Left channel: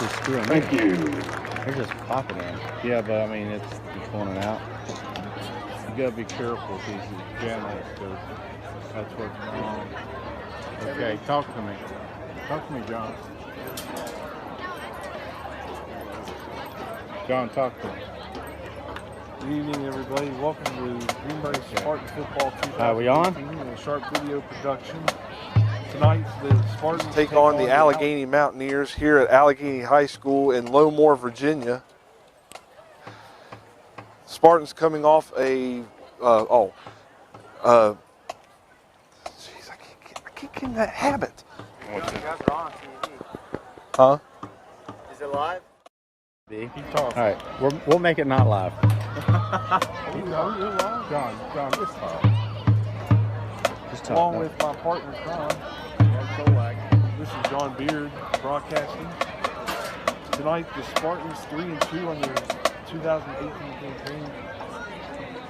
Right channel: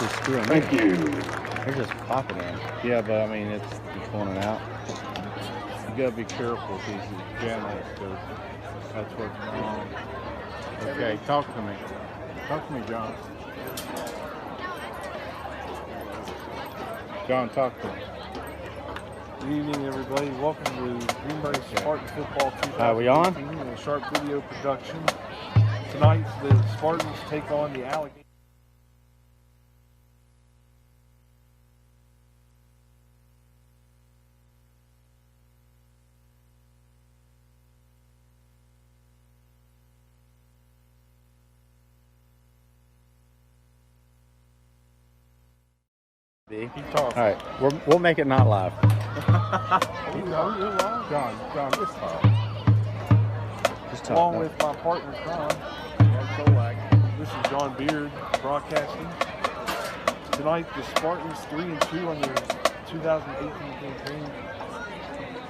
just screwing me. Thank you. They're just popping in. Yeah, but I mean, it's pulling it out. You gotta be careful because it's jamming it, so that's what's going on. Okay, talk to me. Talk to me, John. John, talk to me. Good evening, everybody. Welcome to Greenbrier East Spartans Football 2018. Are we on? A sharp video production. Tonight, the Spartans take on the Allegheny Mountaineers here at Allegheny High School in Lowmore, Virginia. Spartans coming off a jeez, I can't get in that habit. Huh? Is it live? All right, we'll make it not live. John, just talk. Just talk. Along no. with my partner, John. This is John Beard broadcasting. Tonight, the Spartans 3-2 on their 2018 campaign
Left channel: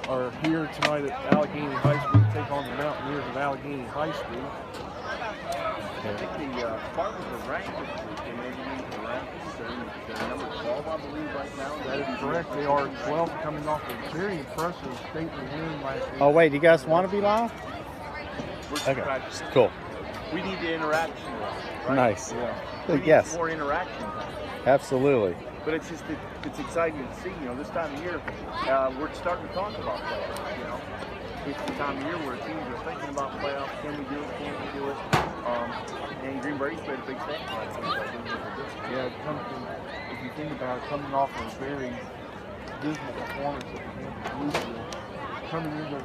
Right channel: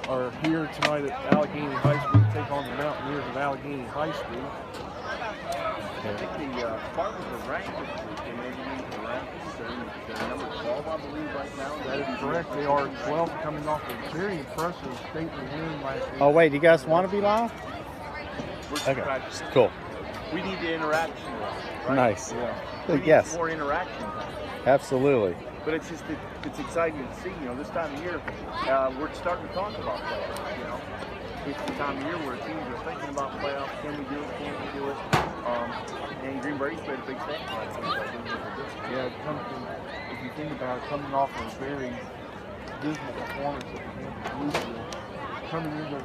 are here tonight at Allegheny High School to take on the Mountaineers of Allegheny High School. I think the Spartans are ranked this week. They may be ranked. They're number 12, I believe, right now. That is correct. They are 12, coming off a very impressive state win last week. Oh wait, you guys want to be live? We're Okay, practicing. cool. We need the interaction, right? Nice. Yeah. We need Yes, more interaction. absolutely. But it's just it's exciting to see. You know, this time of year, we're starting to talk about playoffs. You know, it's the time of year where teams are thinking about playoffs. Can we do it? Can we do it? And Greenbrier East played a big thing. Yeah, if you think about it, coming off a very dismal performance at the end of Louisville, coming into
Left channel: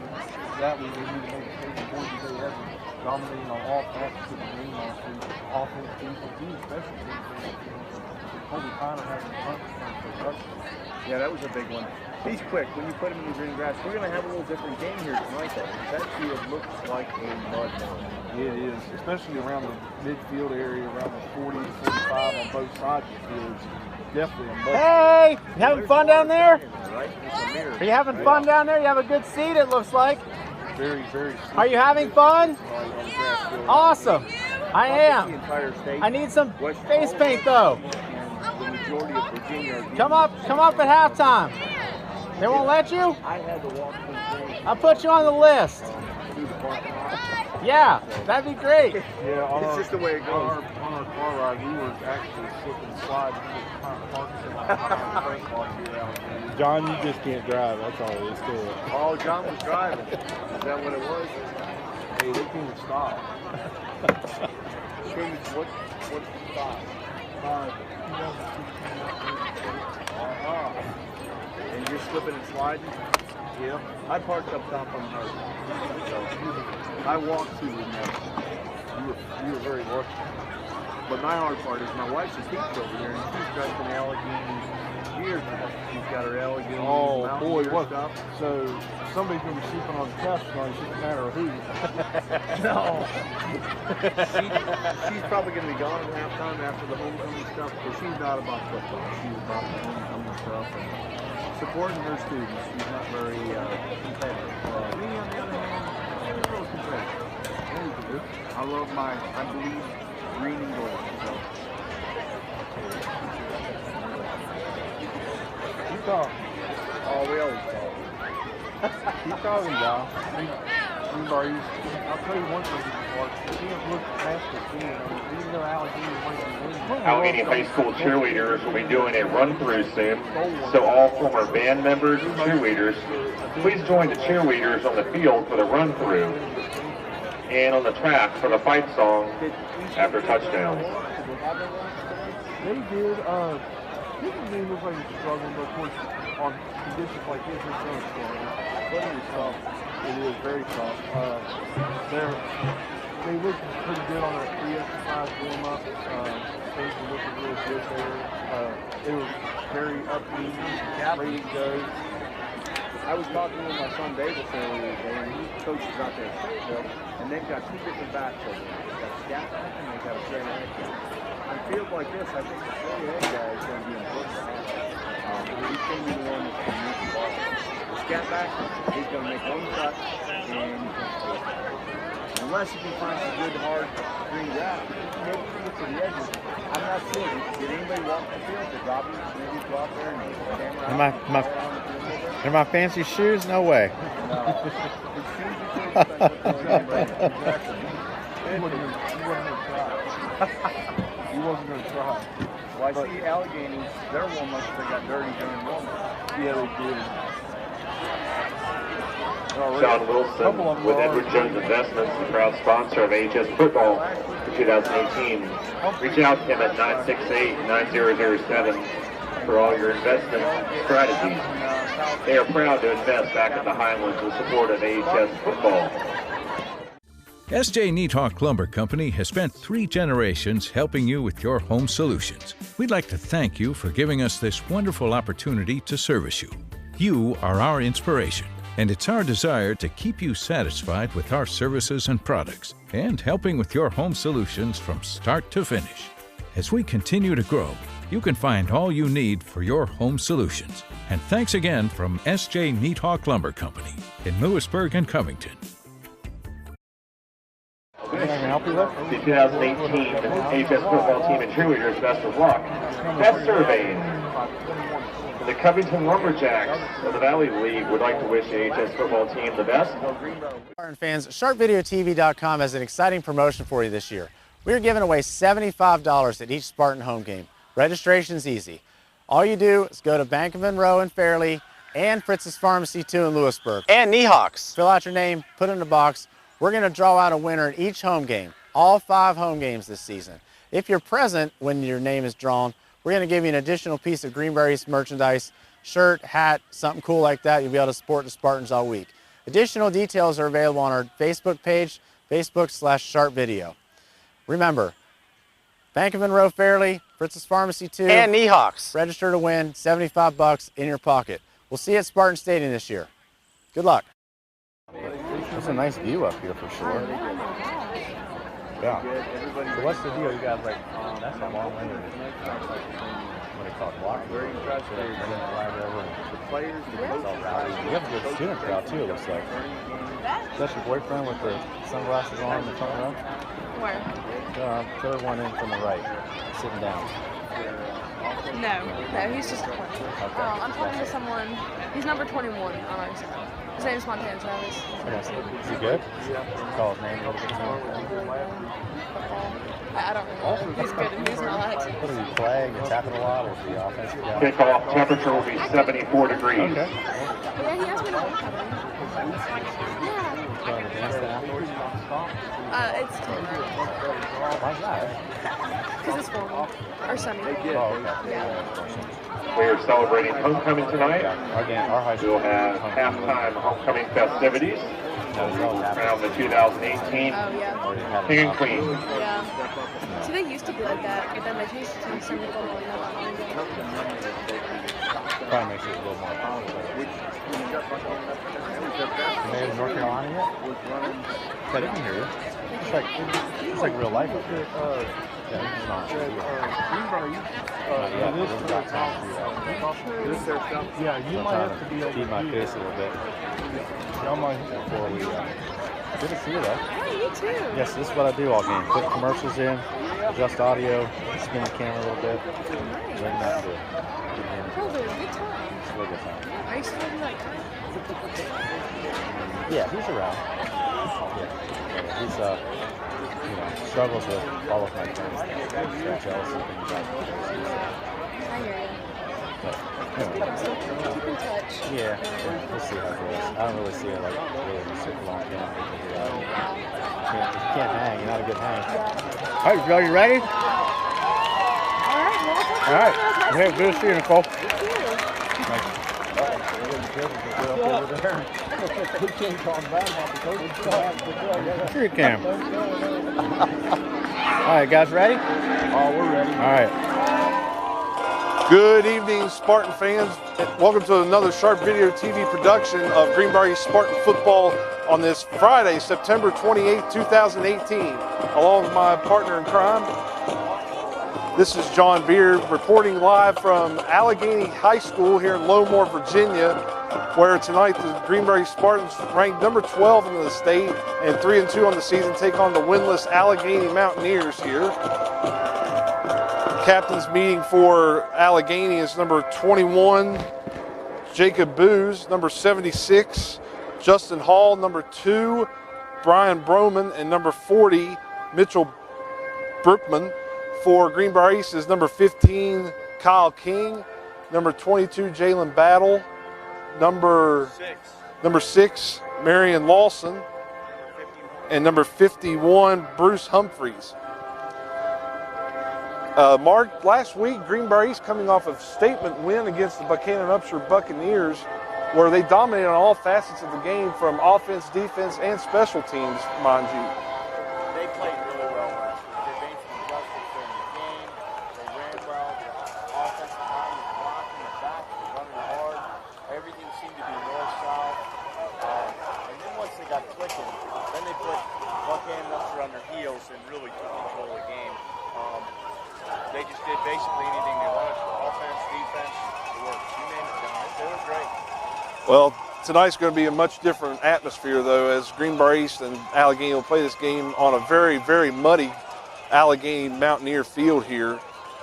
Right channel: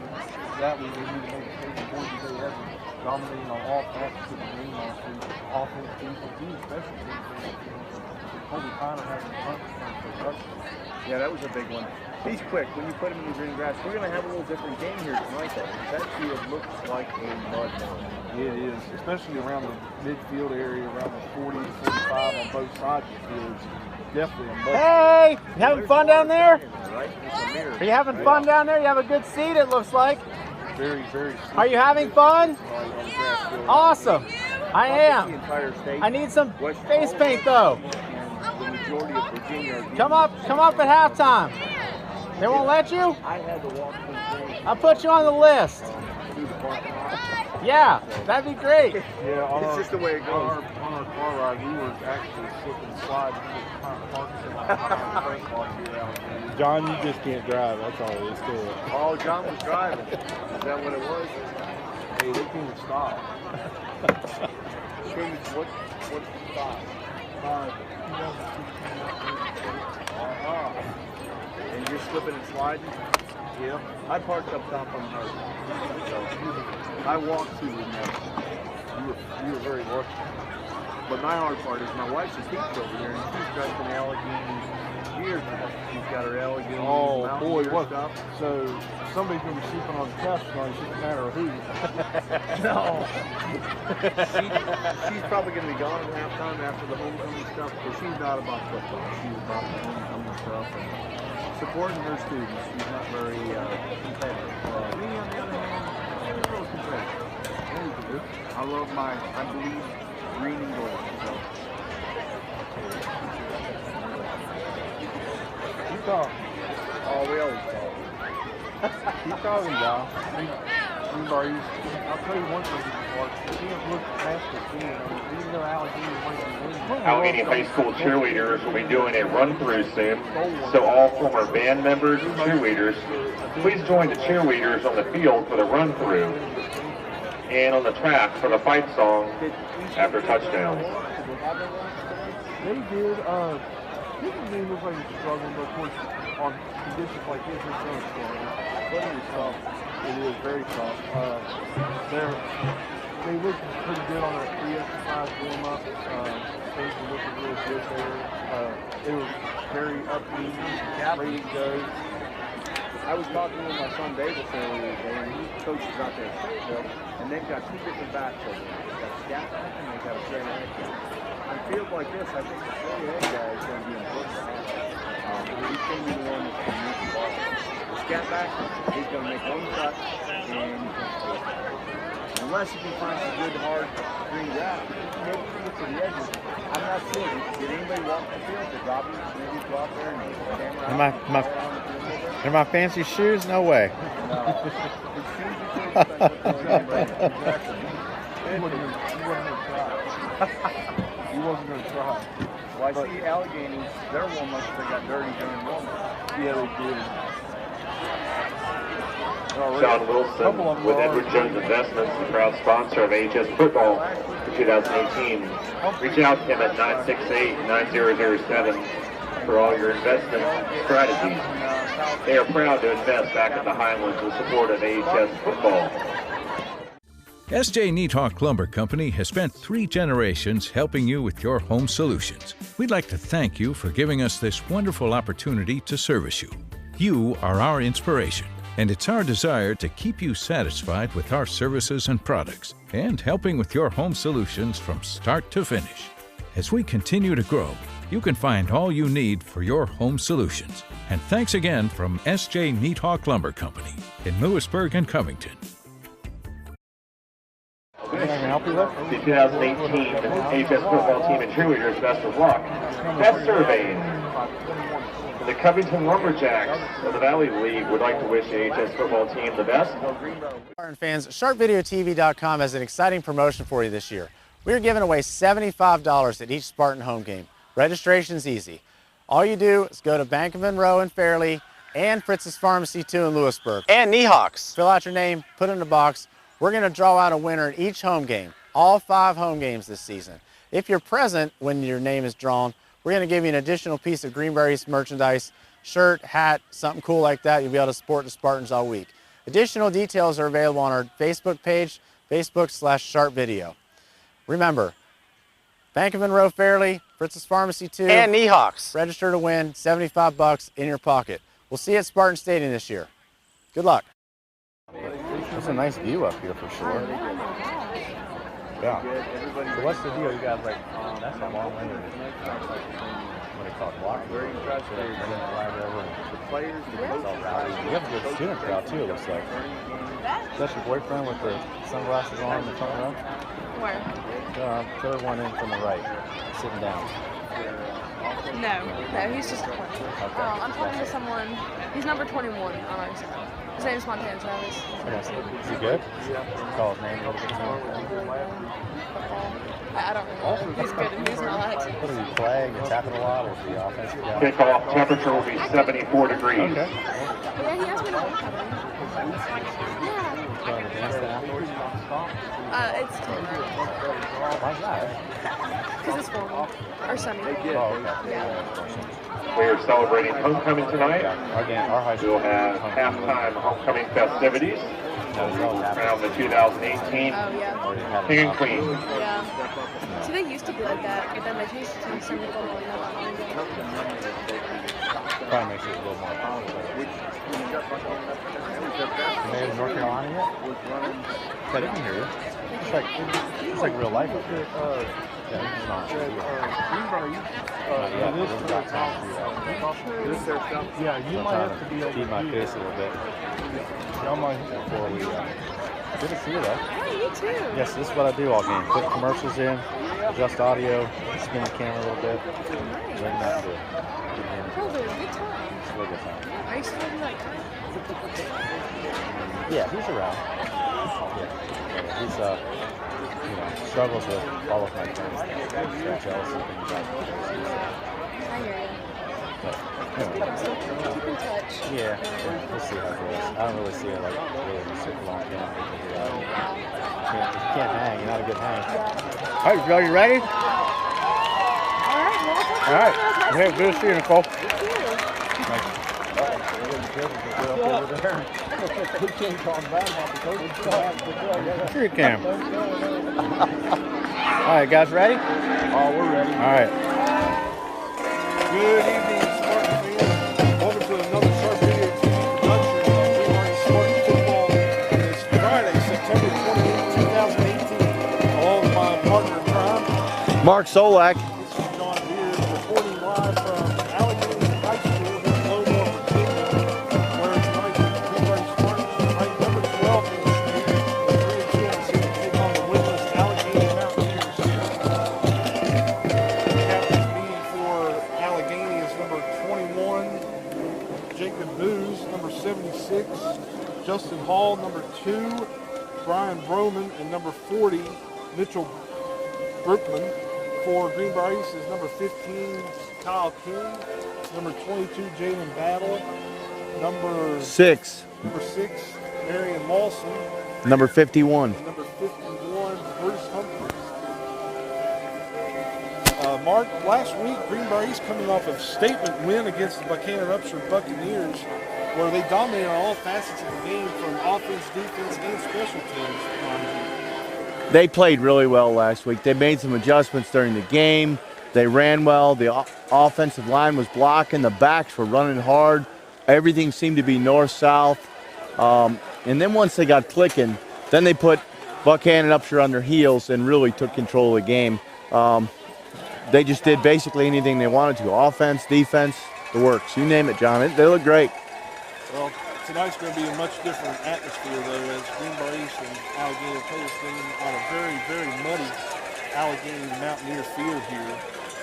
that week, they need to make a statement more than they ever dominating on all facets of the game last week. Offense, defense, even special teams. Kobe Connor having a bunch of production. Yeah, that was a big one. He's quick. When you put him in the green grass, we're going to have a little different game here tonight, though. That field looks like a mud hole. Yeah, it is, especially around the midfield area, around the 40 to 45 on both sides of the field. Definitely a mud. Hey, you having fun down there? Right? It's a mirror. Are you having fun down there? You have a good seat, it looks like. Very, very. Are you having fun? Awesome. I The am. entire state. I need some West face paint though. And the majority of Virginia are Come up at halftime. They won't let you? I had to walk from the I'll put you on the list. through the parking lot. Yeah, that'd be great. Yeah, on It's our, just the way it goes. on our car ride, we were actually slipping and sliding through the parking lot here out there. John, you just can't drive. That's all there is to it. Oh, John was driving. Is that what it was? Hey, they can't stop. What's the stop? 2016. And you're slipping and sliding? Yeah. I parked up top on the road. So I walked to the You were very lucky. But my hard part is my wife's a teacher over here, and she's dressed in Allegheny gear today. She's got her Allegheny Boy, Mountaineer what? stuff. So somebody's gonna be sleeping on the couch tonight. It's just a matter of who. No. She's probably going to be gone at halftime after the homecoming stuff, but she's not about football. She's about the homecoming stuff and supporting her students. She's not very competitive. Me, on the other hand, I'm a little competitive. I love I believe green and gold. So. Keep talking. Oh, we always talk. Keep talking, John. I'll tell you one thing, Mark. You can't look past the field. Even though Allegheny might be winning. Allegheny High School cheerleaders will be doing a run-through soon, so all former band members and cheerleaders, please join the cheerleaders on the field for the run-through and on the track for the fight song after touchdowns. They did. People may look like it's struggling, but of course, on conditions like this, it's going to struggle. But it is tough. It is very tough. They look pretty good on their pre-exercise warm-up. Things were looking really good there. They were very upbeat, ready to go. I was talking with my son Davis earlier today, and he coaches out there at Fayetteville, and they've got two different backs over there. They've got a scat back and they've got a straight ahead guy. On fields like this, I think the straight ahead guy is going to be important. He's going to be the one that's going to move the ball. The scat back, he's going to make one cut, and he's going to score. And unless you can find some good hard green grass. Maybe you can get to the edges. I'm not sure. Did anybody walk the field? Did Robbie maybe go out there and get the camera out? Are my fancy shoes? No way. No. As soon as you take exactly. He wasn't going to try. He wasn't going to try. Well, I see Allegheny, their warm-ups, they got dirty during warm-up. Yeah, they did. Sean Wilson with Edward Jones Investments, the proud sponsor of AHS Football for 2018. Reach out to him at 968-9007 for all your investment strategies. They are proud to invest back in the Highlands in support of AHS Football. S.J. Neathawk Lumber Company has spent 3 generations helping you with your home solutions. We'd like to thank you for giving us this wonderful opportunity to service you. You are our inspiration, and it's our desire to keep you satisfied with our services and products and helping with your home solutions from start to finish. As we continue to grow, you can find all you need for your home solutions. And thanks again from S.J. Neathawk Lumber Company in Lewisburg and Covington. The 2018 AHS football team and cheerleaders, best of luck. Best surveyed. The Covington Lumberjacks of the Valley League would like to wish the AHS football team the best. Spartan fans, SharpVideoTV.com has an exciting promotion for you this year. We are giving away $75 at each Spartan home game. Registration's easy. All you do is go to Bank of Monroe in Fairleigh and Fritz's Pharmacy 2 in Lewisburg. And Neahawks. Fill out your name, put it in a box. We're going to draw out a winner in each home game, all 5 home games this season. If you're present when your name is drawn, we're going to give you an additional piece of Greenbrier East merchandise, shirt, hat, something cool like that. You'll be able to support the Spartans all week. Additional details are available on our Facebook page, Facebook/SharpVideo. Remember, Bank of Monroe Fairleigh, Fritz's Pharmacy 2, and Neahawks. Register to win, $75 in your pocket. We'll see you at Spartan Stadium this year. Good luck. It's a nice view up here for sure. Yeah. So what's the deal? You guys like, that's a long way. What do they call it? Block? Where you try to stay. The players, the coaches. You have a good student crowd too, it looks like. Is that your boyfriend with the sunglasses on in the front row? Where? Third one in from the right, sitting down. No, he's just a player. Okay. I'm talking to someone. He's number 21 on our side. His name is Montana Travis. Is he good? Call his name a little bit. I don't know. He's good and he's not. What is he playing? He's tapping a lot, or is he offensive guy? Kickoff temperature will be 74 degrees. Okay. Yeah, he asked me to look at him. Yeah. Going to dance then afterwards? It's tonight. Why's that? Because it's formal. Or sunny. Oh, okay. Yeah. We are celebrating homecoming tonight. Our high school We'll have halftime homecoming festivities around the 2018 Oh, yeah. King and Queen. Yeah. See, they used to be like that, but then they changed it to summer football. Probably makes it a little more complicated. You made it to North Carolina yet? I didn't hear you. It's like real life up here. Yeah, it's not. Yeah, you might have to be able keep my face a little bit. Before we good to see you though. Hey, you too. Yes, this is what I do all game. Put commercials in, adjust audio, spin the camera a little bit. Bring that to Probably a good time. it's a really good time. Are you still like Yeah, he's around. Yeah, he's struggles with all of my friends. They're jealous and things like that. I hear you. But anyway. Keep in touch. Yeah, we'll see how it goes. I don't really see it like really in a super long time. You can't hang. You're not a good hang. All right, Joe, you ready? All right. Hey, good to see you, Nicole. Sure you can. All right, guys, ready? Oh, we're ready. All right. Good evening, Spartan fans. Welcome to another Sharp Video TV production of Greenbrier East Spartan Football on this Friday, September 28, 2018. Along with my partner in crime, Mark Solak. This is John Beard reporting live from Allegheny High School here in Lowmore, Virginia. where tonight the Greenbrier East Spartans, ranked number 12 in the state and 3-2 on the season, take on the winless Allegheny Mountaineers here. Captain's meeting for Allegheny is number 21, Jacob Booz, number 76, Justin Hall, number 2, Brian Broman, and number 40, Mitchell Brookman. For Greenbrier East is number 15, Kyle King, number 22, Jalen Battle, number 6, Marion Lawson, number 51, and number 51, Bruce Humphreys. Mark, last week, Greenbrier East coming off a statement win against the Buchanan-Upshur Buccaneers, where they dominated on all facets of the game, from offense, defense, and special teams, mind you. They played really well last week. They made some adjustments during the game. They ran well. The offensive line was blocking. The backs were running hard. Everything seemed to be north-south. And then once they got clicking, then they put Buchanan-Upshur on their heels and really took control of the game. They just did basically anything they wanted to. Offense, defense, the works. You name it, John. They look great. Well, tonight's going to be a much different atmosphere, though, as Greenbrier East and Allegheny will play this game on a very, very muddy Allegheny Mountaineer field here,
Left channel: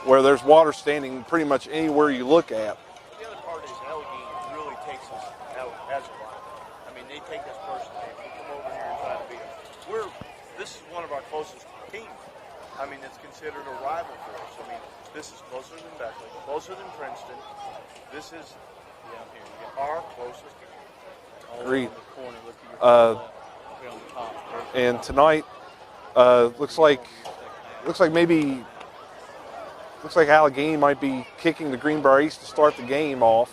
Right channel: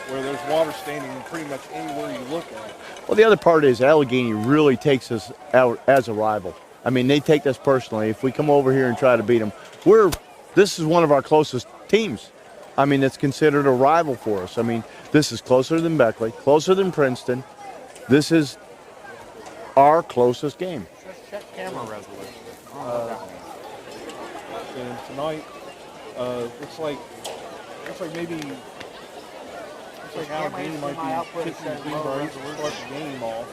where there's water standing pretty much anywhere you look at. Well, the other part is Allegheny really takes us out as a rival. I mean, they take us personally. If we come over here and try to beat them, this is one of our closest teams. I mean, it's considered a rival for us. I mean, this is closer than Beckley, closer than Princeton. This is our closest game. Agreed. And tonight, looks like Allegheny might be kicking the Greenbrier East to start the game off.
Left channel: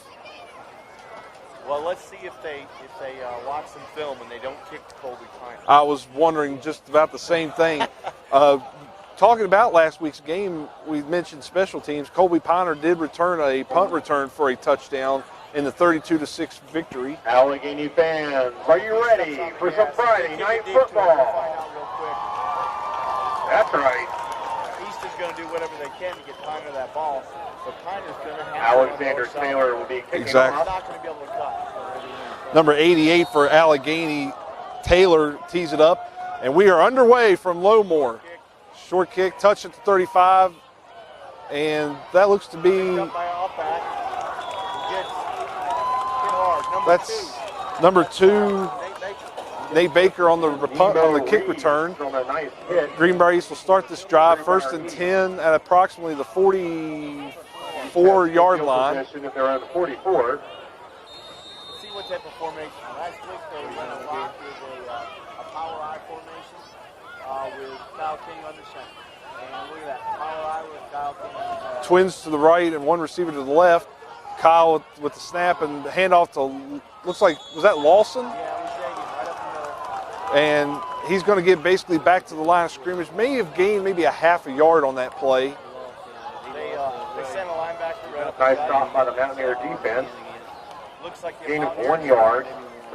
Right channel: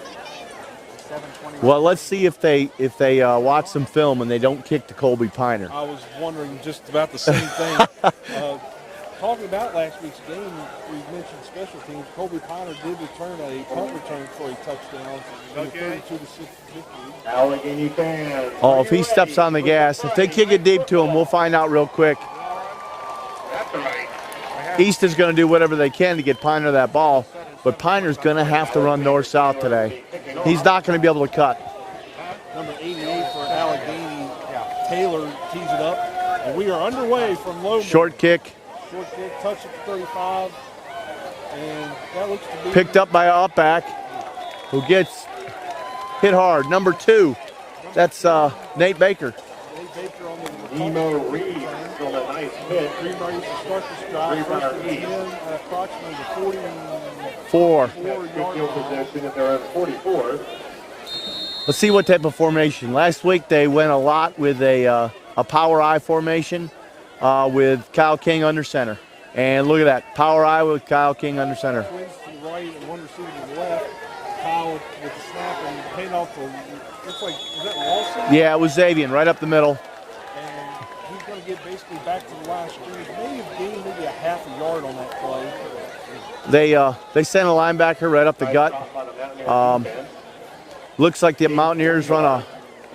Well, let's see if they watch some film and they don't kick to Colby Piner. I was wondering just about the same thing. Talking about last week's game, we mentioned special teams. Colby Piner did return a punt return for a touchdown in the 32-6 victory. Allegheny fans. Oh, if he steps on the gas, if they kick it deep to him, we'll find out real quick. That's right. East is going to do whatever they can to get Piner that ball, but Piner's going to have to run north-south today. Exactly. He's not going to be able to cut. Number 88 for Allegheny, Taylor tees it up, and we are underway from Lowmore. Short kick. Short kick, touch at the 35, and that looks to be picked up by a up-back, who gets hit hard. Number 2. That's Nate Baker. Nate Baker on the kick return. Greenbrier East will start this drive first and 10 at approximately the 44-yard line. Let's see what type of formation. Last week they went a lot with a power I formation with Kyle King under center. And look at that, power I with Kyle King under center. Twins to the right and one receiver to the left. Kyle with the snap and handoff to, looks like, was that Lawson? Yeah, it was Xavier right up the middle. And he's going to get basically back to the line of scrimmage. May have gained maybe a half a yard on that play. They sent a linebacker right up the gut. Looks like the Mountaineers run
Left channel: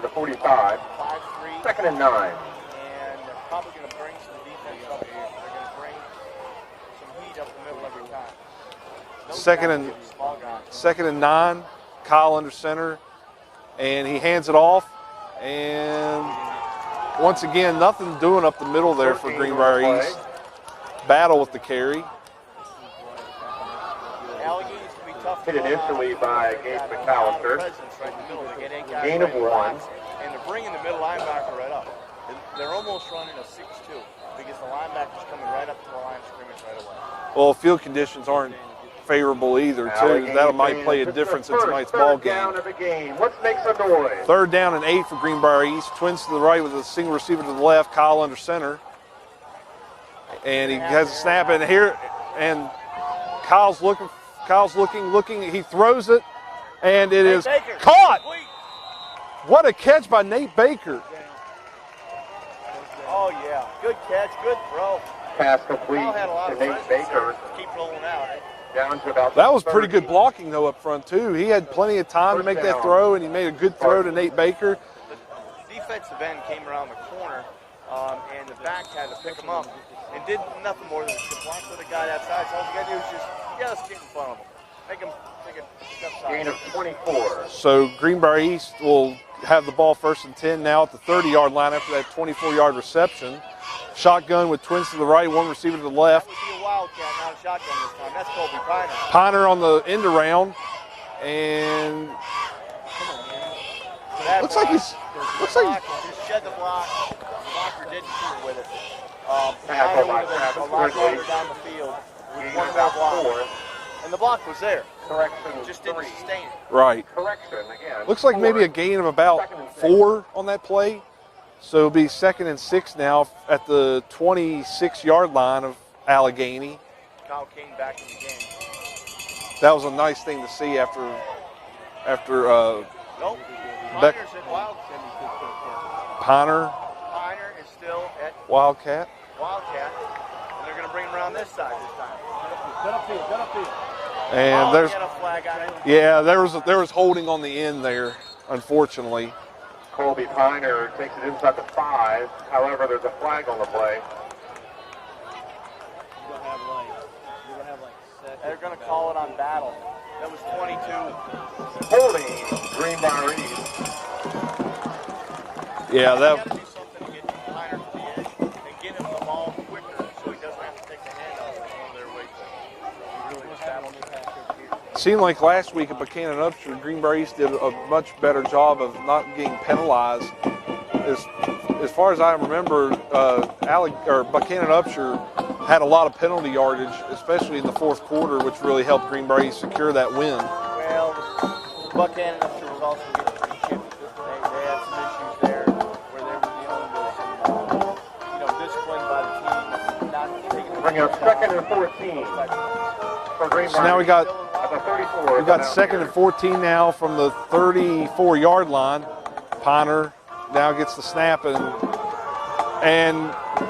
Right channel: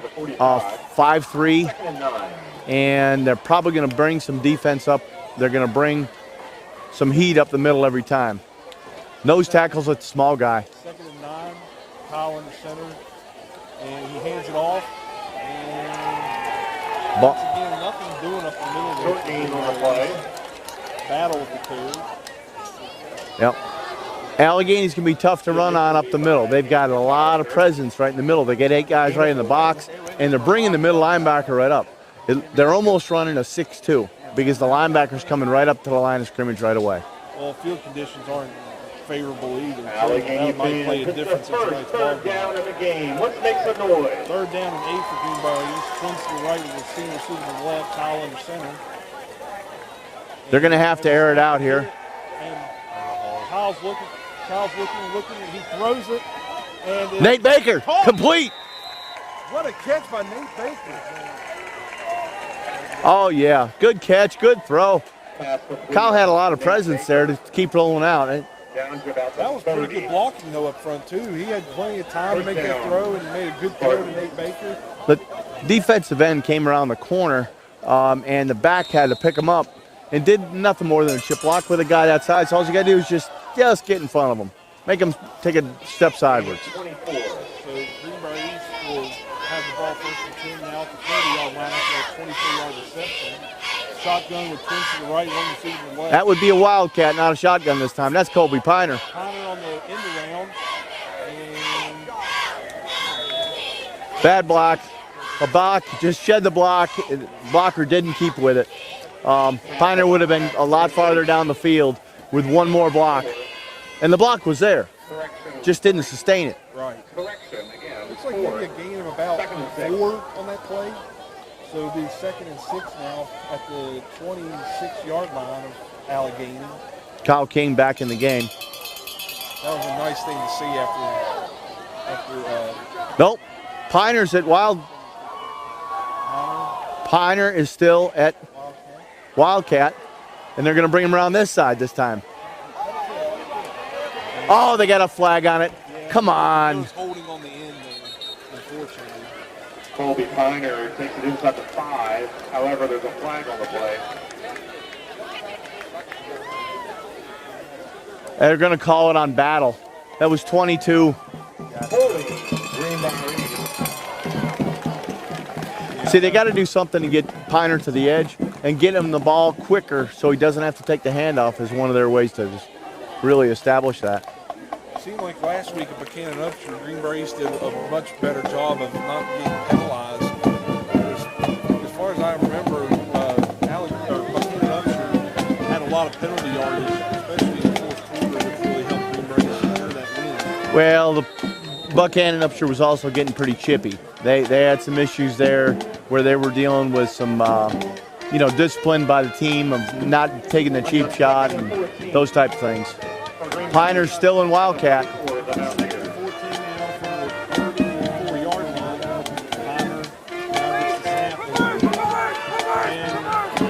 a 5-3. And they're probably going to bring some defense up. They're going to bring some heat up the middle every time. Nose tackles with the small guy. 2nd and 9, Kyle under center, and he hands it off. And once again, nothing doing up the middle there for Greenbrier East. Battle with the carry. Yep. Allegheny's going to be tough to run on up the middle. They've got a lot of presence right in the middle. They get 8 guys right in the box, and they're bringing the middle linebacker right up. They're almost running a 6-2 because the linebacker's coming right up to the line of scrimmage right away. Well, field conditions aren't favorable either, too. That might play a difference in tonight's ball game. 3rd down and 8 for Greenbrier East. Twins to the right with a single receiver to the left. Kyle under center. They're going to have to air it out here. And Kyle's looking. He throws it, and it is Nate Baker, caught. Complete. What a catch by Nate Baker. Oh, yeah. Good catch, good throw. Kyle had a lot of presence there to keep rolling out. That was pretty good blocking, though, up front, too. He had plenty of time to make that throw, and he made a good throw to Nate Baker. The defensive end came around the corner, and the back had to pick him up and did nothing more than a chip block with a guy outside. So all you got to do is just get in front of him. Make them take a step sideways. So Greenbrier East will have the ball 1st and 10 now at the 30-yard line after that 24-yard reception. Shotgun with twins to the right, one receiver to the left. That would be a wildcat, not a shotgun this time. That's Colby Piner. Piner on the end around, and bad block. A block, just shed the block. Blocker didn't keep with it. Piner would have been a lot farther down the field with one more block. And the block was there, just didn't sustain it. Right. Looks like maybe a gain of about 4 on that play. So it'll be 2nd and 6 now at the 26-yard line of Allegheny. Kyle King back in the game. That was a nice thing to see after. Nope. Piner's at Piner is still at Wildcat, and they're going to bring him around this side this time. And they got a flag on it. Yeah, Come there was holding on the end there, unfortunately. Colby Piner takes it inside the 5. However, there's a flag on the play. They're going to call it on Battle. That was 22. 40, Greenbrier East. Yeah, see, they got to do something to get Piner to the edge and get him the ball quicker so he doesn't have to take the handoff is one of their ways to just really establish that. Seemed like last week at Buchanan Upshur, Greenbrier East did a much better job of not being penalized. As far as I remember, Buchanan Upshur had a lot of penalty yardage, especially in the 4th quarter, which really helped Greenbrier East secure that win. Well, the Buchanan Upshur was also getting pretty chippy. They had some issues there where they were dealing with some, discipline by the team of not taking the cheap shot and those type of things. Piner's still in Wildcat. We've got 2nd and 14 now from the 34-yard line. Piner now gets the snap, and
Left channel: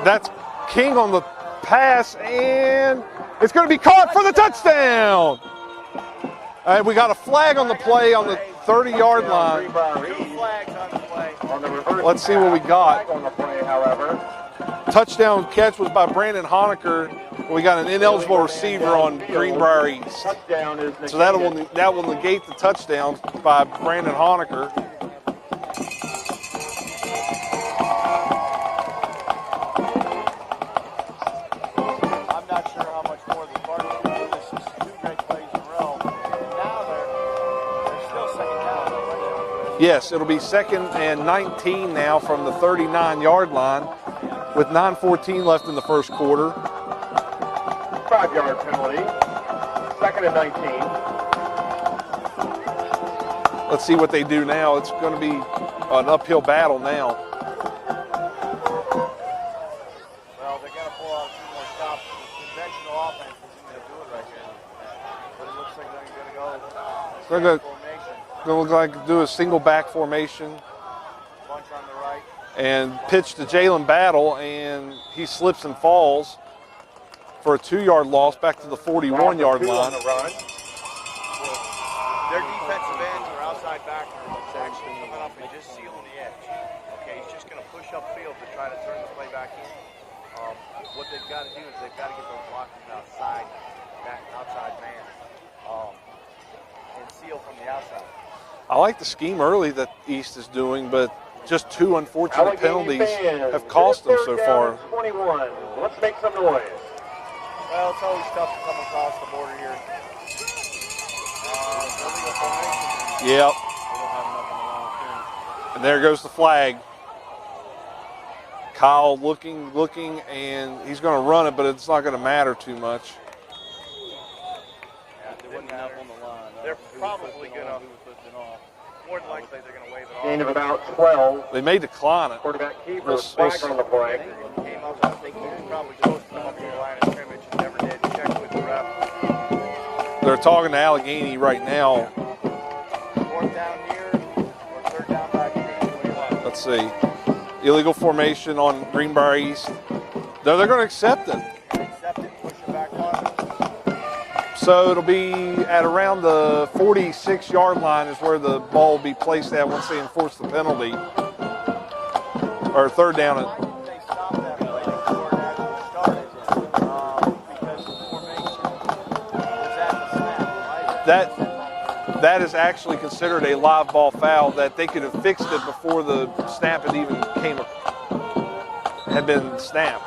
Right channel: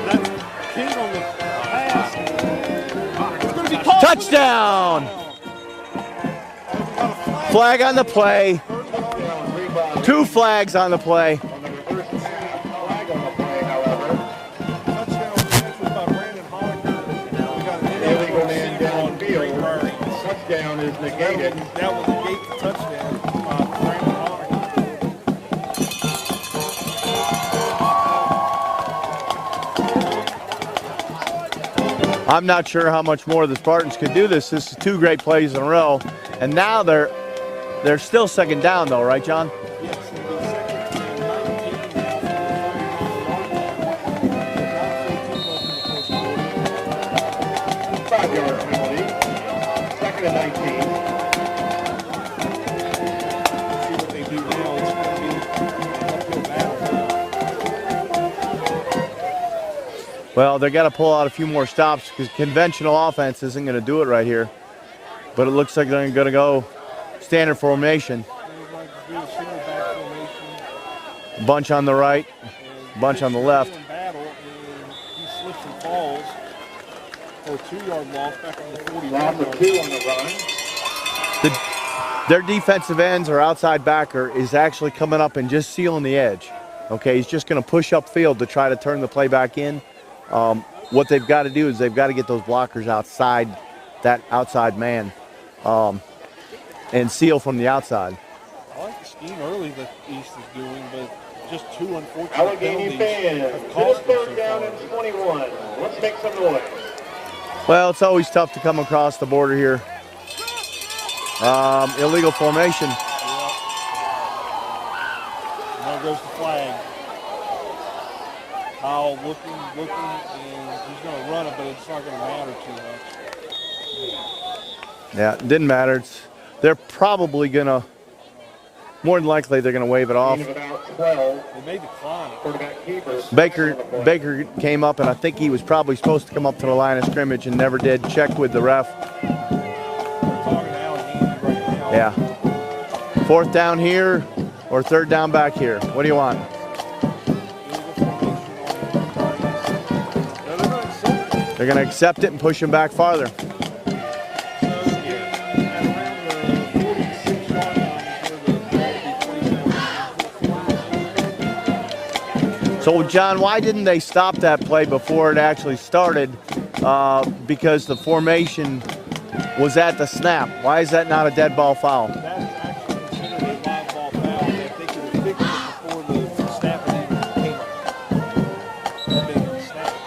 that's King on the pass, and it's going to be caught for the touchdown. And we got a flag on the play. On the 30-yard line. 2 flags on the play. Let's see what we got. Touchdown catch was by Brandon Honecker. We got an ineligible receiver on Greenbrier East. So that will negate the touchdown by Brandon Honecker. I'm not sure how much more the Spartans could do this. This is 2 great plays in a row. And now they're still 2nd down though, right, John? Yes, it'll be 2nd and 19 now from the 39-yard line with 9:14 left in the 1st quarter. 5-yard penalty. 2nd and 19. Let's see what they do now. It's going to be an uphill battle now. Well, they got to pull out a few more stops because conventional offense isn't going to do it right here. But it looks like they're going to go standard formation. They look like do a single back formation. Bunch on the right. And bunch pitch on the to left. Jalen Battle, and he slips and falls for a 2-yard loss back to the 41-yard line. Their defensive ends or outside backer is actually coming up and just sealing the edge. Okay, he's just going to push upfield to try to turn the play back in. What they've got to do is they've got to get those blockers outside that outside man and seal from the outside. I like the scheme early that East is doing, but just 2 unfortunate penalties have cost them so far. 21. Let's make some noise. Well, it's always tough to come across the border here. Illegal formation. Yep. And there goes the flag. Kyle looking, and he's going to run it, but it's not going to matter too much. Yeah, it didn't matter. They're probably going to, more than likely, they're going to wave it off. About 12. They may decline it. Baker came up, and I think he was probably supposed to come up to the line of scrimmage and never did. Check with the ref. They're talking to Allegheny right now. Yeah. 4th down here or 3rd down back here. What do you want? Let's see. Illegal formation on Greenbrier East. No, they're going to accept it. They're going to accept it and push him back farther. So it'll be at around the 46-yard line is where the ball will be placed at once they enforce the penalty. So, John, why didn't they stop that play before it actually started? Because the formation was at the snap. Why is that not a dead ball foul? That is actually considered a live ball foul, that they could have fixed it before the snap had been snapped.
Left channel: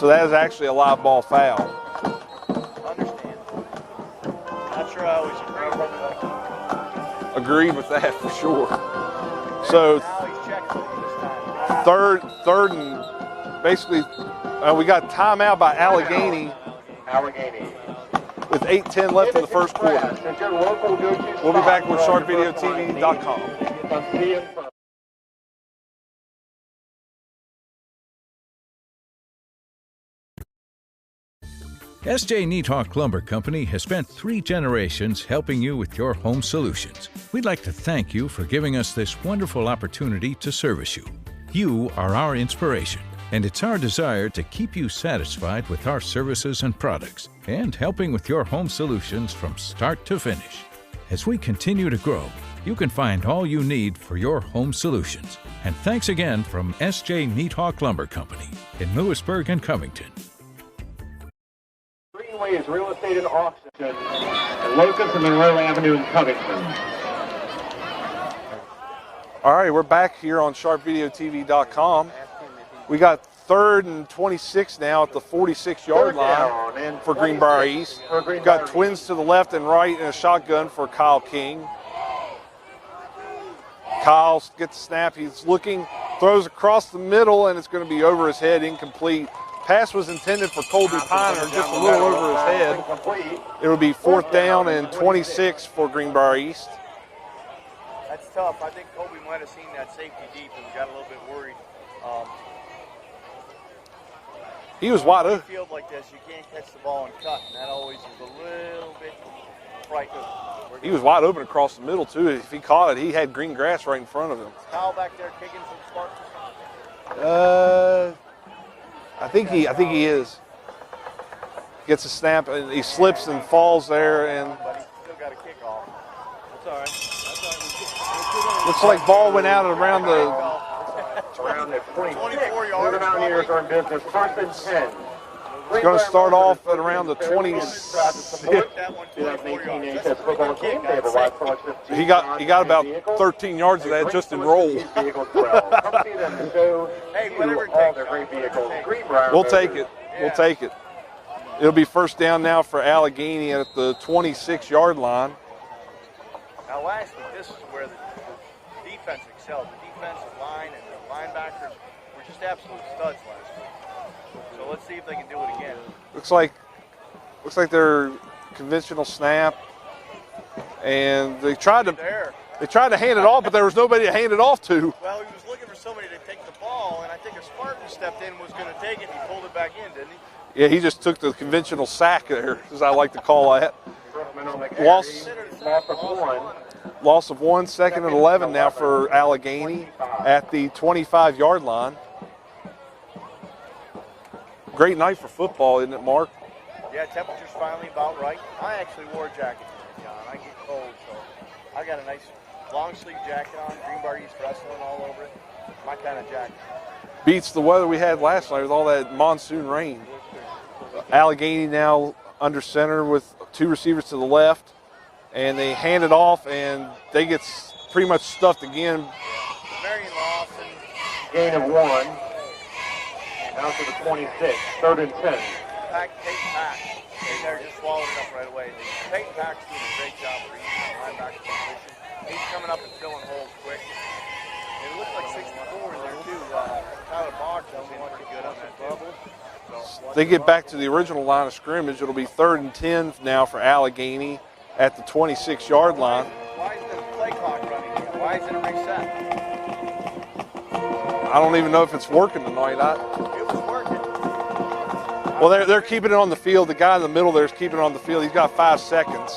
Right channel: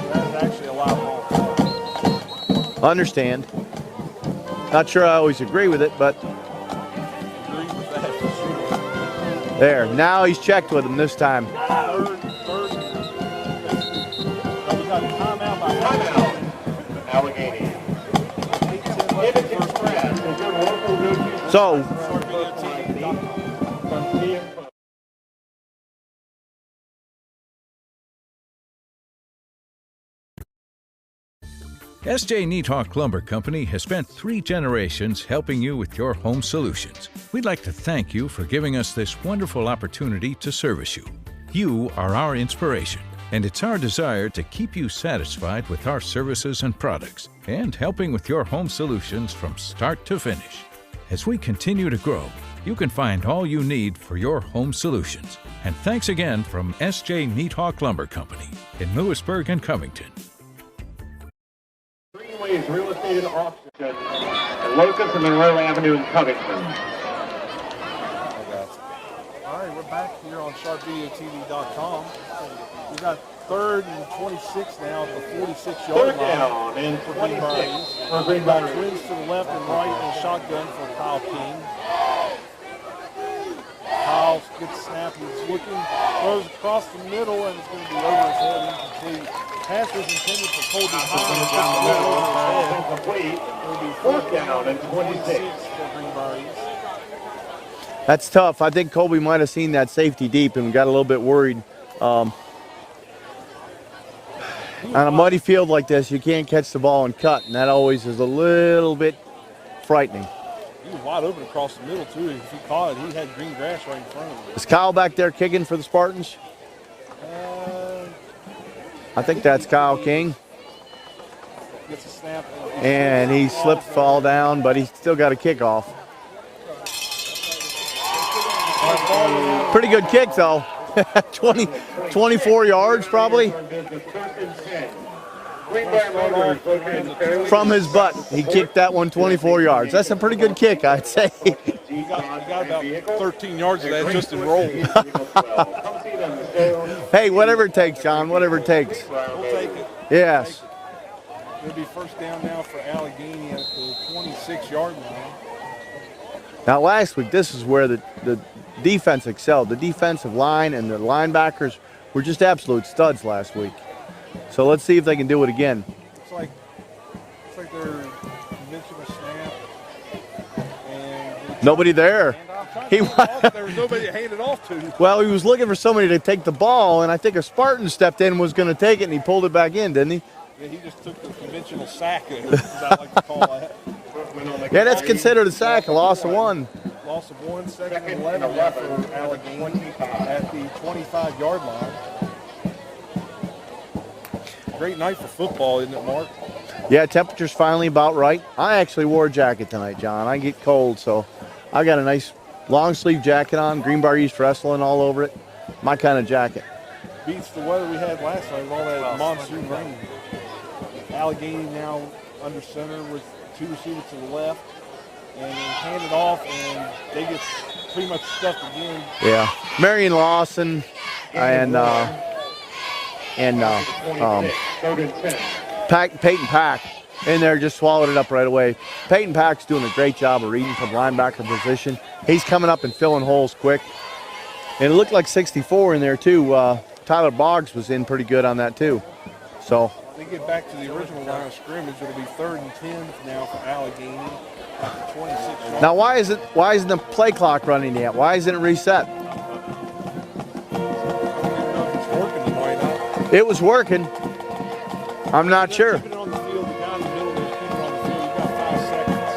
So that is actually a live ball foul. Understand. Not sure I always agree with it, but agreed with that for sure. There, so now he's checked with him this time. Third and basically, we got timeout by Allegheny. With 8:10 left in the first quarter. We'll be back with SharkVideoTV.com. S.J. Neathawk Lumber Company has spent 3 generations helping you with your home solutions. We'd like to thank you for giving us this wonderful opportunity to service you. You are our inspiration, and it's our desire to keep you satisfied with our services and products, and helping with your home solutions from start to finish. As we continue to grow, you can find all you need for your home solutions. And thanks again from S.J. Neathawk Lumber Company in Lewisburg and Covington. Greenway's real estate and auction at Locust and Monroe Avenue in Covington. All right, we're back here on SharkVideoTV.com. We got 3rd and 26 now at the 46-yard line for Greenbrier East. We've got twins to the left and right and a shotgun for Kyle King. Kyle gets the snap. He's looking, throws across the middle, and it's going to be over his head, incomplete. Pass was intended for Colby Piner, just a little over his head. It would be 4th down and 26 for Greenbrier East. That's tough. I think Colby might have seen that safety deep and got a little bit worried. On a muddy field like this, you can't catch the ball and cut, and that always is a little bit frightening. He was wide open across the middle, too. If he caught it, he had green grass right in front of him. Is Kyle back there kicking for the Spartans? I think that's Kyle King. Gets a snap, and he falls down, but he's still got a kickoff. Looks like ball went out. Pretty good kick, though. 24 yards, probably. He's going to start off at around the 20. From his butt, he kicked that one 24 yards. That's a pretty good kick, I'd say. He got about 13 yards of that just in roll. Hey, whatever it takes, John, whatever it takes. We'll take it. Yes. We'll take it. It'll be 1st down now for Allegheny at the 26-yard line. Now, last week, this is where the defense excelled. The defensive line and the linebackers were just absolute studs last week. So let's see if they can do it again. Looks like they're conventional snap, and they tried there. They tried to hand it off, but there was nobody to hand it off to. Well, he was looking for somebody to take the ball, and I think a Spartan stepped in and was going to take it, and he pulled it back in, didn't he? Yeah, he just took the conventional sack there, as I like to call that. Yeah, that's considered a sack, a loss of 1. Loss of 1, 2nd and 11 now for Allegheny at the 25-yard line. Great night for football, isn't it, Mark? Yeah, temperature's finally about right. I actually wore a jacket tonight, John. I get cold, so I got a nice long sleeve jacket on, Greenbrier East wrestling all over it. My kind of jacket. Beats the weather we had last night with all that monsoon rain. Allegheny now under center with 2 receivers to the left, and they hand it off, and they get pretty much stuffed again. Yeah, Marion Lawson and Peyton Pack in there just swallowed it up right away. Peyton Pack's doing a great job of reading from linebacker position. He's coming up and filling holes quick. And it looked like 64 in there too. Tyler Boggs was in pretty good on that too. So they get back to the original line of scrimmage. It'll be 3rd and 10 now for Allegheny at the 26-yard line. Now why isn't the play clock running yet? Why isn't it reset? I don't even know if it's working tonight. It was working. They're keeping it on the field. The guy in the middle there is keeping it on the field. He's got 5 seconds.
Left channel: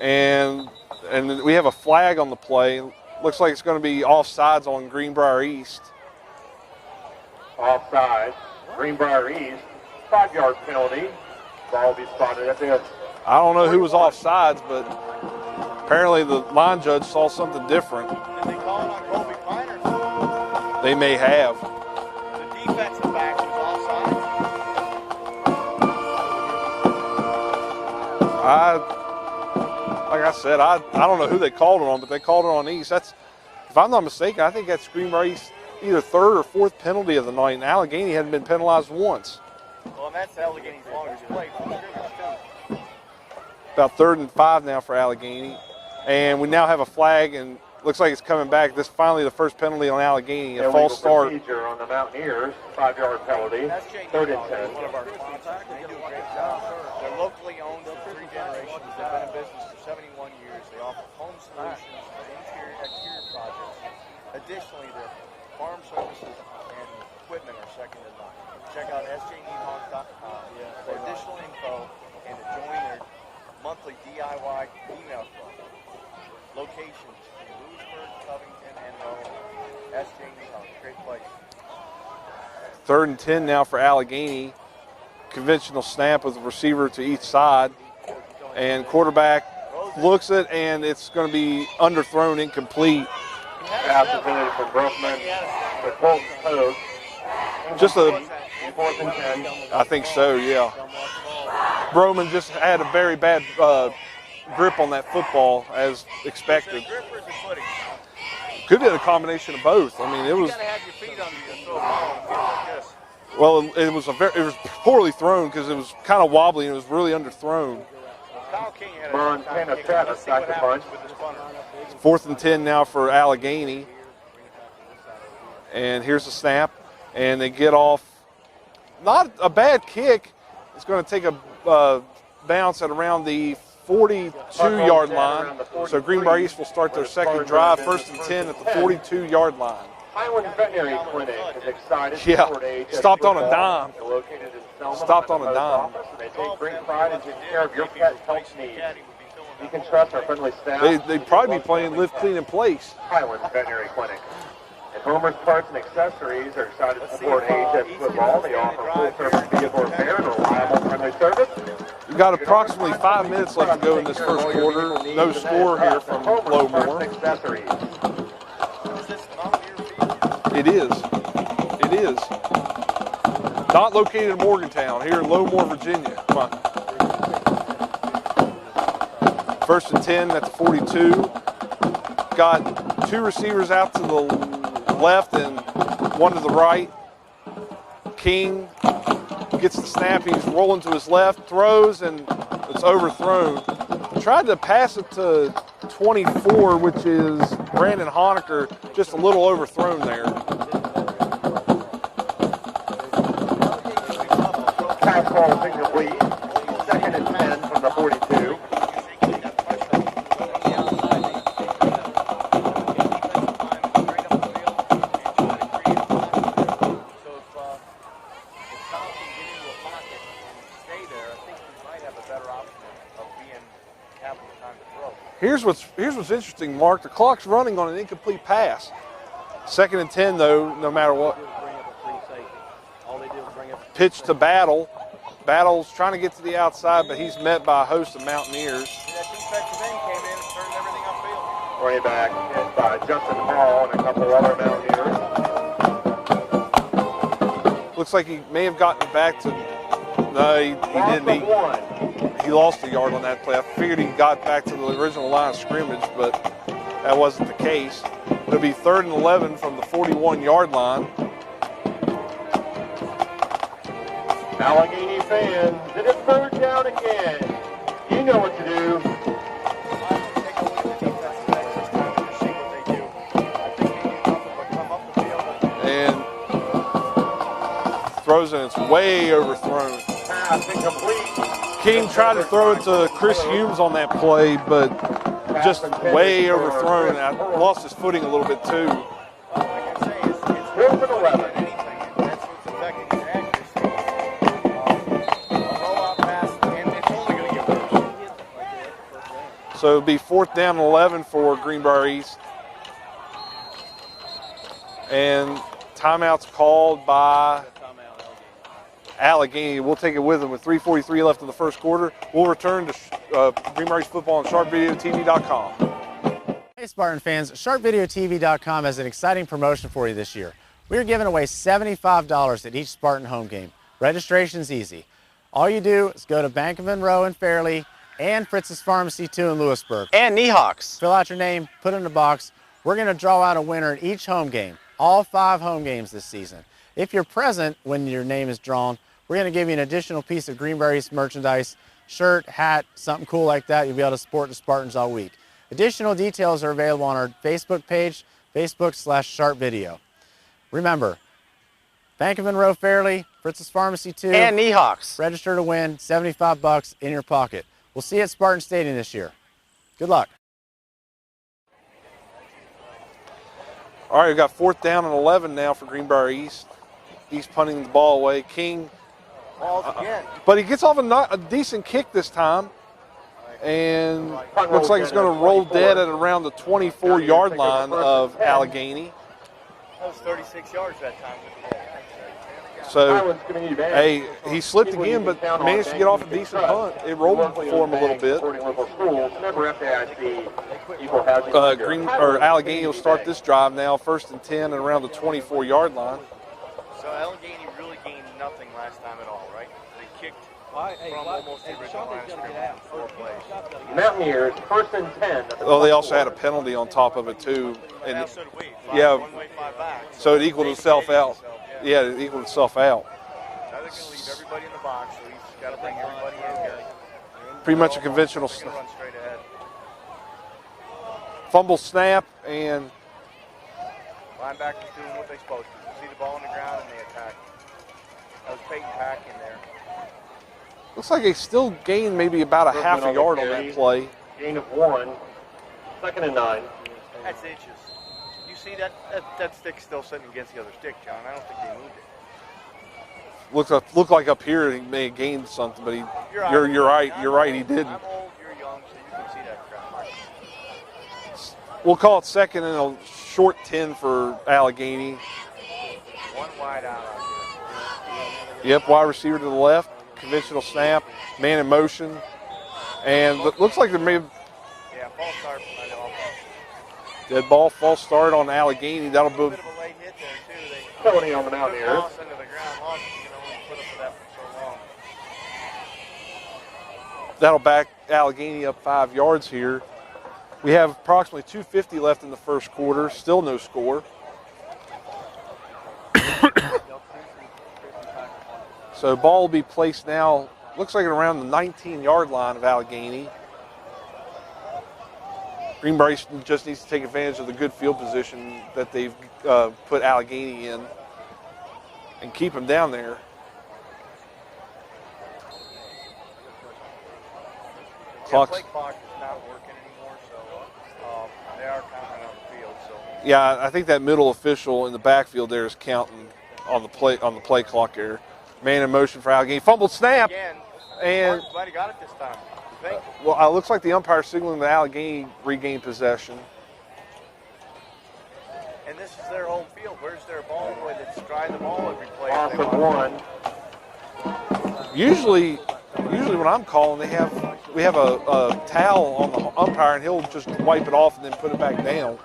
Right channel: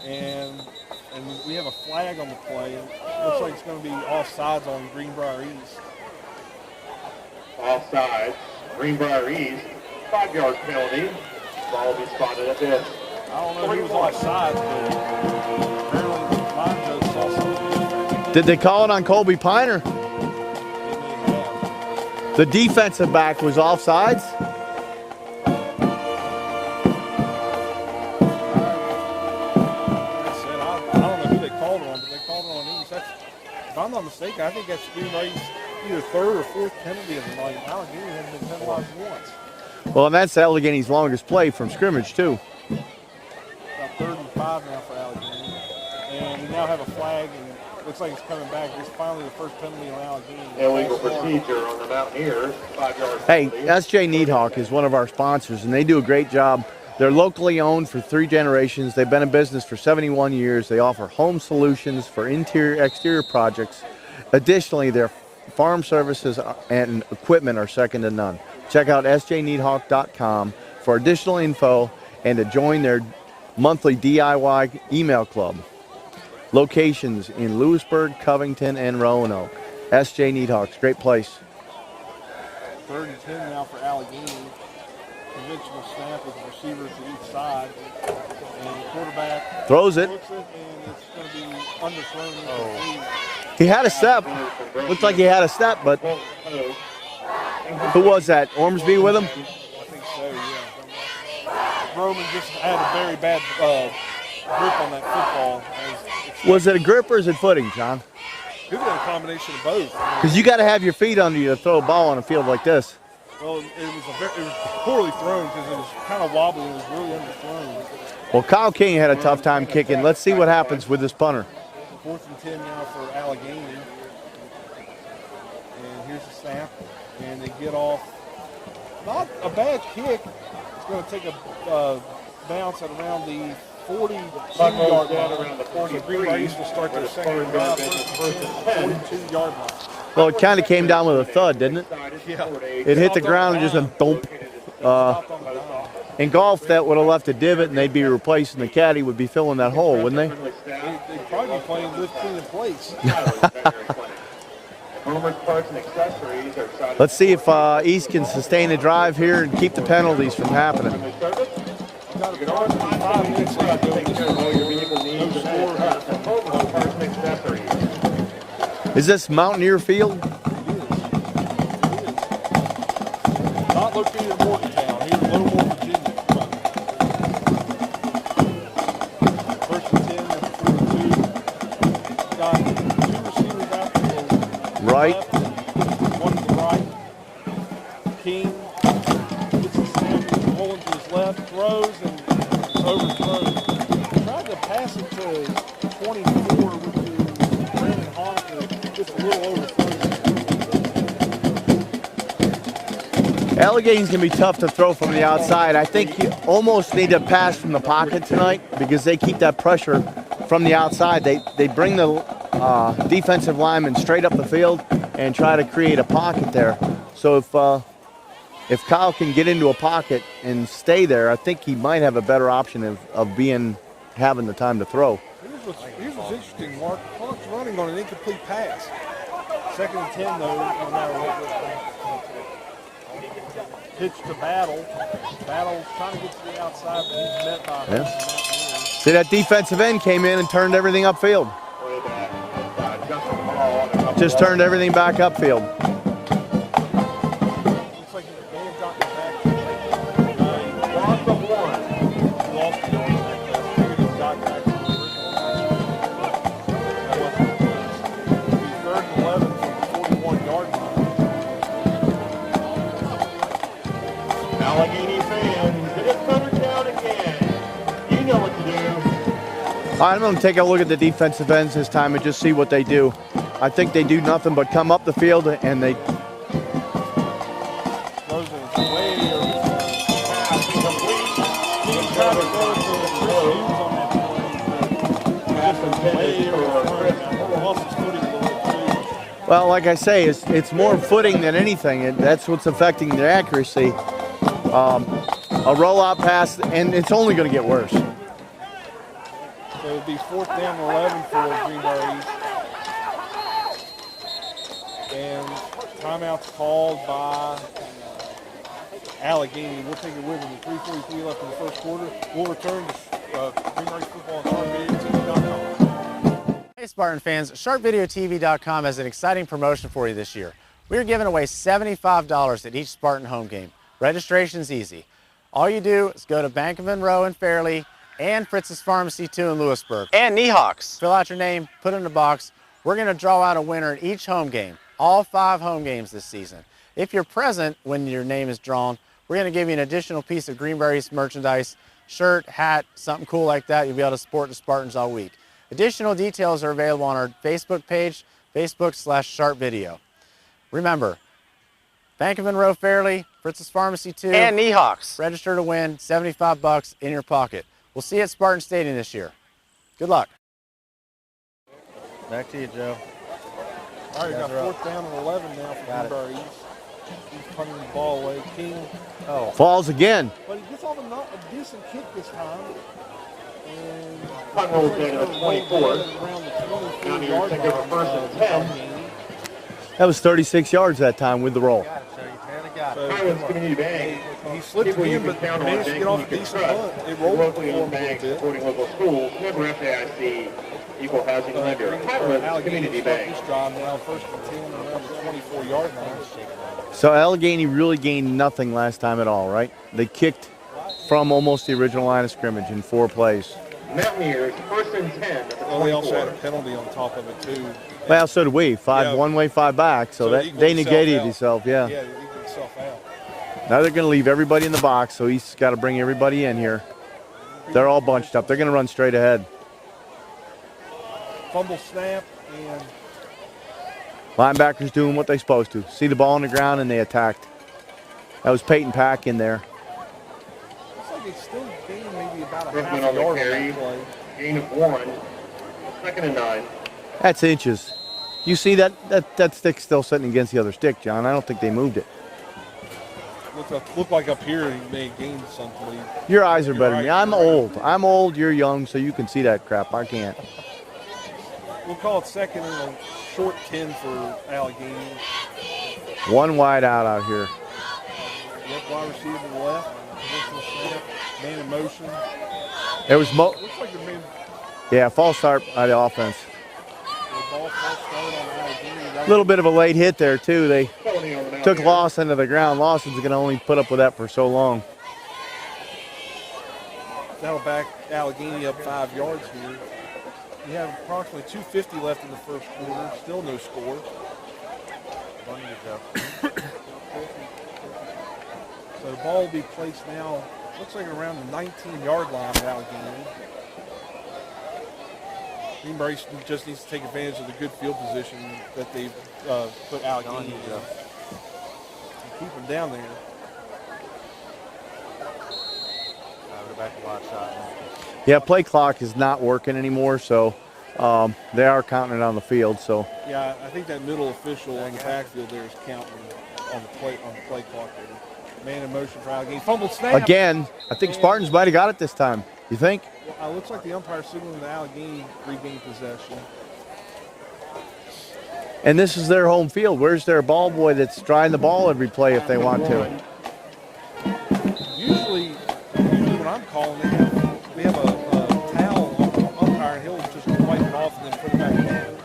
And we have a flag on the play. Looks like it's going to be offsides on Greenbrier East. Offside, Greenbrier East, 5-yard penalty. Ball will be spotted at the edge. I don't know who was offsides, but apparently the line judge saw something different. Did they call it on Colby Piner? They may have. The defensive back was offsides? Like I said, I don't know who they called it on, but they called it on East. That's, if I'm not mistaken, I think that's Greenbrier East either third or fourth penalty of the night, and Allegheny hadn't been penalized once. Well, and that's Allegheny's longest play from scrimmage, too. About 3rd and 5 now for Allegheny. And we now have a flag, and looks like it's coming back. This is finally the first penalty on Allegheny. A false start. On the Mountaineers, 5-yard Hey, penalty. S.J. Needhawk is one of our sponsors, and they do a great job. They're locally owned for 3 generations. They've been in business for 71 years. They offer home solutions for interior, exterior projects. Additionally, their farm services and equipment are second to none. Check out sjneedhawk.com for additional info and to join their monthly DIY email club. Locations in Lewisburg, Covington, and Roanoke. S.J. Needhawks, great place. 3rd and 10 now for Allegheny. Conventional snap with the receiver to each side. And quarterback Throws it. looks it, and it's going to be underthrown, incomplete. He had a step. Looks like he had a step, but who was that? Ormsby with him? I think so, yeah. Broman just had a very bad grip on that football, as expected. Was it a grip or is it footing, John? Could be a combination of both. I mean, Because you got to have your feet under you to throw a ball on a field like this. Well, it was poorly thrown because it was kind of wobbly and it was really underthrown. Well, Kyle King had a tough time kicking. Let's see what happens with this punter. 4th and 10 now for Allegheny. And here's the snap. And they get off. Not a bad kick. It's going to take a bounce at around the 42-yard line. So Greenbrier East will start their second drive, 1st and 10 at the 42-yard line. Well, it kind of came down with a thud, didn't it? Yeah. It hit the ground and just a thump. Stopped on a dime. In golf, that would have left a divot, and they'd be replacing the caddy would be filling that hole, wouldn't they? They'd probably be playing live clean in place. Let's see if East can sustain a drive here and keep the penalties from happening. We've got approximately 5 minutes left to go in this first quarter. No score here from Lowmore. Is this Mountaineer Field? It is. It is. Not located in Morgantown, here in Lowmore, Virginia. 1st and 10 at the 42. Got 2 receivers out to the left and 1 to the right. King gets the snap, he's rolling to his left, throws, and it's overthrown. Tried to pass it to 24, which is Brandon Honecker, just a little overthrown there. Allegheny's going to be tough to throw from the outside. I think you almost need to pass from the pocket tonight because they keep that pressure from the outside. They bring the defensive lineman straight up the field and try to create a pocket there. So if Kyle can get into a pocket and stay there, I think he might have a better option of having the time to throw. Here's what's interesting, Mark. The clock's running on an incomplete pass. 2nd and 10, though, no matter what. Pitch to Battle. Battle's trying to get to the outside, but he's met by a host of Mountaineers. See, that defensive end came in and turned everything upfield. Just turned everything back upfield. Looks like he may have gotten it back to. No, he didn't. He lost a yard on that play. I figured he got back to the original line of scrimmage, but that wasn't the case. It'll be 3rd and 11 from the 41-yard line. Allegheny fans, it is 3rd down again. You know what to do. I'm going to take a look at the defensive ends this time and just see what they do. I think they do nothing but come up the field and they... And throws and it's way overthrown. King tried to throw it to Chris Humes on that play, but just way overthrown. I lost his footing a little bit too. Well, like I say, it's more footing than anything, and that's what's affecting the accuracy. A rollout pass, and it's only going to get worse. So it'll be 4th down and 11 for Greenbrier East. And timeout's called by Allegheny. We'll take it with them with 3:43 left in the first quarter. We'll return to Greenbrier East football on SharpVideoTV.com. Hey Spartan fans, SharpVideoTV.com has an exciting promotion for you this year. We are giving away $75 at each Spartan home game. Registration's easy. All you do is go to Bank of Monroe in Fairleigh, and Fritz's Pharmacy 2 in Lewisburg. And Niehawks. Fill out your name, put it in the box. We're going to draw out a winner in each home game, all 5 home games this season. If you're present when your name is drawn, we're going to give you an additional piece of Greenbrier East merchandise, shirt, hat, something cool like that. You'll be able to support the Spartans all week. Additional details are available on our Facebook page, Facebook/Sharp Video. Remember, Bank of Monroe Fairley, Fritz's Pharmacy 2, And Niehawks. register to win, $75 in your pocket. We'll see you at Spartan Stadium this year. Good luck. Back to you, Joe. All right, we've got 4th down and 11 now for Greenbrier East. He's punting the ball away. King Falls again. But he gets off a decent kick this time. And looks like he's going to roll dead at around the 24-yard line of Allegheny. That was 36 yards that time with the roll. So, hey, he slipped again, but managed to get off a decent punt. It rolled for him a little bit. Allegheny will start this drive now, 1st and 10 and around the 24-yard line. So Allegheny really gained nothing last time at all, right? They kicked from almost the original line of scrimmage in 4 plays. Mountaineers, 1st and 10. Oh, they also had a penalty on top of it, too. Well, so did we. 5 one way, 5 back. So it they negated itself, yeah. Yeah, it equaled itself out. Now they're going to leave everybody in the box, so he's got to bring everybody in here. Pretty They're much all bunched up. They're going to run straight ahead. Fumble snap, and linebackers doing what they're supposed to. See the ball on the ground, and they attacked. That was Peyton Pack in there. Looks like they still gained maybe about a half a yard on that play. Gain of 1. 2nd and 9. That's inches. You see that stick's still sitting against the other stick, John. I don't think they moved it. Looked like up here he may have gained something, but your eyes are right. I'm right, old. I'm old. You're young, so you can see that crap. I can't. We'll call it 2nd and a short 10 for Allegheny. 1 wide out here. Yep, wide receiver to the left. Conventional snap, man in motion. And looks like there may have... Yeah, false start by the offense. Dead ball, false start on Allegheny. A little bit of a late hit there, too. They took Lawson to the ground. Lawson's going to only put up with that for so long. That'll back Allegheny up 5 yards here. We have approximately 2:50 left in the 1st quarter. Still no score. So ball will be placed now, looks like around the 19-yard line of Allegheny. Greenbrier East just needs to take advantage of the good field position that they've put Allegheny in and keep them down there. Yeah, play clock is not working anymore, so they are counting it on the field. So yeah, I think that middle official in the backfield there is counting on the play clock there. Man in motion for Allegheny. Fumbled snap. Again, I think Spartans might have got it this time. You think? Well, it looks like the umpire signaling the Allegheny regained possession. And this is their home field. Where's their ball boy that's trying the ball every play if they want to? Usually when I'm calling, we have a towel on the umpire, and he'll just wipe it off and then put it back down.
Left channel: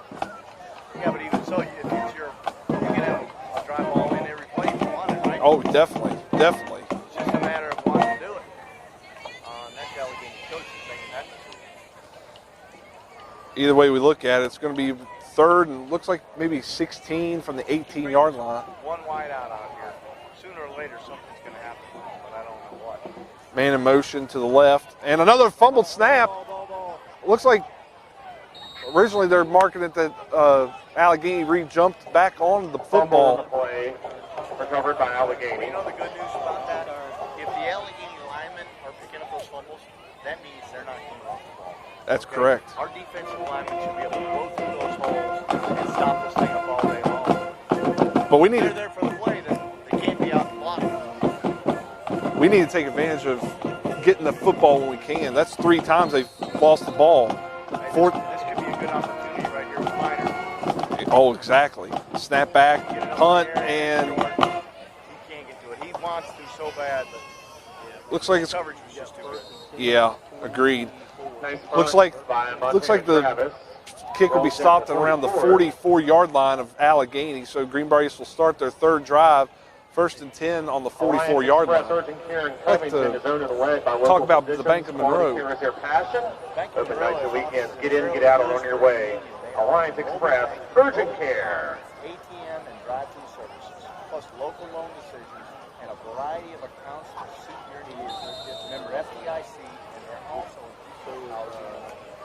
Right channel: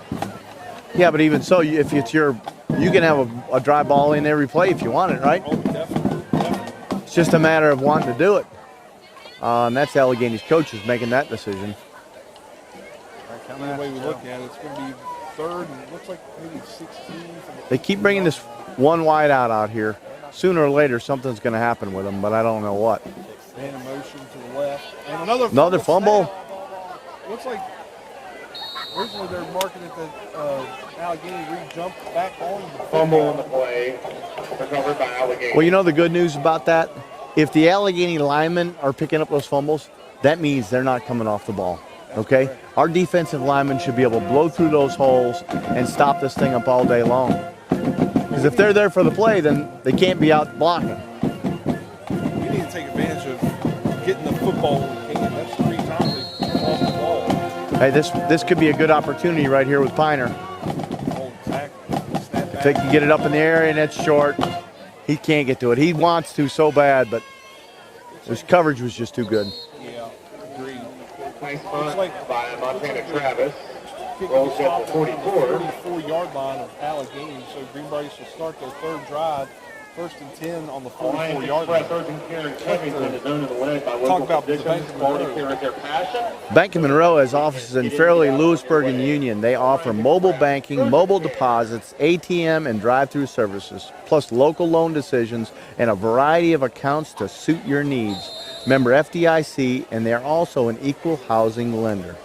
Yeah, but even so, if it's you can have a dry ball in every play if you want it, right? Oh, definitely. It's just a matter of wanting to do it. And that's Allegheny's coaches making that decision. Either way we look at it, it's going to be 3rd and looks like maybe 16 from the 18-yard line. They keep bringing this 1 wide out here. Sooner or later, something's going to happen with them, but I don't know what. Man in motion to the left. And another fumble snap. Looks like originally they're marking it that Allegheny re-jumped back on the football. Well, you know the good news about that? If the Allegheny linemen are picking up those fumbles, that means they're not coming off the ball. That's correct. Our defensive linemen should be able to blow through those holes and stop this thing up all day long. But if they're there for the play, then they can't be out blocking. We need to take advantage of getting the football when we can. That's 3 times they've lost the ball. Hey, this could be a good opportunity right here with Piner. Oh, exactly. Snap back. They can get it up in the air, and it's short. He can't get to it. He wants to so bad, but looks like his coverage was just too good. Yeah, agreed. Looks like the kick will be stopped around the 44-yard line of Allegheny. So Greenbrier East will start their 3rd drive first and 10 on the 44-yard line. I'd like to talk about the Bank of Monroe. Bank of Monroe has offices in Fairleigh, Lewisburg, and Union. They offer mobile banking, mobile deposits, ATM, and drive-through services, plus local loan decisions and a variety of accounts to suit your needs. Member FDIC, and they're also an equal housing lender.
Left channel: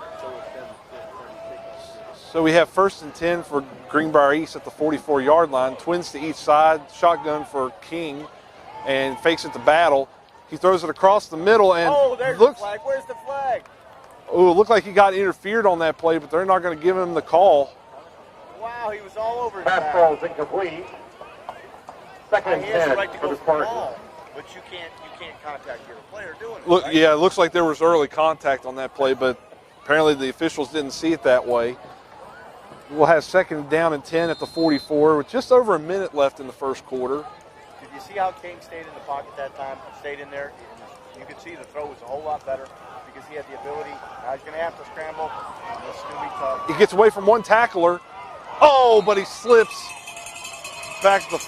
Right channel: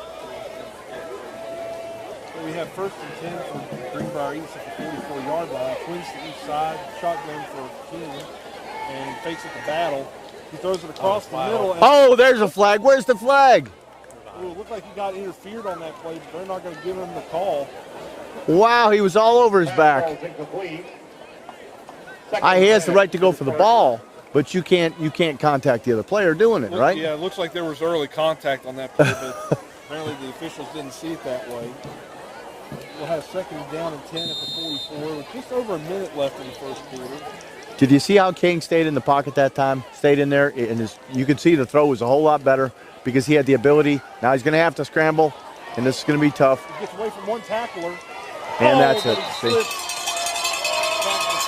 So we have first and 10 for Greenbrier East at the 44-yard line. Twins to each side, shotgun for King, and fakes it to Battle. He throws it across the middle. And oh, there's the flag. Where's the flag? Oh, it looked like he got interfered on that play, but they're not going to give him the call. Wow, he was all over his back. He has the right to go for the ball, but you can't contact the other player doing it, right? Yeah, it looks like there was early contact on that play, but apparently the officials didn't see it that way. We'll have second down and 10 at the 44 with just over a minute left in the first quarter. Did you see how King stayed in the pocket that time? Stayed in there, and you could see the throw was a whole lot better because he had the ability. Now he's going to have to scramble, and this is going to be tough. He gets away from one tackler. And but he slips back to the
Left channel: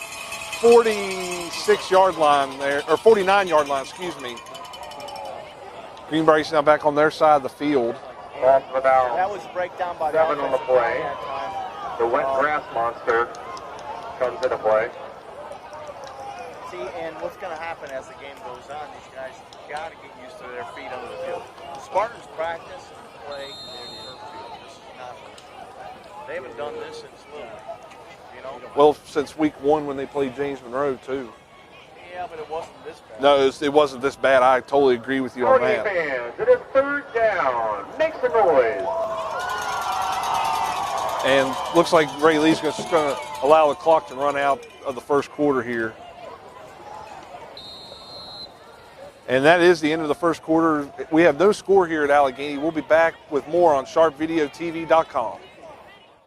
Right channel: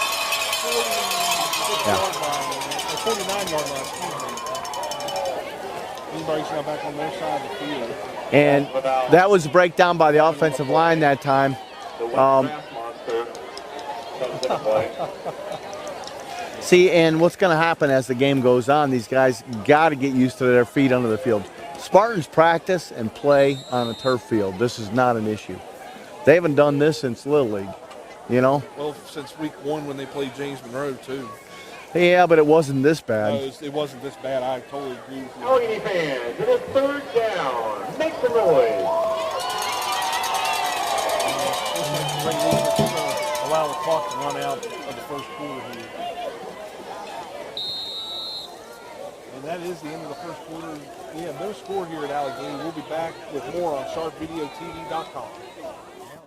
46-yard line there, or 49-yard line, excuse me. Greenbrier East now back on their side of the field. And that was a breakdown by the offensive line that time. The wet grass monster comes into play. See, and what's going to happen as the game goes on, these guys got to get used to their feet under the field. Spartans practice and play on a turf field. This is not an issue. They haven't done this since Little League, you know? Well, since week 1 when they played James Monroe, too. Yeah, but it wasn't this bad. No, it wasn't this bad. I totally agree with you on that. Fans, it is third down. Make some noise. And looks like Ray Lee's just going to allow the clock to run out of the first quarter here. And that is the end of the first quarter. We have no score here at Allegheny. We'll be back with more on sharpvideotv.com.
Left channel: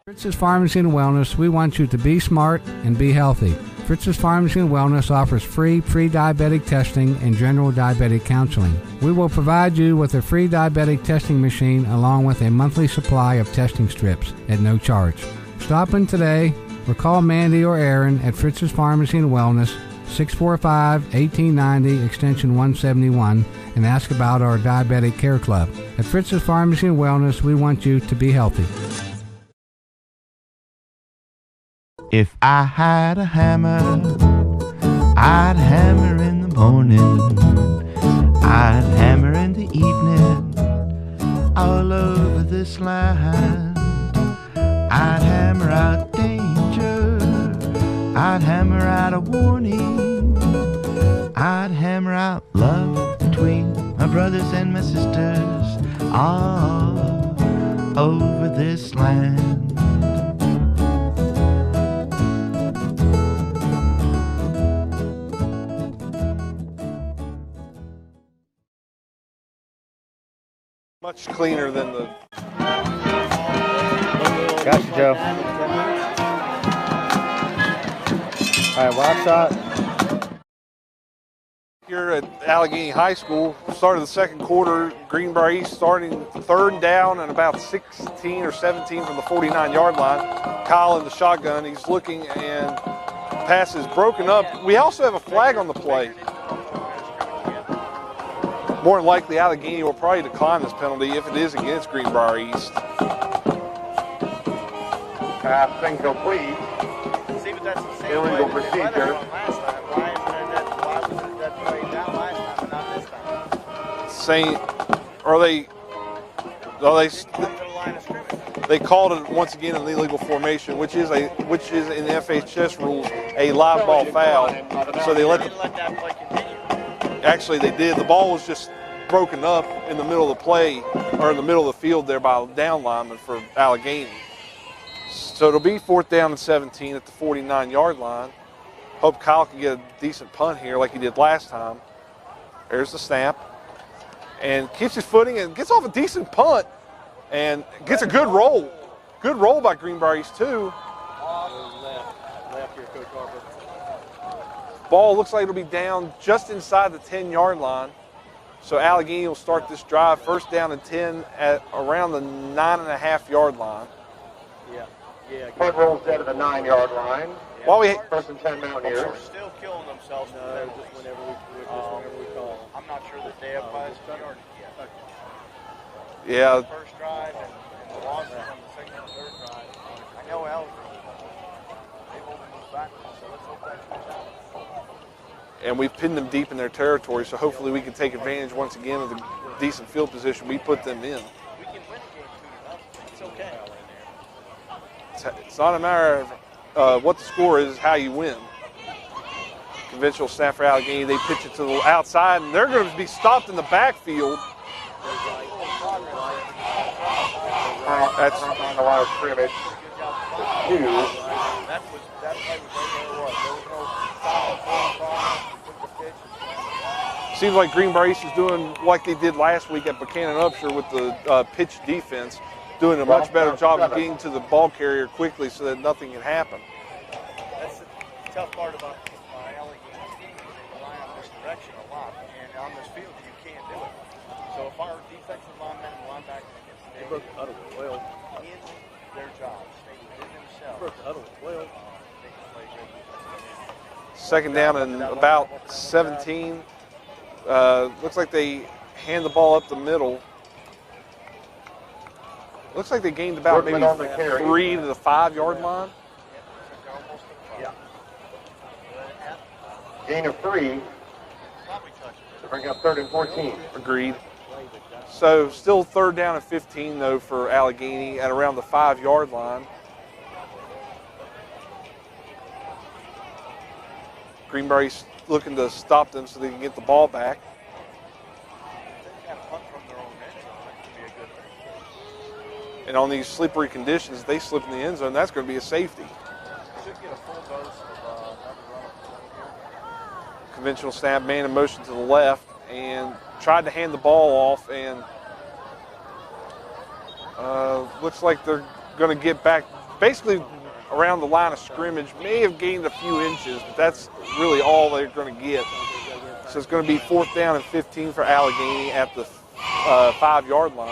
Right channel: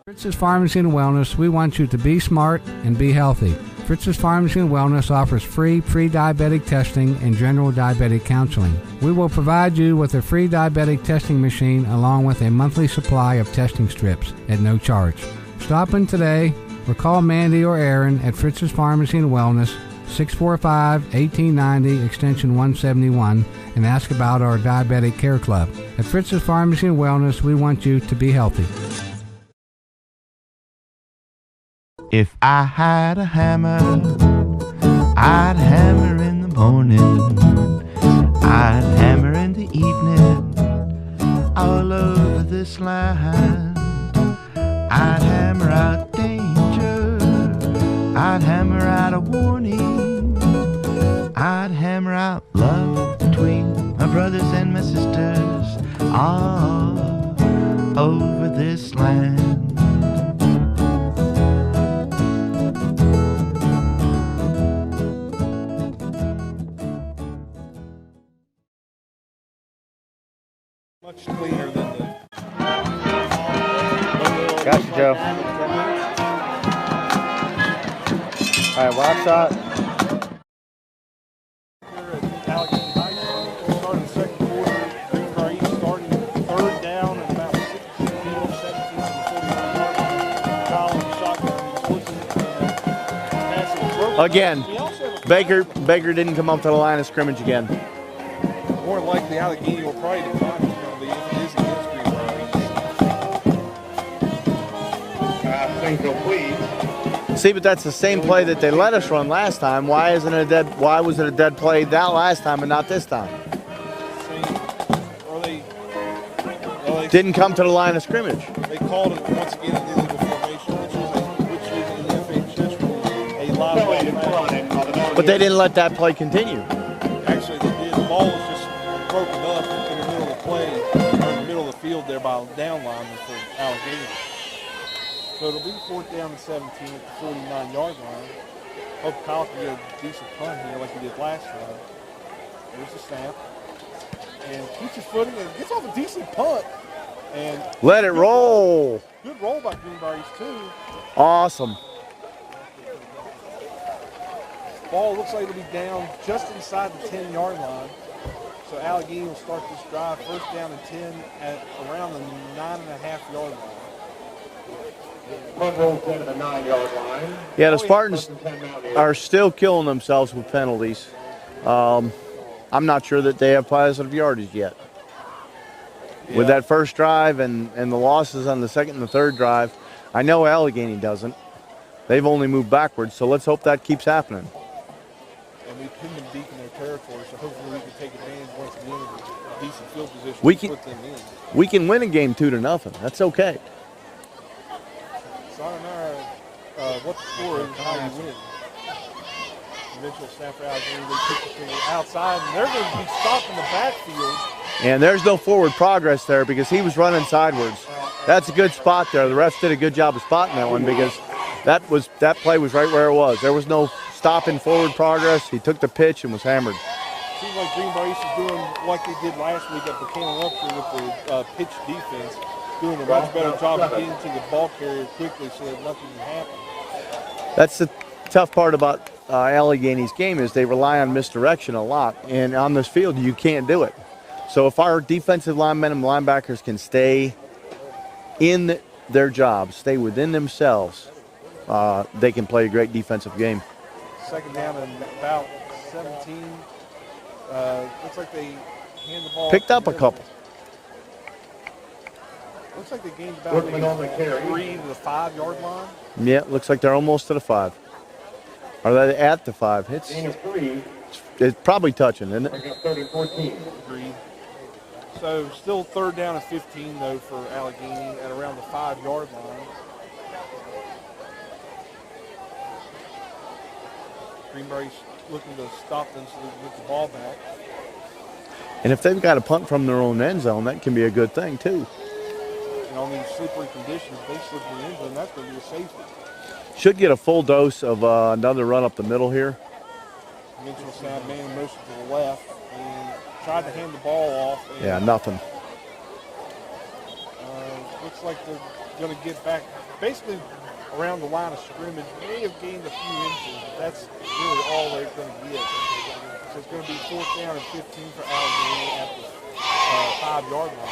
Fritz's Pharmacy and Wellness, we want you to be smart and be healthy. Fritz's Pharmacy and Wellness offers free pre-diabetic testing and general diabetic counseling. We will provide you with a free diabetic testing machine along with a monthly supply of testing strips at no charge. Stop in today or call Mandy or Aaron at Fritz's Pharmacy and Wellness, 645-1890, extension 171, and ask about our Diabetic Care Club. At Fritz's Pharmacy and Wellness, we want you to be healthy. If I had a hammer, I'd hammer in the morning, I'd hammer in the evening, all over this land. I'd hammer out danger, I'd hammer out a warning, I'd hammer out love between my brothers and my sisters, all over this land. Much cleaner than the... Got you, Joe. All right, wide shot. Here at Allegheny High School, start of the second quarter, Greenbrier East starting third down and about 16 or 17 from the 49-yard line. Kyle in the shotgun, he's looking and pass is broken again. Up. We also have a flag on the play. Baker didn't come up to the line of scrimmage again. More than likely, Allegheny will probably decline this penalty if it is against Greenbrier East. Pass incomplete. See, but that's the same play that they let us run last time. Why was it a dead play that last time and not this time? They didn't come to the line of scrimmage. They called it once again an illegal formation, which is in the FHS rules a live ball foul. So they didn't let that play continue. Actually, they did. The ball was just broken up in the middle of the play, or in the middle of the field there by a down lineman for Allegheny. So it'll be 4th down and 17 at the 49-yard line. Hope Kyle can get a decent punt here like he did last time. There's the snap. And keeps his footing and gets off a decent punt. And gets a good roll. Good roll by Greenbrier East, too. Awesome. Ball looks like it'll be down just inside the 10-yard line. So Allegheny will start this drive 1st down and 10 at around the 9.5-yard line. Punt rolls down to the 9-yard line. Yeah, the First Spartans and 10 Mountaineers. are still killing themselves with penalties. I'm not sure that they have positive yardage yet. Yeah. With that first drive and the losses on the second and the third drive, I know Allegheny doesn't. They've only moved backwards, so let's hope that keeps happening. And we've pinned them deep in their territory, so hopefully we can take advantage once again of the decent field position we put them in. We can win a game 2-0. That's okay. It's not a matter of what the score is, how you win. Conventional snap for Allegheny, they pitch it to the outside, and they're going to be stopped in the backfield. And there's no forward progress there because he was running sideways. That's a good spot there. The refs did a good job of spotting that one because that play was right where it was. There was no stopping forward progress. He took the pitch and was hammered. Seems like Greenbrier East is doing like they did last week at Buchanan Upshur with the pitch defense, doing a much better job of getting to the ball carrier quickly so that nothing can happen. That's the tough part about Allegheny's game is they rely on misdirection a lot. And on this field, you can't do it. So if our defensive linemen and linebackers can stay in their jobs, stay within themselves, they can play a great defensive game. Second down and about 17. Looks like they hand the ball Picked up the up a middle. couple. Looks like they gained about maybe 3 to the 5-yard line. Yeah, looks like they're almost to the 5. Are they at the 5? Gain of 3. It's probably touching, isn't it? Bring up 3rd and 14. Agreed. So still 3rd down and 15 though for Allegheny at around the 5-yard line. Greenbrier's looking to stop them so they can get the ball back. And if they've got a punt from their own end zone, that can be a good thing too. And on these slippery conditions, if they slip in the end zone, that's going to be a safety. Should get a full dose of another run up the middle here. Conventional snap, man in motion to the left, and tried to hand the ball off. And Yeah, nothing. looks like they're going to get back basically around the line of scrimmage. May have gained a few inches, but that's really all they're going to get. So it's going to be 4th down and 15 for Allegheny at the 5-yard line.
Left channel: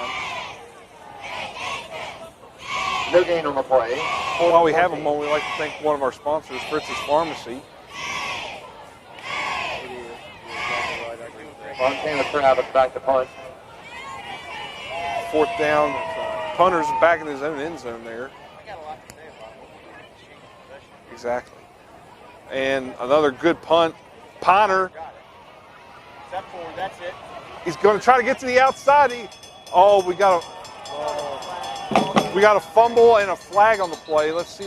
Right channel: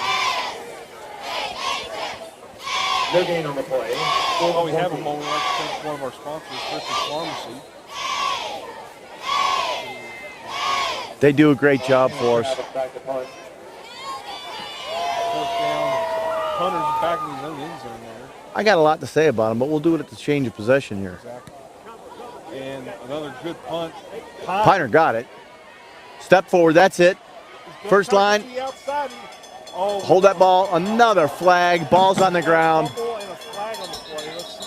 No gain on the play. While we have a moment, we'd like to thank one of our sponsors, Fritz's Pharmacy. They do a great job for us. Back to punt. 4th down. Punter's back in his own end zone there. I got a lot to say about them, but we'll do it at the change of possession here. Exactly. And another good punt. Piner got it. Step forward, that's it. He's going First to try line. to get to the outside. Hold that ball, another flag, ball's on the we got ground. a fumble and a flag on the play. Let's see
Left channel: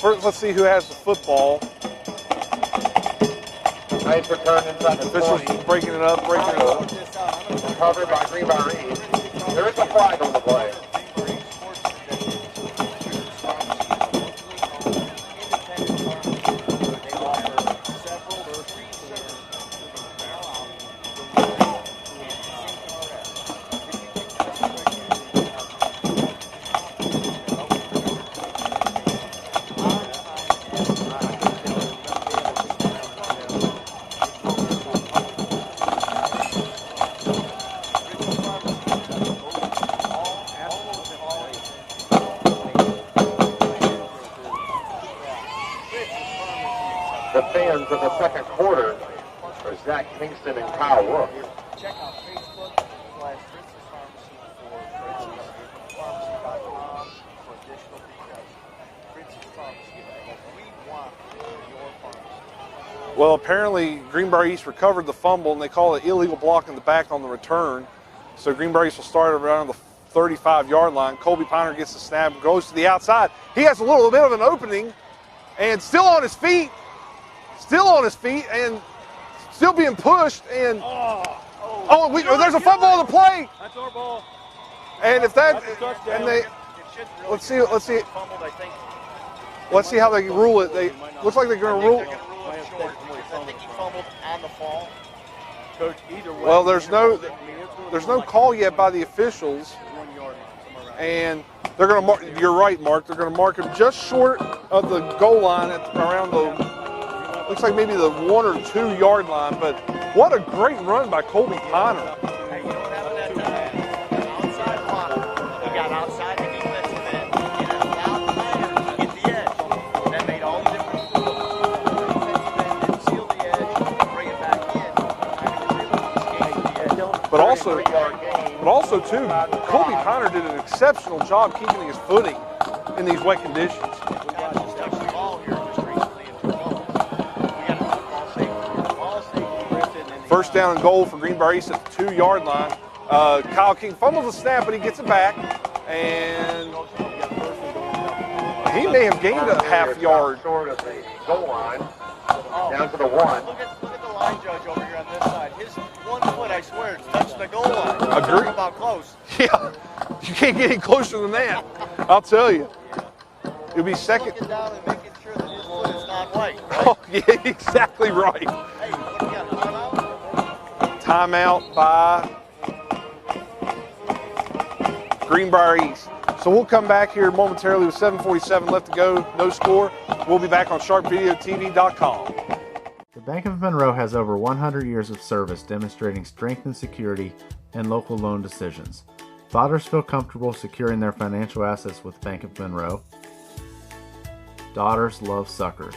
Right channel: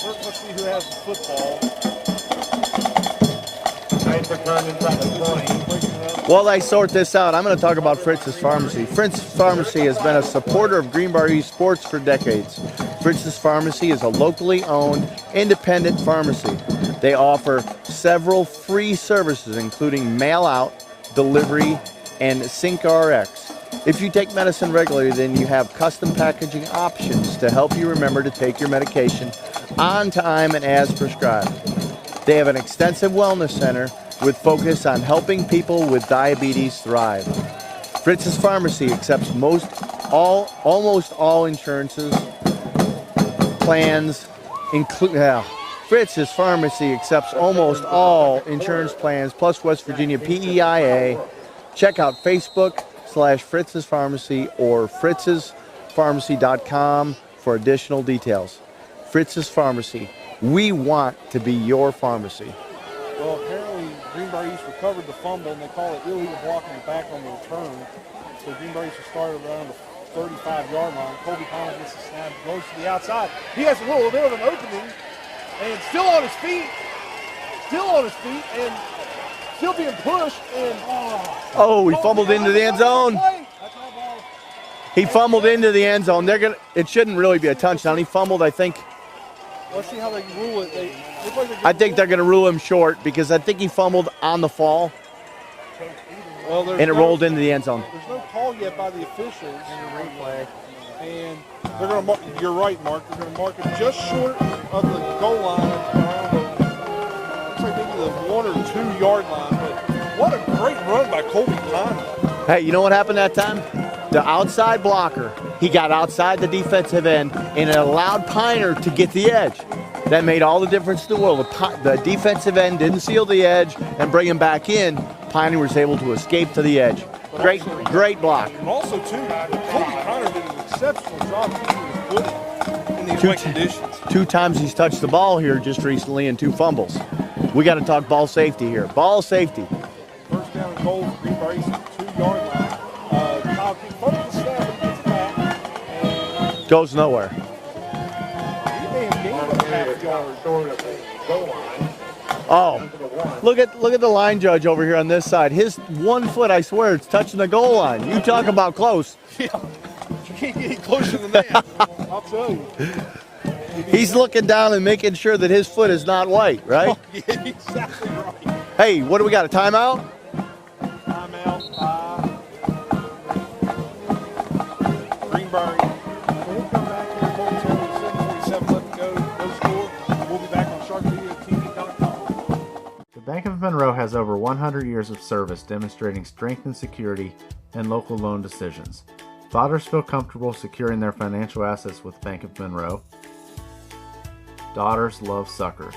first, let's see who has the football. Nice return inside the Officials breaking it up. While I sort this out, I'm going to talk about Fritz's Pharmacy. Fritz's Pharmacy has been a supporter of Greenbrier East sports for decades. Fritz's Pharmacy is a locally owned, independent pharmacy. They offer several free services, including mail-out, delivery, and Sync RX. If you take medicine regularly, then you have custom packaging options to help you remember to take your medication on time and as prescribed. They have an extensive wellness center with focus on helping people with diabetes thrive. Fritz's Pharmacy accepts almost all insurances, plans, Fritz's Pharmacy accepts almost all insurance plans, plus West Virginia PEIA. Check out Facebook/Fritz's Pharmacy or fritzespharmacy.com for additional details. Fritz's Pharmacy. We want to be your pharmacy. Well, apparently Greenbrier East recovered the fumble, and they call it illegal blocking the back on the return. So Greenbrier East will start around the 35-yard line. Colby Piner gets the snap, goes to the outside. He has a little bit of an opening, and still on his feet, and still being pushed. And he fumbled into the end zone. That's our ball. He fumbled into the end zone. It shouldn't really be a touchdown. He fumbled, I think. Let's see how they rule it. They look like they're going to I think they're going to rule him short because I think he fumbled on the fall. Well, and it rolled into the end zone. There's no call yet by the officials. And they're going to you're right, Mark. They're going to mark him just short of the goal line at around the, looks like maybe the 1 or 2 yard line. But what a great run by Colby Piner. Hey, you know what happened that time? The outside blocker He got outside the defensive end and it allowed Piner to get the edge. That made all the difference in the world. The defensive end didn't seal the edge and bring him back in. Piner was able to escape to the edge. But Great block. But also, too, Colby Piner did an exceptional job keeping his footing in these wet conditions. 2 times he's touched the ball here just recently and 2 fumbles. We got to talk ball safety here. Ball safety. First down and goal for Greenbrier East at the 2-yard line. Kyle King fumbles the snap, but he gets it back and goes nowhere. He may have gained a half-yard. Oh, look at the line judge over here on this side. His 1 foot, I swear, it's touching the goal line. You talk about close. Yeah, you can't get any closer than that. I'll tell you. He's looking down and making sure that his foot is not white, right? Oh, yeah, exactly right. Hey, what do we got, a timeout? Timeout by Greenbrier East. So we'll come back here momentarily with 7:47 left to go, no score. We'll be back on sharpvideotv.com. The Bank of Monroe has over 100 years of service demonstrating strength and security in local loan decisions. Fathers feel comfortable securing their financial assets with Bank of Monroe. Daughters love suckers.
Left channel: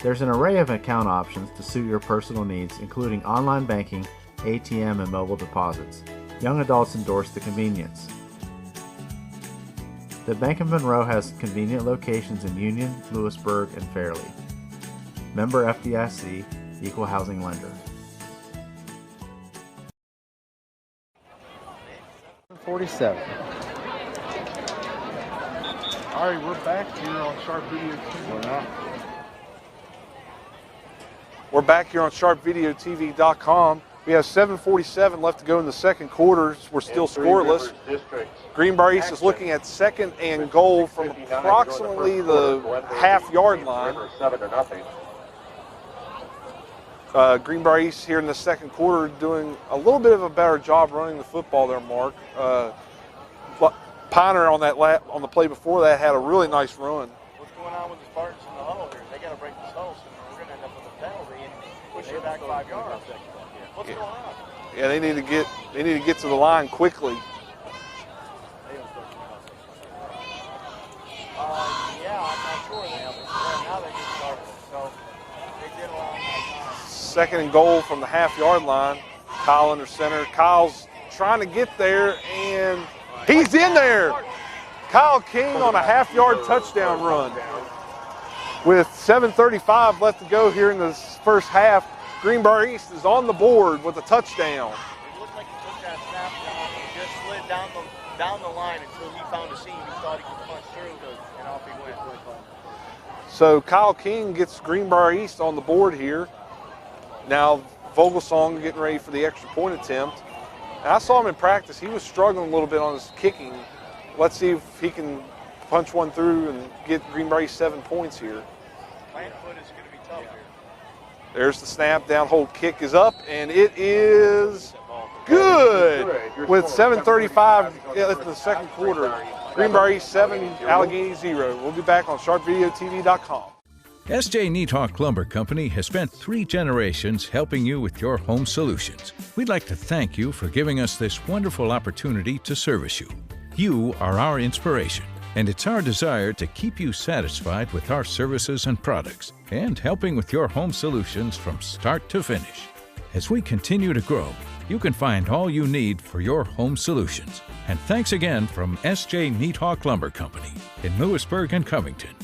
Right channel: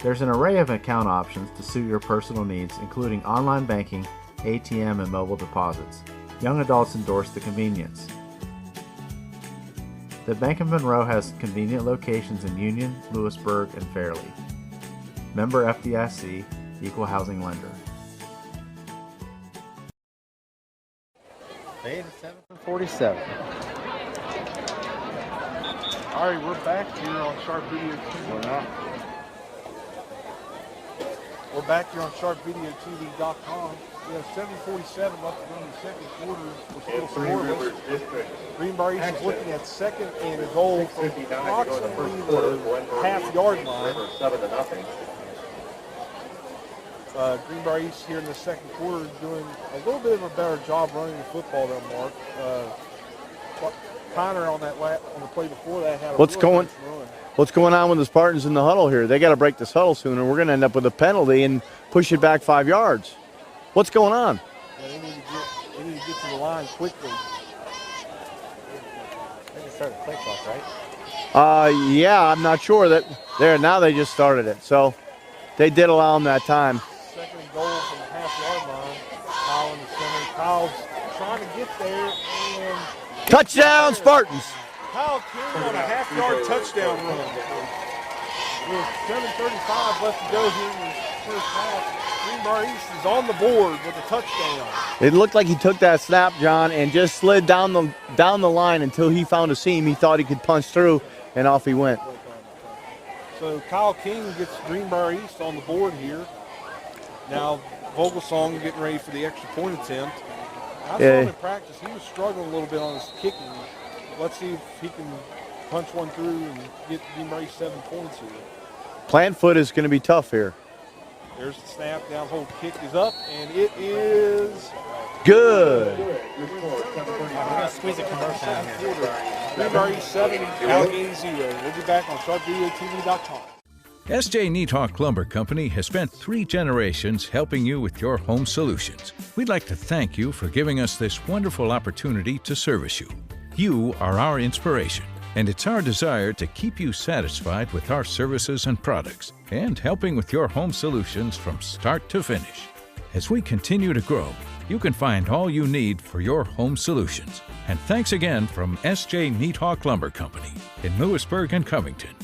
There's an array of account options to suit your personal needs, including online banking, ATM, and mobile deposits. Young adults endorse the convenience. The Bank of Monroe has convenient locations in Union, Lewisburg, and Fairleigh. Member FDIC, Equal Housing Lender. 7:47. All right, we're back here on Sharp Video TV. We're back here on sharpvideotv.com. We have 7:47 left to go in the second quarter. We're still scoreless. Greenbrier East is looking at 2nd and goal from approximately the half-yard line. Greenbrier East here in the second quarter doing a little bit of a better job running the football there, Mark. Piner on the play before that had a really nice run. What's going on with the Spartans in the huddle here? They got to break this huddle soon, or we're going to end up with a penalty and push it back 5 yards. What's going on? Yeah, they need to get to the line quickly. Yeah, I'm not sure that now they just started it, so they did allow them that time. 2nd and goal from the half-yard line. Kyle under center. Kyle's trying to get there, and he's in there. Spartans. Kyle King on a half-yard touchdown run. With 7:35 left to go here in the first half, Greenbrier East is on the board with a touchdown. It looked like he took that snap, John, and just slid down the line until he found a seam. He thought he could punch through, and off he went. So Kyle King gets Greenbrier East on the board here. Now Vogelsong getting ready for the extra point attempt. And I saw him in practice. He was struggling a little bit on his kicking. Let's see if he can punch one through and get Greenbrier East 7 points here. Plant foot is going to be tough here. There's the snap, down hold kick is up, and it is good. With 7:35 left in the second quarter, Greenbrier East 7, Allegheny 0. We'll be back on sharpvideotv.com. S.J. Neathawk Lumber Company has spent 3 generations helping you with your home solutions. We'd like to thank you for giving us this wonderful opportunity to service you. You are our inspiration, and it's our desire to keep you satisfied with our services and products and helping with your home solutions from start to finish. As we continue to grow, you can find all you need for your home solutions. And thanks again from S.J. Neathawk Lumber Company in Lewisburg and Covington.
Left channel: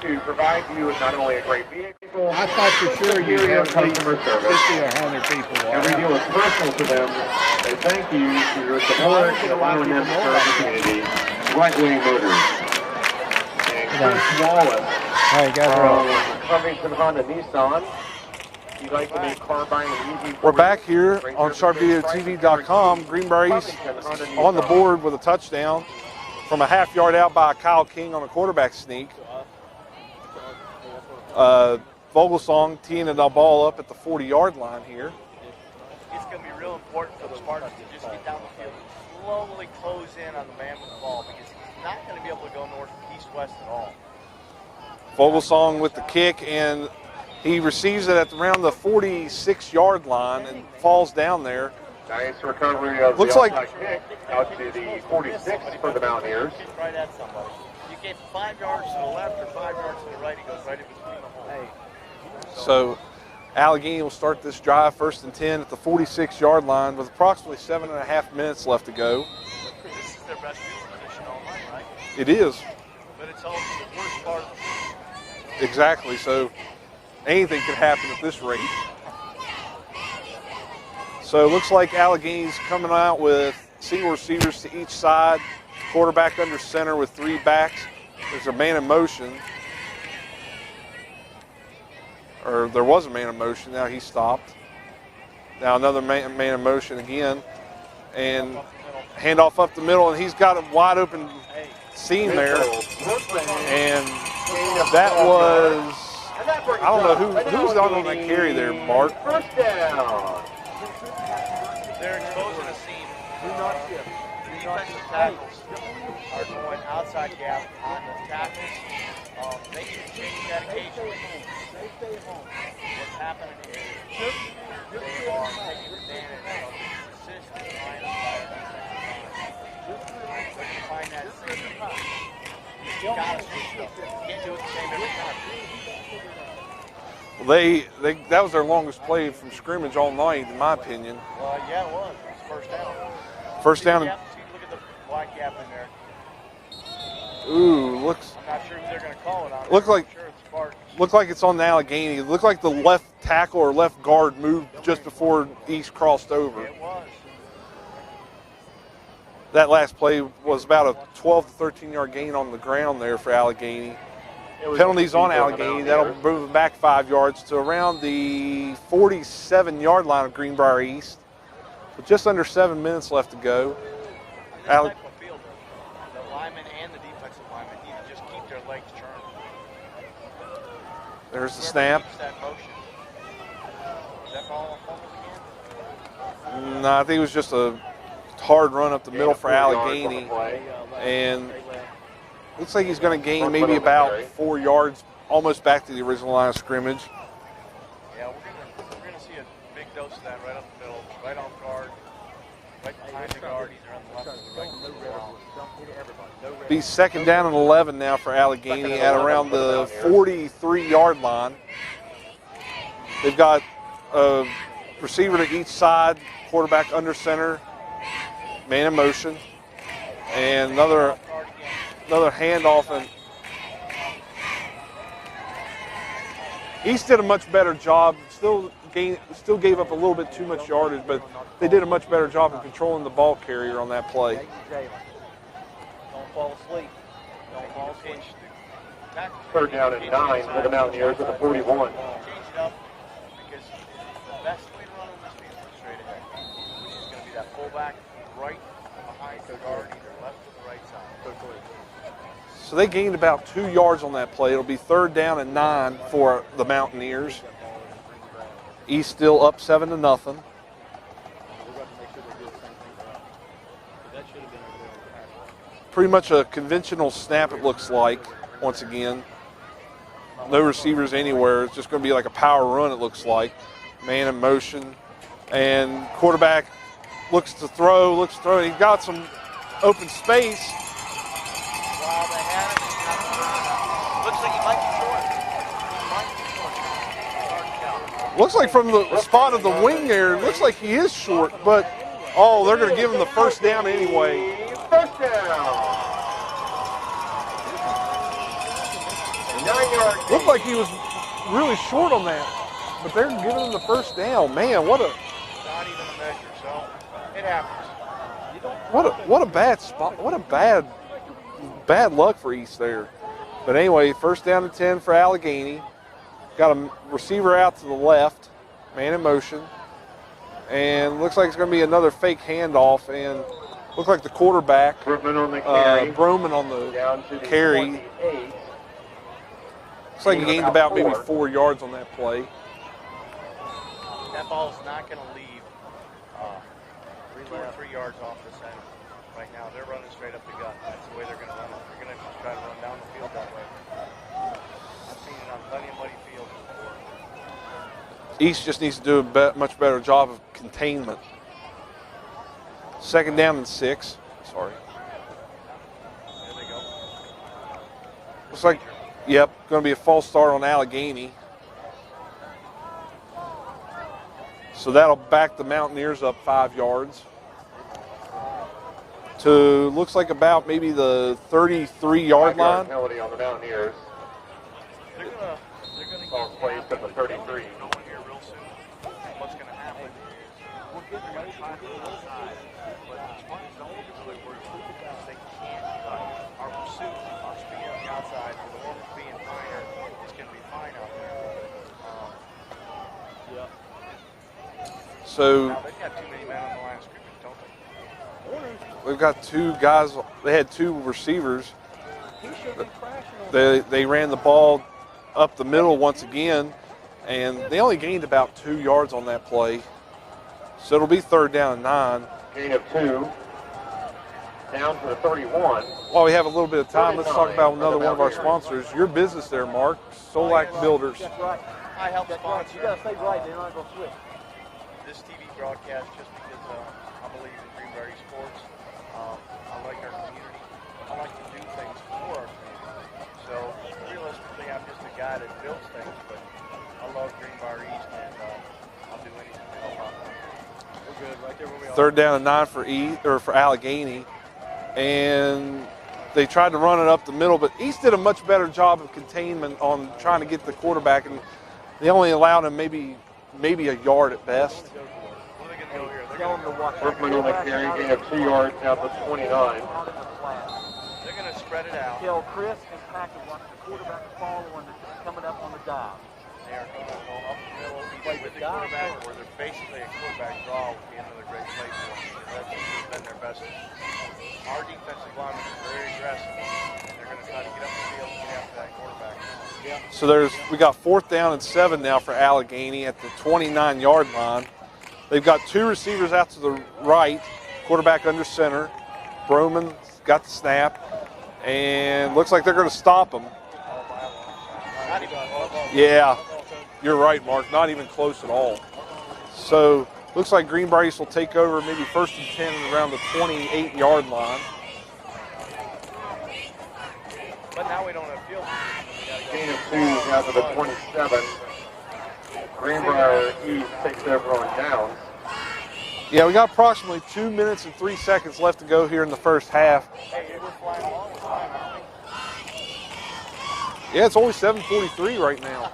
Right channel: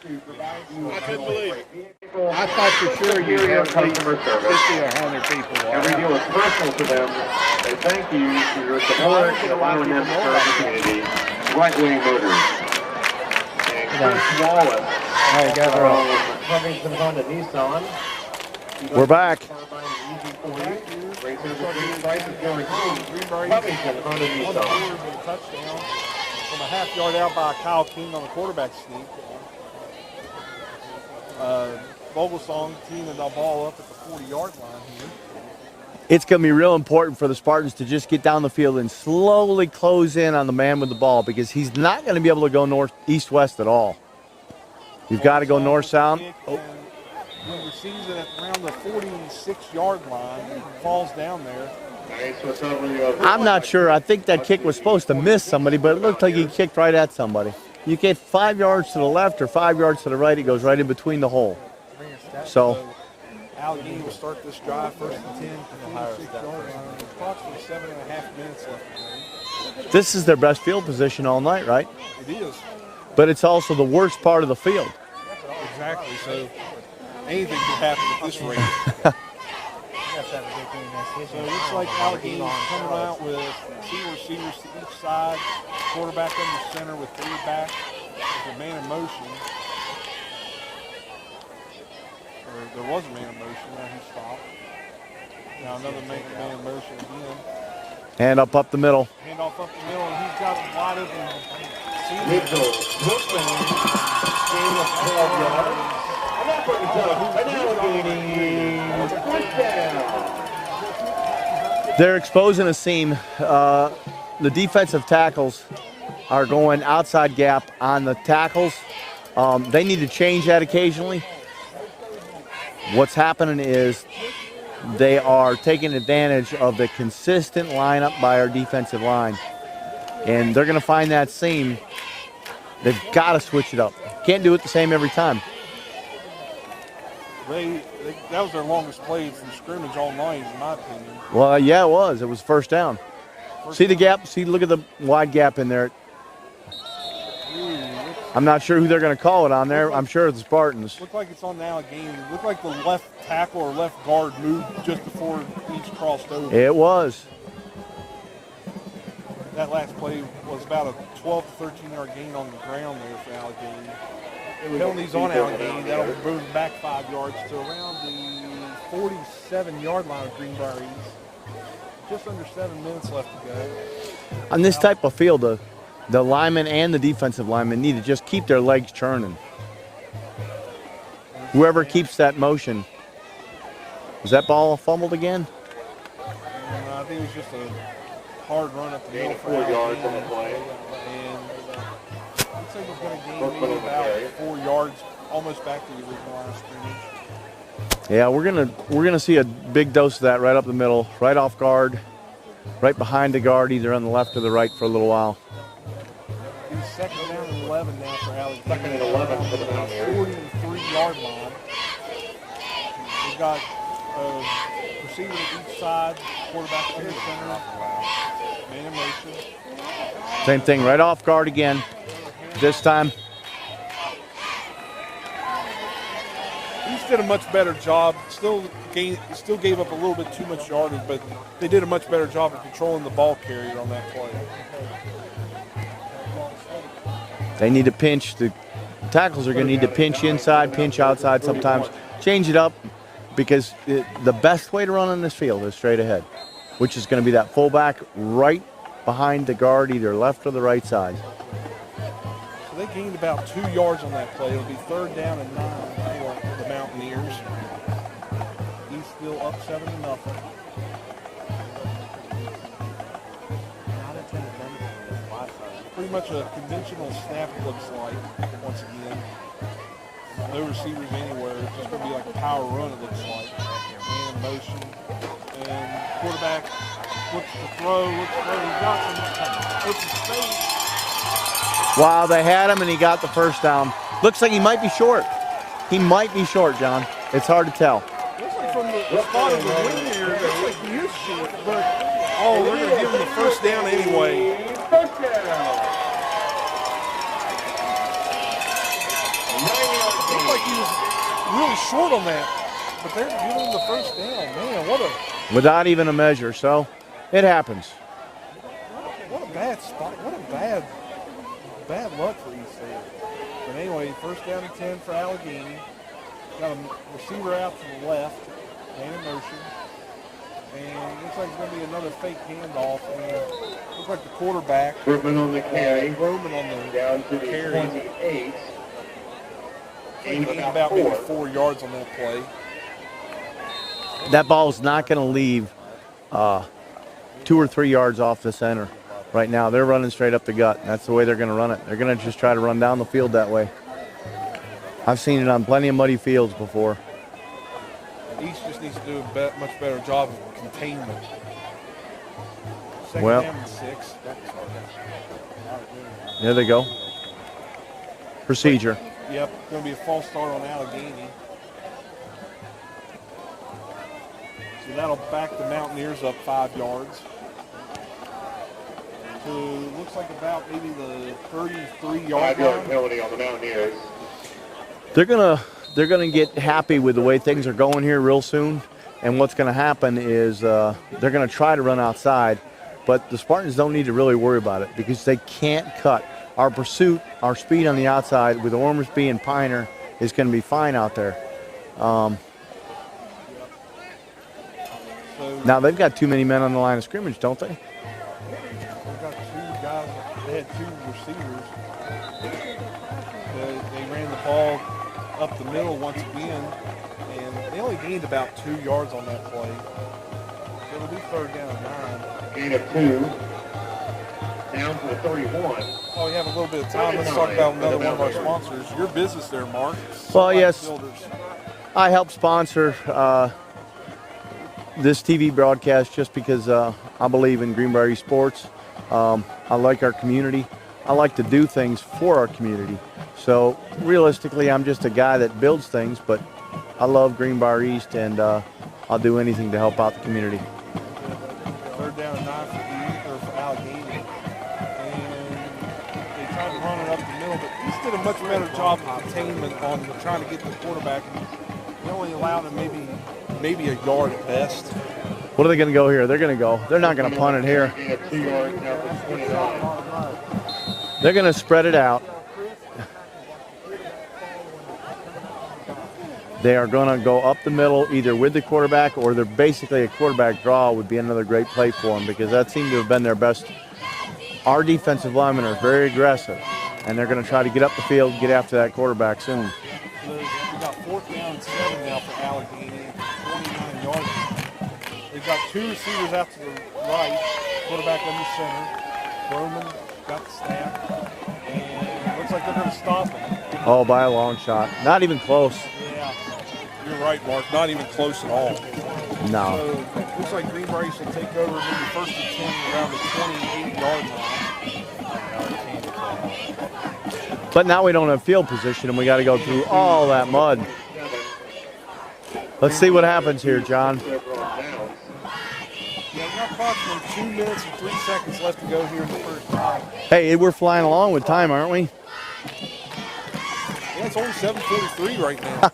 To provide you with not only a great vehicle, I thought for sure you'd have customer service. 50 or 100 people. Every deal is personal to them. They thank you for your support and allowing them to serve the community. Right Wing Motors. And Chris Wallace from Covington Honda Nissan. We're back. We're back here on sharpvideotv.com. Greenbrier East on the board with a touchdown from a half-yard out by Kyle King on the quarterback sneak. Vogelsong teeing the ball up at the 40-yard line here. It's going to be real important for the Spartans to just get down the field and slowly close in on the man with the ball, because he's not going to be able to go north, east, west at all. You've got to go north, with south. The kick, and he receives it at around the 46-yard line and falls down there. Nice recovery of I'm not sure. I think that kick was supposed to miss somebody, but it looked like he kicked right at somebody. You get 5 yards to the left or 5 yards to the right, it goes right in between the hole. So Allegheny will start this drive 1st and 10 at the 46-yard line with approximately 7.5 minutes left to go. This is their best field position all night, right? It is. But it's also the worst part of the field. Exactly. So anything can happen at this rate. So it looks like Allegheny's coming out with single receivers to each side, quarterback under center with 3 backs. There's a man in motion. Or there was a man in motion, now he stopped. Now another man in motion again. Hand up the middle. Handoff up the middle, and he's got a wide open seam there. And that was, I don't know who's on the carry there, Bart. They're exposing a seam. The defensive tackles are going outside gap on the tackles. They need to change that occasionally. What's happening is they are taking advantage of the consistent lineup by our defensive line. And they're going to find that seam. They've got to switch it up. Can't do it the same every time. That was their longest play from scrimmage all night, in my opinion. Well, yeah, it was. It was first down. See the gap? See, look at the wide gap in there. Ooh, I'm not sure who they're going to call it on there. I'm sure it's the Spartans. Looked like it's on the Allegheny. It looked like the left tackle or left guard moved just before East crossed over. It was. That last play was about a 12 to 13-yard gain on the ground there for Allegheny. Penalties on Allegheny. That'll move them back 5 yards to around the 47-yard line of Greenbrier East. With just under 7 minutes left to go. On this type of field, the linemen and the defensive linemen need to just keep their legs churning. There's Whoever keeps that motion. Was that ball fumbled again? No, I think it was just a hard run up the middle for Allegheny. And looks like he's going to gain maybe about 4 yards, almost back to the original line of scrimmage. Yeah, we're gonna see a big dose of that right up the middle, right off guard, right behind the guard, either on the left or the right for a little while. Be 2nd down and 11 now for Allegheny at around the 43-yard line. They've got a receiver to each side, quarterback under center, man in motion. Same thing, right off guard again. Another handoff. This time. East did a much better job. Still gave up a little bit too much yardage, but they did a much better job of controlling the ball carrier on that play. They need to pinch. The tackles are going to need to pinch inside, pinch outside sometimes. Change it up because the best way to run on this field is straight ahead, which is going to be that fullback right behind the guard, either left or the right side. So they gained about 2 yards on that play. It'll be 3rd down and 9 for the Mountaineers. East still up 7-0. Pretty much a conventional snap, it looks like, once again. No receivers anywhere. It's just going to be like a power run, it looks like. Man in motion. And quarterback looks to throw. He got some open space. Wow, they had him and he got the first down. Looks like he might be short. He might be short, John. It's hard to tell. Looks like from the spot of the wing there, it looks like he is short, but, they're going to give him the first down anyway. Looked like he was really short on that, but they're giving him the first down. Man, without even a measure, so it happens. What a bad spot. What a bad luck for East there. But anyway, 1st down and 10 for Allegheny. Got a receiver out to the left, man in motion. And looks like it's going to be another fake handoff. And looks like the quarterback, Broman on the carry. Looks like he gained about maybe 4 yards on that play. That ball is not going to leave 2 or 3 yards off the center. Right now, they're running straight up the gut. That's the way they're going to run it. They're going to just try to run down the field that way. I've seen it on plenty of muddy fields before. East just needs to do a much better job of containment. Second down and 6. Sorry. There they go. Procedure. Yep, going to be a false start on Allegheny. So that'll back the Mountaineers up 5 yards. To, looks like about maybe the 33-yard line. Penalty on the Mountaineers. They're gonna get happy with the way things are going here real soon. And what's going to happen is they're going to try to run outside, but the Spartans don't need to really worry about it because they can't cut. Our pursuit, our speed on the outside with Ormsby and Piner is going to be fine out there. So now they've got too many men on the line of scrimmage, don't they? We've got 2 guys. They had 2 receivers. They ran the ball up the middle once again, and they only gained about 2 yards on that play. So it'll be 3rd down and 9. Gain of 2. Down to the 31. While we have a little bit of time, let's talk about another one of our sponsors. Your business there, Mark. Well, yes. Builders. I help sponsor this TV broadcast just because I believe in Greenbrier East Sports. I like our community. I like to do things for our community. So realistically, I'm just a guy that builds things, but I love Greenbrier East, and I'll do anything to help out the community. 3rd down and 9 for Allegheny, and they tried to run it up the middle, but East did a much better job of containment on trying to get the quarterback, and they only allowed him maybe a yard at best. What are they going to go here? They're going to go. They're not going to punt it here. Gain of 2 yards down to 29. They're going to spread it out. They are going to go up the middle either with the quarterback, or they're basically a quarterback draw would be another great play for them, because that seemed to have been their best. Our defensive linemen are very aggressive, and they're going to try to get up the field, get after that quarterback soon. So we got 4th down and 7 now for Allegheny at the 29-yard line. They've got 2 receivers out to the right, quarterback under center. Broman got the snap, and looks like they're going to stop him. Oh, by a long shot. Not even close. Yeah, you're right, Mark. Not even close at all. No. So looks like Greenbrier East will take over maybe 1st and 10 around the 28-yard line. But now we don't have field position, and we got to go through all that mud. Let's see what happens here, John. Yeah, we got approximately 2 minutes and 3 seconds left to go here in the first half. Hey, we're flying along with time, aren't we? Yeah, it's only 7:43 right now.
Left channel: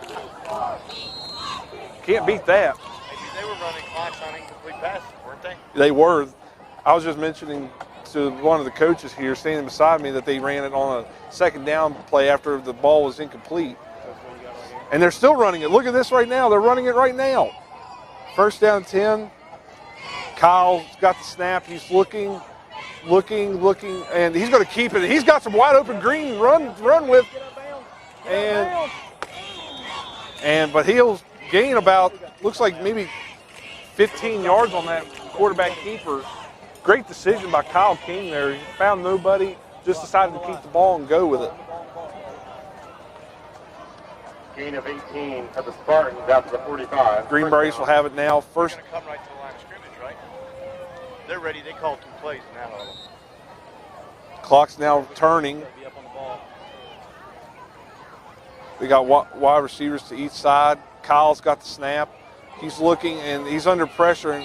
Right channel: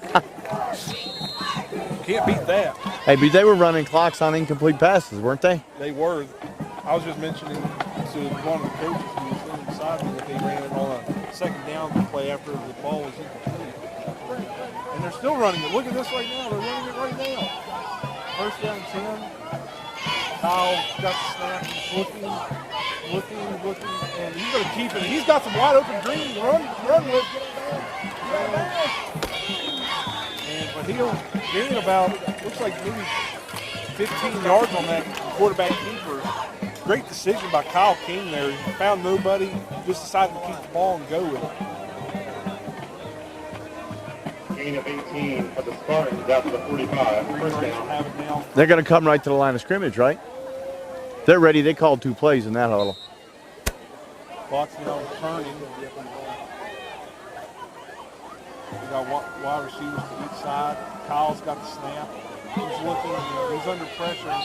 Can't beat that. Hey, but they were running clocks on incomplete passes, weren't they? They were. I was just mentioning to one of the coaches here standing beside me that they ran it on a 2nd down play after the ball was incomplete. And they're still running it. Look at this right now. They're running it right now. 1st down 10. Kyle got the snap. He's looking, and he's going to keep it. He's got some wide open green run with. But he'll gain about, looks like maybe 15 yards on that quarterback keeper. Great decision by Kyle King there. He found nobody, just decided to keep the ball and go with it. Gain of 18 at the Spartans out to the 45. Greenbrier East will have it now. They're going to come right to the line of scrimmage, right? They're ready. They called 2 plays in that huddle. Clock's now turning. We got wide receivers to each side. Kyle's got the snap. He's looking, and he's under pressure. And,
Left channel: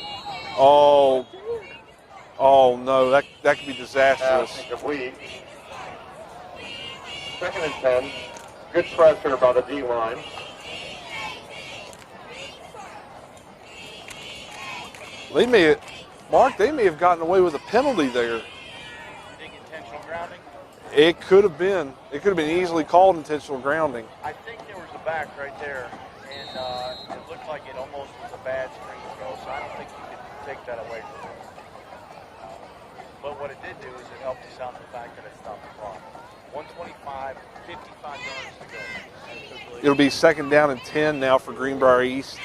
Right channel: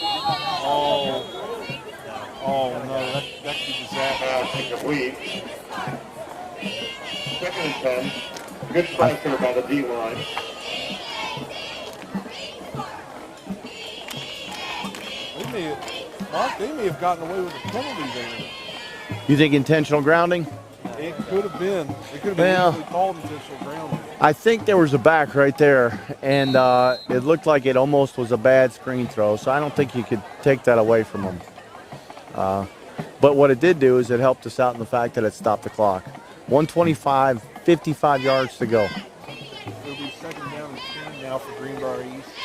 oh no, that could be disastrous. Second and 10. Good pressure on the D-line. They may have gotten away with a penalty there. You think intentional grounding? It could have been. It could have been easily called intentional grounding. I think there was a back right there, and it looked like it almost was a bad screen throw, so I don't think you could take that away from him. But what it did do is it helped us out in the fact that it stopped the clock. 125, 55 yards to go. It'll be 2nd down and 10 now for Greenbrier East.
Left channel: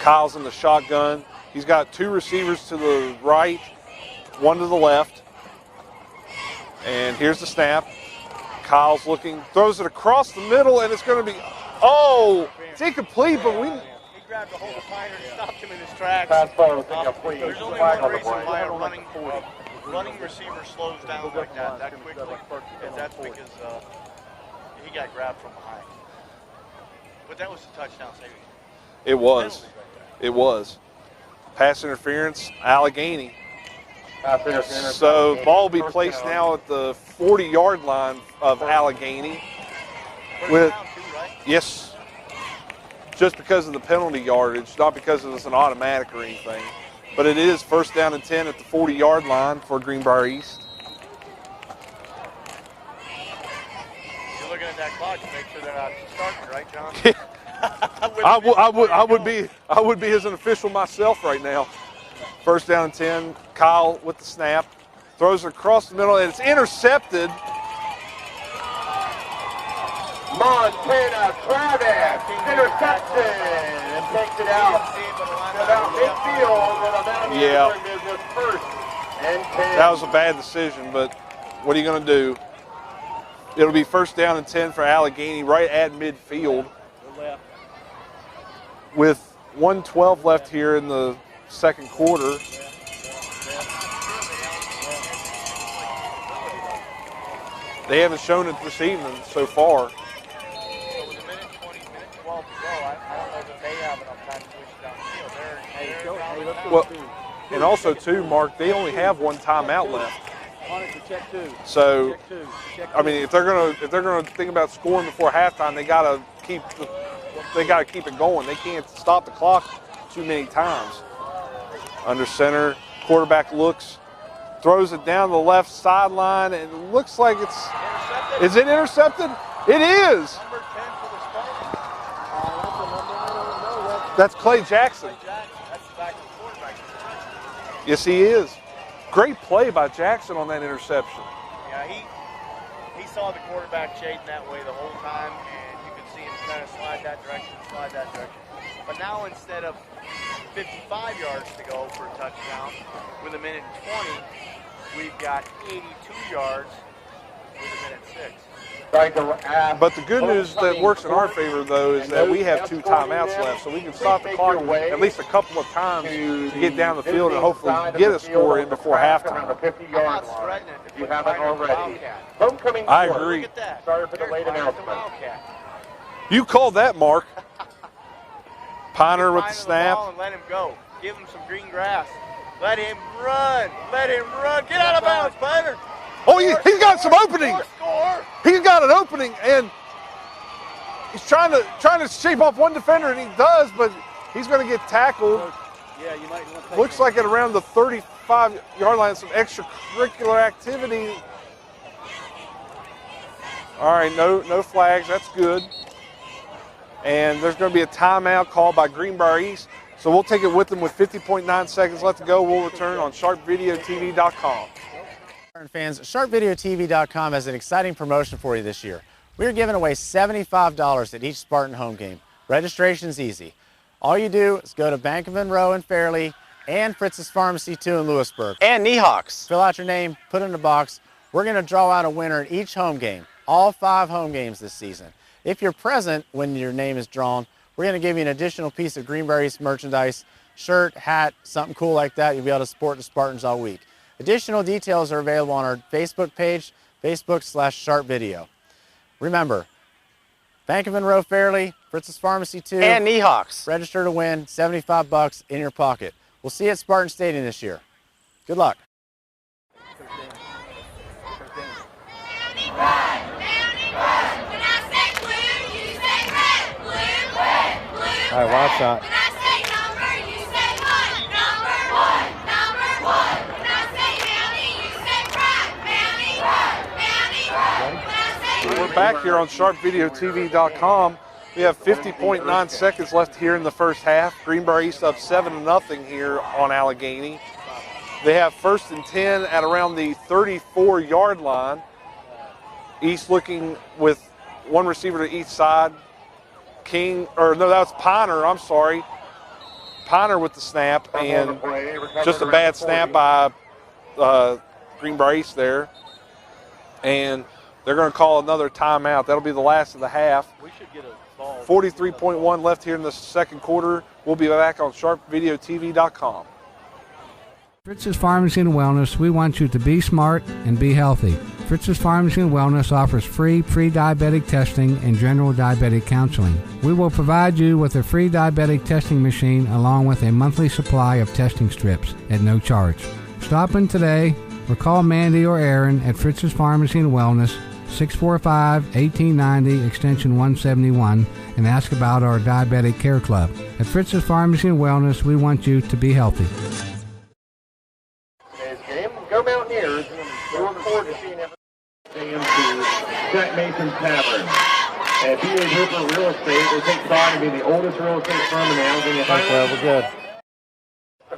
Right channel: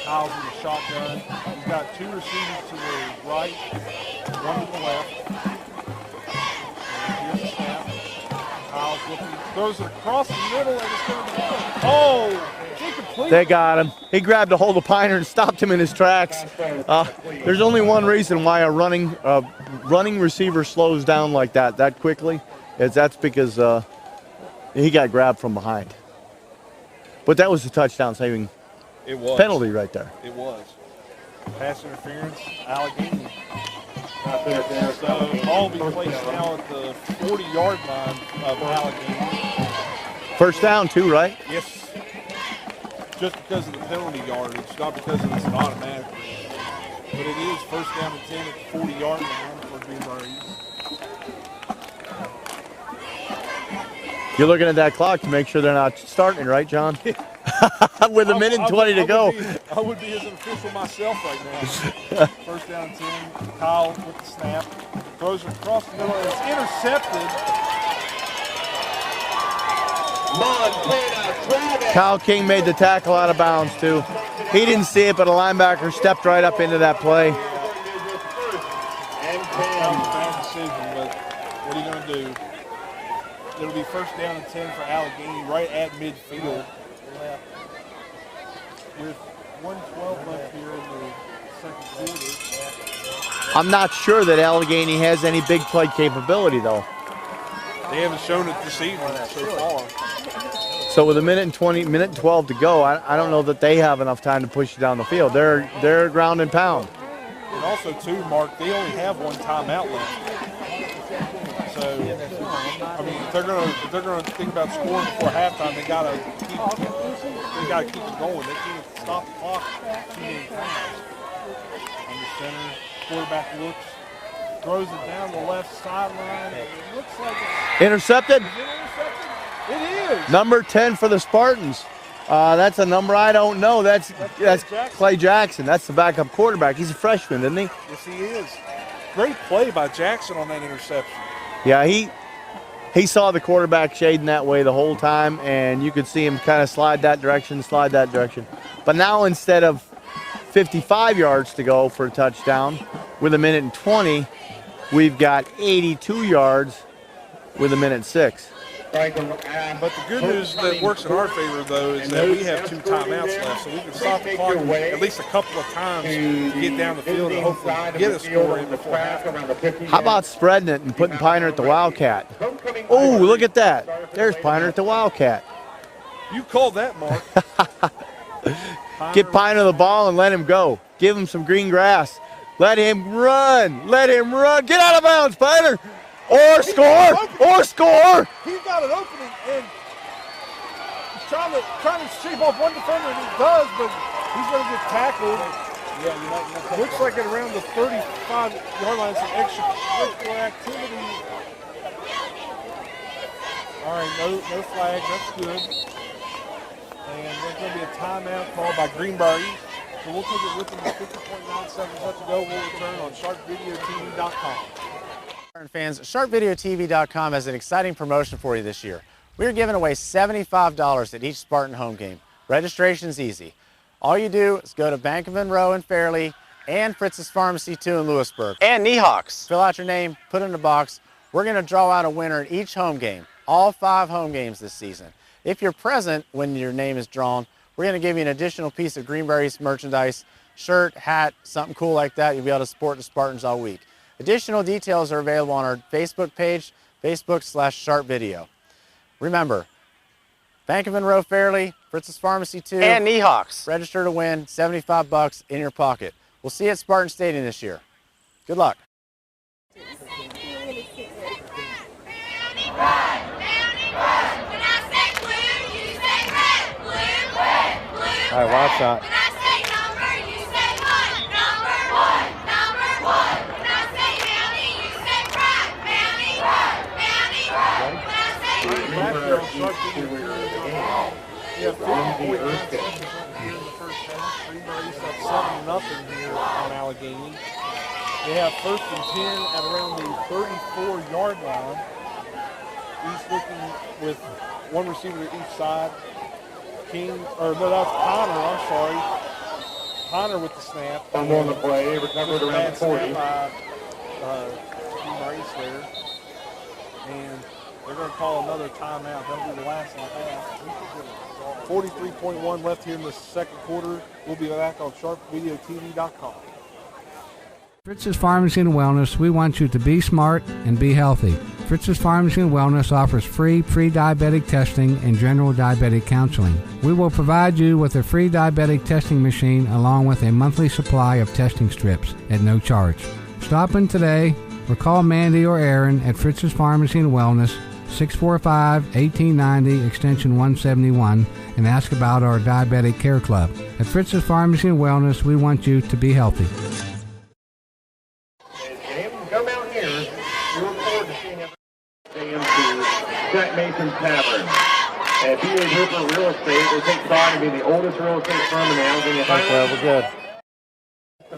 Kyle's in the shotgun. He's got 2 receivers to the right, 1 to the left. And here's the snap. Kyle's looking, throws it across the middle, and it's going to be, oh, incomplete. They got him. He grabbed a hold of Piner and stopped him in his tracks. There's only one reason why a running receiver slows down like that quickly. That's because he got grabbed from behind. But that was a touchdown saving penalty right there. It was. Pass interference, Allegheny. So ball will be placed now at the 40-yard line of Allegheny. First down too, right? Yes. Just because of the penalty yardage, not because it's an automatic or anything. But it is first down and 10 at the 40-yard line for Greenbrier East. You're looking at that clock to make sure they're not starting, right, John? With a minute and 20 to go. I would be as an official myself right now. First down and 10. Kyle with the snap. Throws it across the middle, and it's intercepted. Kyle King made the tackle out of bounds, too. He didn't see it, but a linebacker stepped right up into that play. Yeah. That was a bad decision, but what are you going to do? It'll be first down and 10 for Allegheny right at midfield with 1:12 left here in the second quarter. I'm not sure that Allegheny has any big play capability, though. They haven't shown it this evening so far. So with a minute and 12 to go, I don't know that they have enough time to push it down the field. They're ground and pound. Well, and also, too, Mark, they only have one timeout left. So, I mean, if they're gonna think about scoring before halftime, they gotta keep it going. They can't stop the clock too many times. Under center, quarterback looks, throws it down the left sideline, and it looks like it's intercepted. Is it intercepted? It is. Number 10 for the Spartans. That's a number I don't know. That's Clay Jackson. Clay Jackson. That's the backup quarterback. He's a freshman, isn't he? Yes, he is. Great play by Jackson on that interception. Yeah, he saw the quarterback shading that way the whole time, and you could see him kind of slide that direction. But now instead of 55 yards to go for a touchdown with a minute and 20, we've got 82 yards with a minute 6. But the good news that works in our favor, though, is that we have 2 timeouts left, so we can stop the clock at least a couple of times to get down the field and hopefully get a score in before halftime. How about spreading it and putting Piner at the Wildcat? Oh, look at that. There's Piner at the Wildcat. You called that, Mark. Get Piner the ball and let him go. Give him some green grass. Let him run. Get out of bounds, Piner. He's got an opening. Or score. He's got an opening, and he's trying to shake off one defender, and he does, but he's going to get tackled. Yeah, looks like at around the 35-yard line, some extracurricular activity. All right, no flags. That's good. And there's going to be a timeout called by Greenbrier East. So we'll take it with them with 50.9 seconds left to go. We'll return on sharpvideotv.com. Fans, sharpvideotv.com has an exciting promotion for you this year. We are giving away $75 at each Spartan home game. Registration's easy. All you do is go to Bank of Monroe in Fairleigh and Fritz's Pharmacy 2 in Lewisburg. And Niehawks. Fill out your name, put it in a box. We're going to draw out a winner at each home game, all 5 home games this season. If you're present when your name is drawn, we're going to give you an additional piece of Greenbrier East merchandise, shirt, hat, something cool like that. You'll be able to support the Spartans all week. Additional details are available on our Facebook page, Facebook/SharpVideo. Remember, Bank of Monroe Fairleigh, Fritz's Pharmacy 2, and Niehawks. Register to win, $75 in your pocket. We'll see you at Spartan Stadium this year. Good luck. All right, watch that. We're back here on sharpvideotv.com. We have 50.9 seconds left here in the first half. Greenbrier East up 7-0 here on Allegheny. They have first and 10 at around the 34-yard line. East looking with one receiver to each side. That's Piner, I'm sorry. Piner with the snap, and just a bad snap by Greenbrier East there. And They're going to call another timeout. That'll be the last of the half. 43.1 left here in the second quarter. We'll be back on sharpvideotv.com. Fritz's Pharmacy and Wellness, we want you to be smart and be healthy. Fritz's Pharmacy and Wellness offers free pre-diabetic testing and general diabetic counseling. We will provide you with a free diabetic testing machine along with a monthly supply of testing strips at no charge. Stop in today or call Mandy or Aaron at Fritz's Pharmacy and Wellness, 645-1890, extension 171, and ask about our Diabetic Care Club. At Fritz's Pharmacy and Wellness, we want you to be healthy. Go Mountaineers. We look forward to seeing everyone to Jack Mason's Tavern. And B.A. Hooper Real Estate, they take pride in being the oldest real estate firm in the Allegheny Highlands. We're good.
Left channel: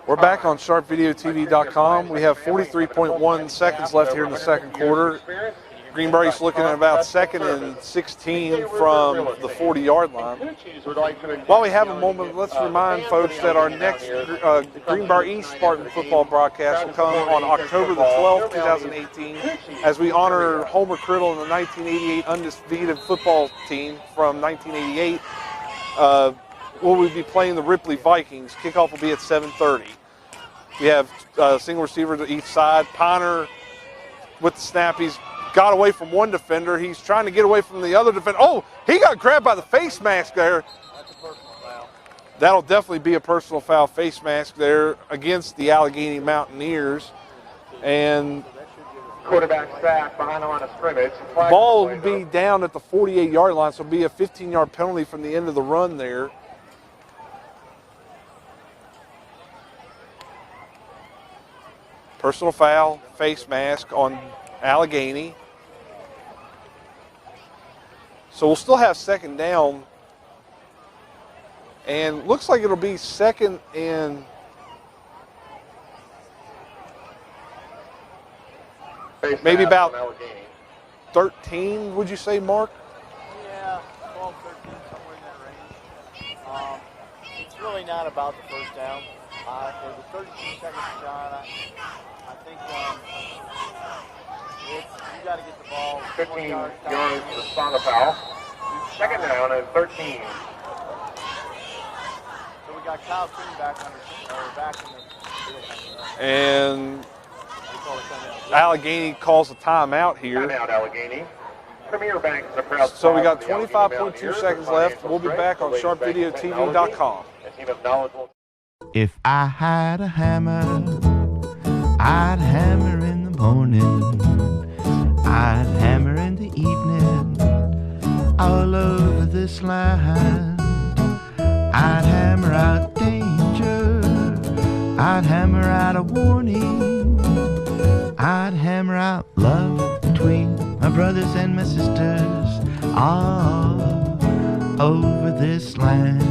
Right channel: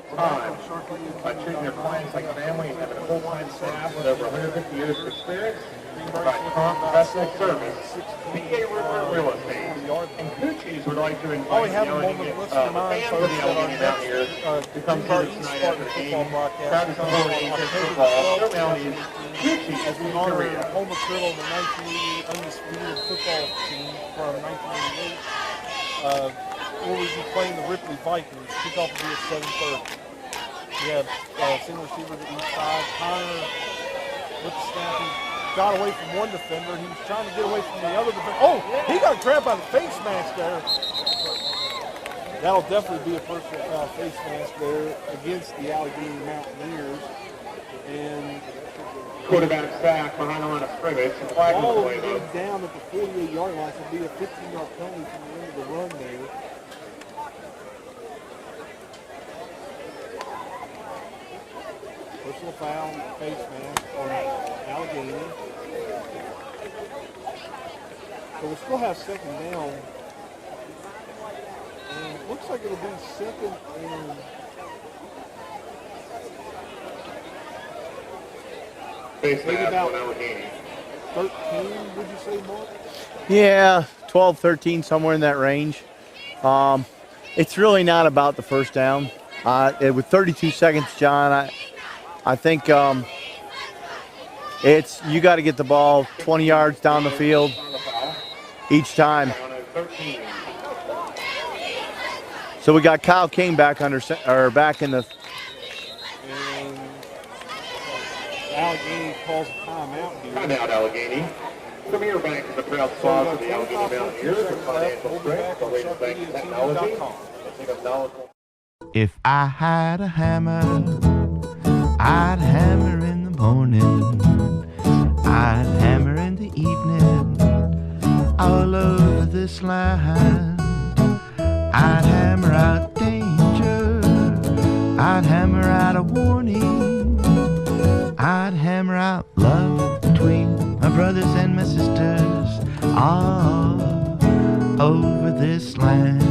We're back on sharpvideotv.com. We have 43.1 seconds left here in the second quarter. Greenbrier East looking at about 2nd and 16 from the 40-yard line. While we have a moment, let's remind folks that our next Greenbrier East Spartans Football broadcast will come on October the 12th, 2018, as we honor Homer Criddle and the 1988 undefeated football team from 1988. We'll be playing the Ripley Vikings. Kickoff will be at 7:30. We have single receiver to each side. Piner with the snap. He's got away from one defender. He's trying to get away from the other defender. Oh, he got grabbed by the face mask there. That'll definitely be a personal foul, face mask there against the Allegheny Mountaineers. And Quarterback sack behind the line of scrimmage. ball will be down at the 48-yard line, so it'll be a 15-yard penalty from the end of the run there. Personal foul, face mask on Allegheny. So we'll still have second down. And looks like it'll be 2nd and maybe about 13, would you say, Mark? Yeah, 12, 13, somewhere in that range. It's really not about the first down. With 32 seconds, John, I think it's you got to get the ball 20 yards down the field each time. So we got Kyle King back in the. And Allegheny calls a timeout here. Timeout, Allegheny. So we got 25.2 seconds left. We'll be back on sharpvideotv.com. If I had a hammer, I'd hammer in the morning, I'd hammer in the evening, all over this land. I'd hammer out danger, I'd hammer out a warning, I'd hammer out love between my brothers and my sisters, all over this land.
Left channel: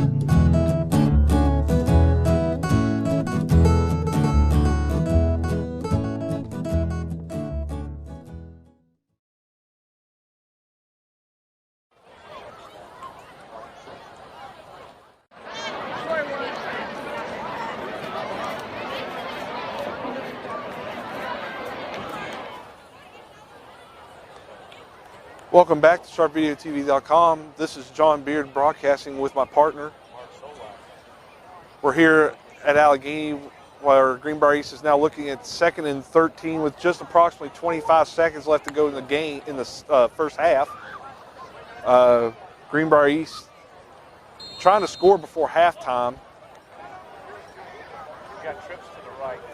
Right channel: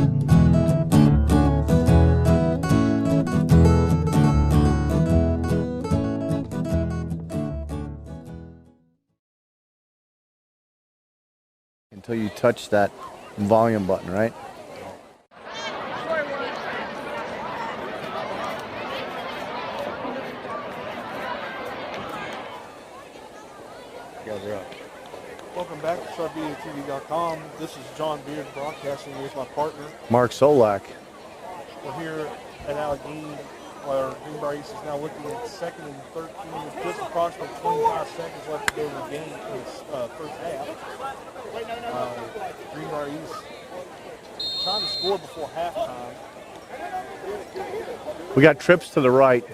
Until you touch that volume button, right? Welcome back to sharpvideotv.com. This is John Beard broadcasting with my partner, Mark Solak. We're here at Allegheny where Greenbrier East is now looking at 2nd and 13 with just approximately 25 seconds left to go in the game in the first half. Greenbrier East trying to score before halftime. We got trips to the right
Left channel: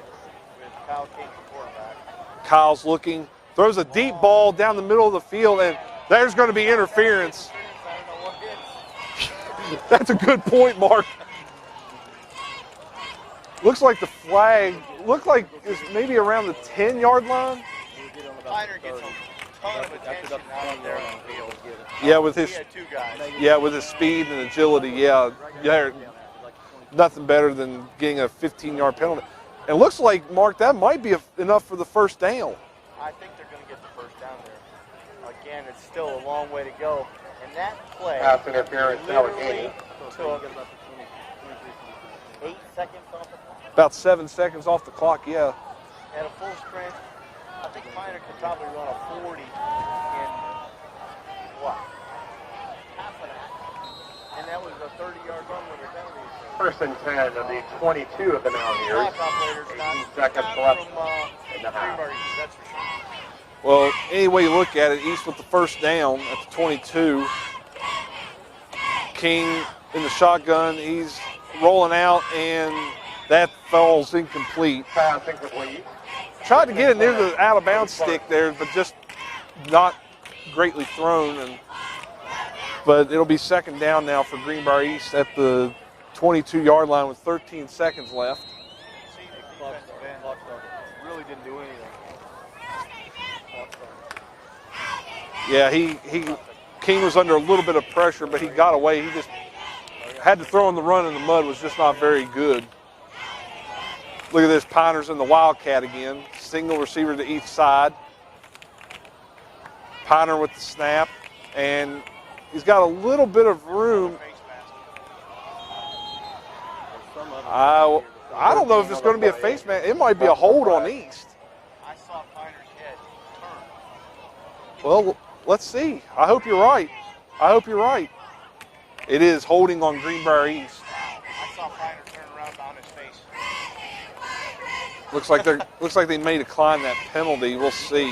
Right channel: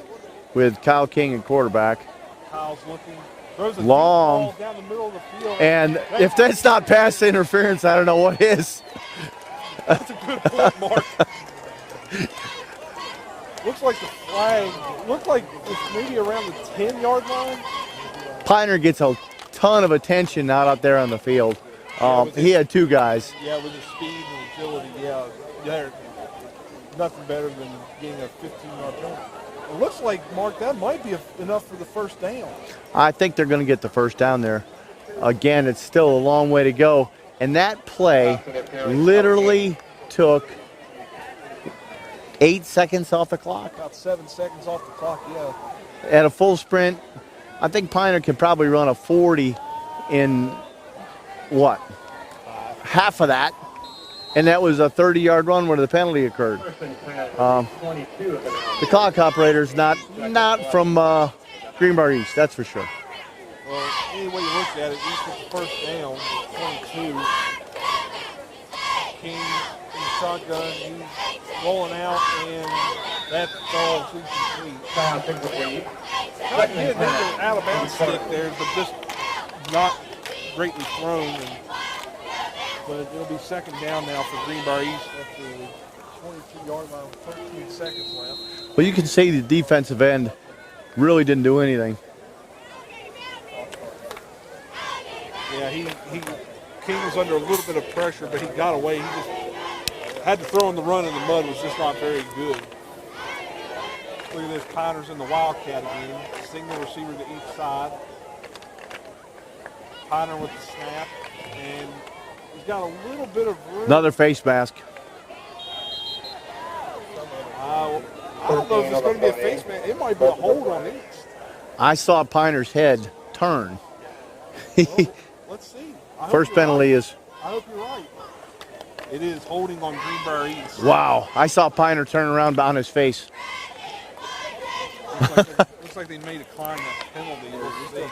with Kyle King at quarterback. Kyle's looking, throws a Long. deep ball down the middle of the field. And there's if going to that's be not pass interference, I don't know what is. That's a good point, Mark. Looks like the flag, looked like it's maybe around the 10-yard line. Piner gets a ton of attention out out there on the field. Yeah, he had two guys. Yeah, with his speed and agility, yeah, nothing better than getting a 15-yard penalty. It looks like, Mark, that might be enough for the first down. I think they're going to get the first down there. Again, it's still a long way to go. And that play literally took 8 seconds off the clock. About 7 seconds off the clock, yeah. At a full sprint, I think Piner could probably run a 40 in what? Half of that. And that was a 30-yard run where the penalty occurred. First and 10 of the 22 of the The clock operator's not from Greenbrier East, that's for sure. Well, any way you look at it, East with the first down at the 22. King in the shotgun, he's rolling out, and that falls incomplete. Tried to get it into the out-of-bounds stick there, but just not greatly thrown. But it'll be second down now for Greenbrier East at the 22-yard line with 13 seconds left. Well, you can see the defensive end really didn't do anything. Yeah, King was under a little bit of pressure, but he got away. He just had to throw in the run in the mud, was just not very good. Look at this, Piners in the Wildcat again. Single receiver to each side. Piner with the snap, and he's got a little bit of room. Another face mask. I don't know if it's going to be a face mask. It might be a hold on East. I saw Piner's head turn. Well, let's see. I hope First you're penalty right. is. I hope you're right. It is holding on Greenbrier East. Wow, I saw Piner turn around on his face. Looks like they may decline that penalty. We'll see.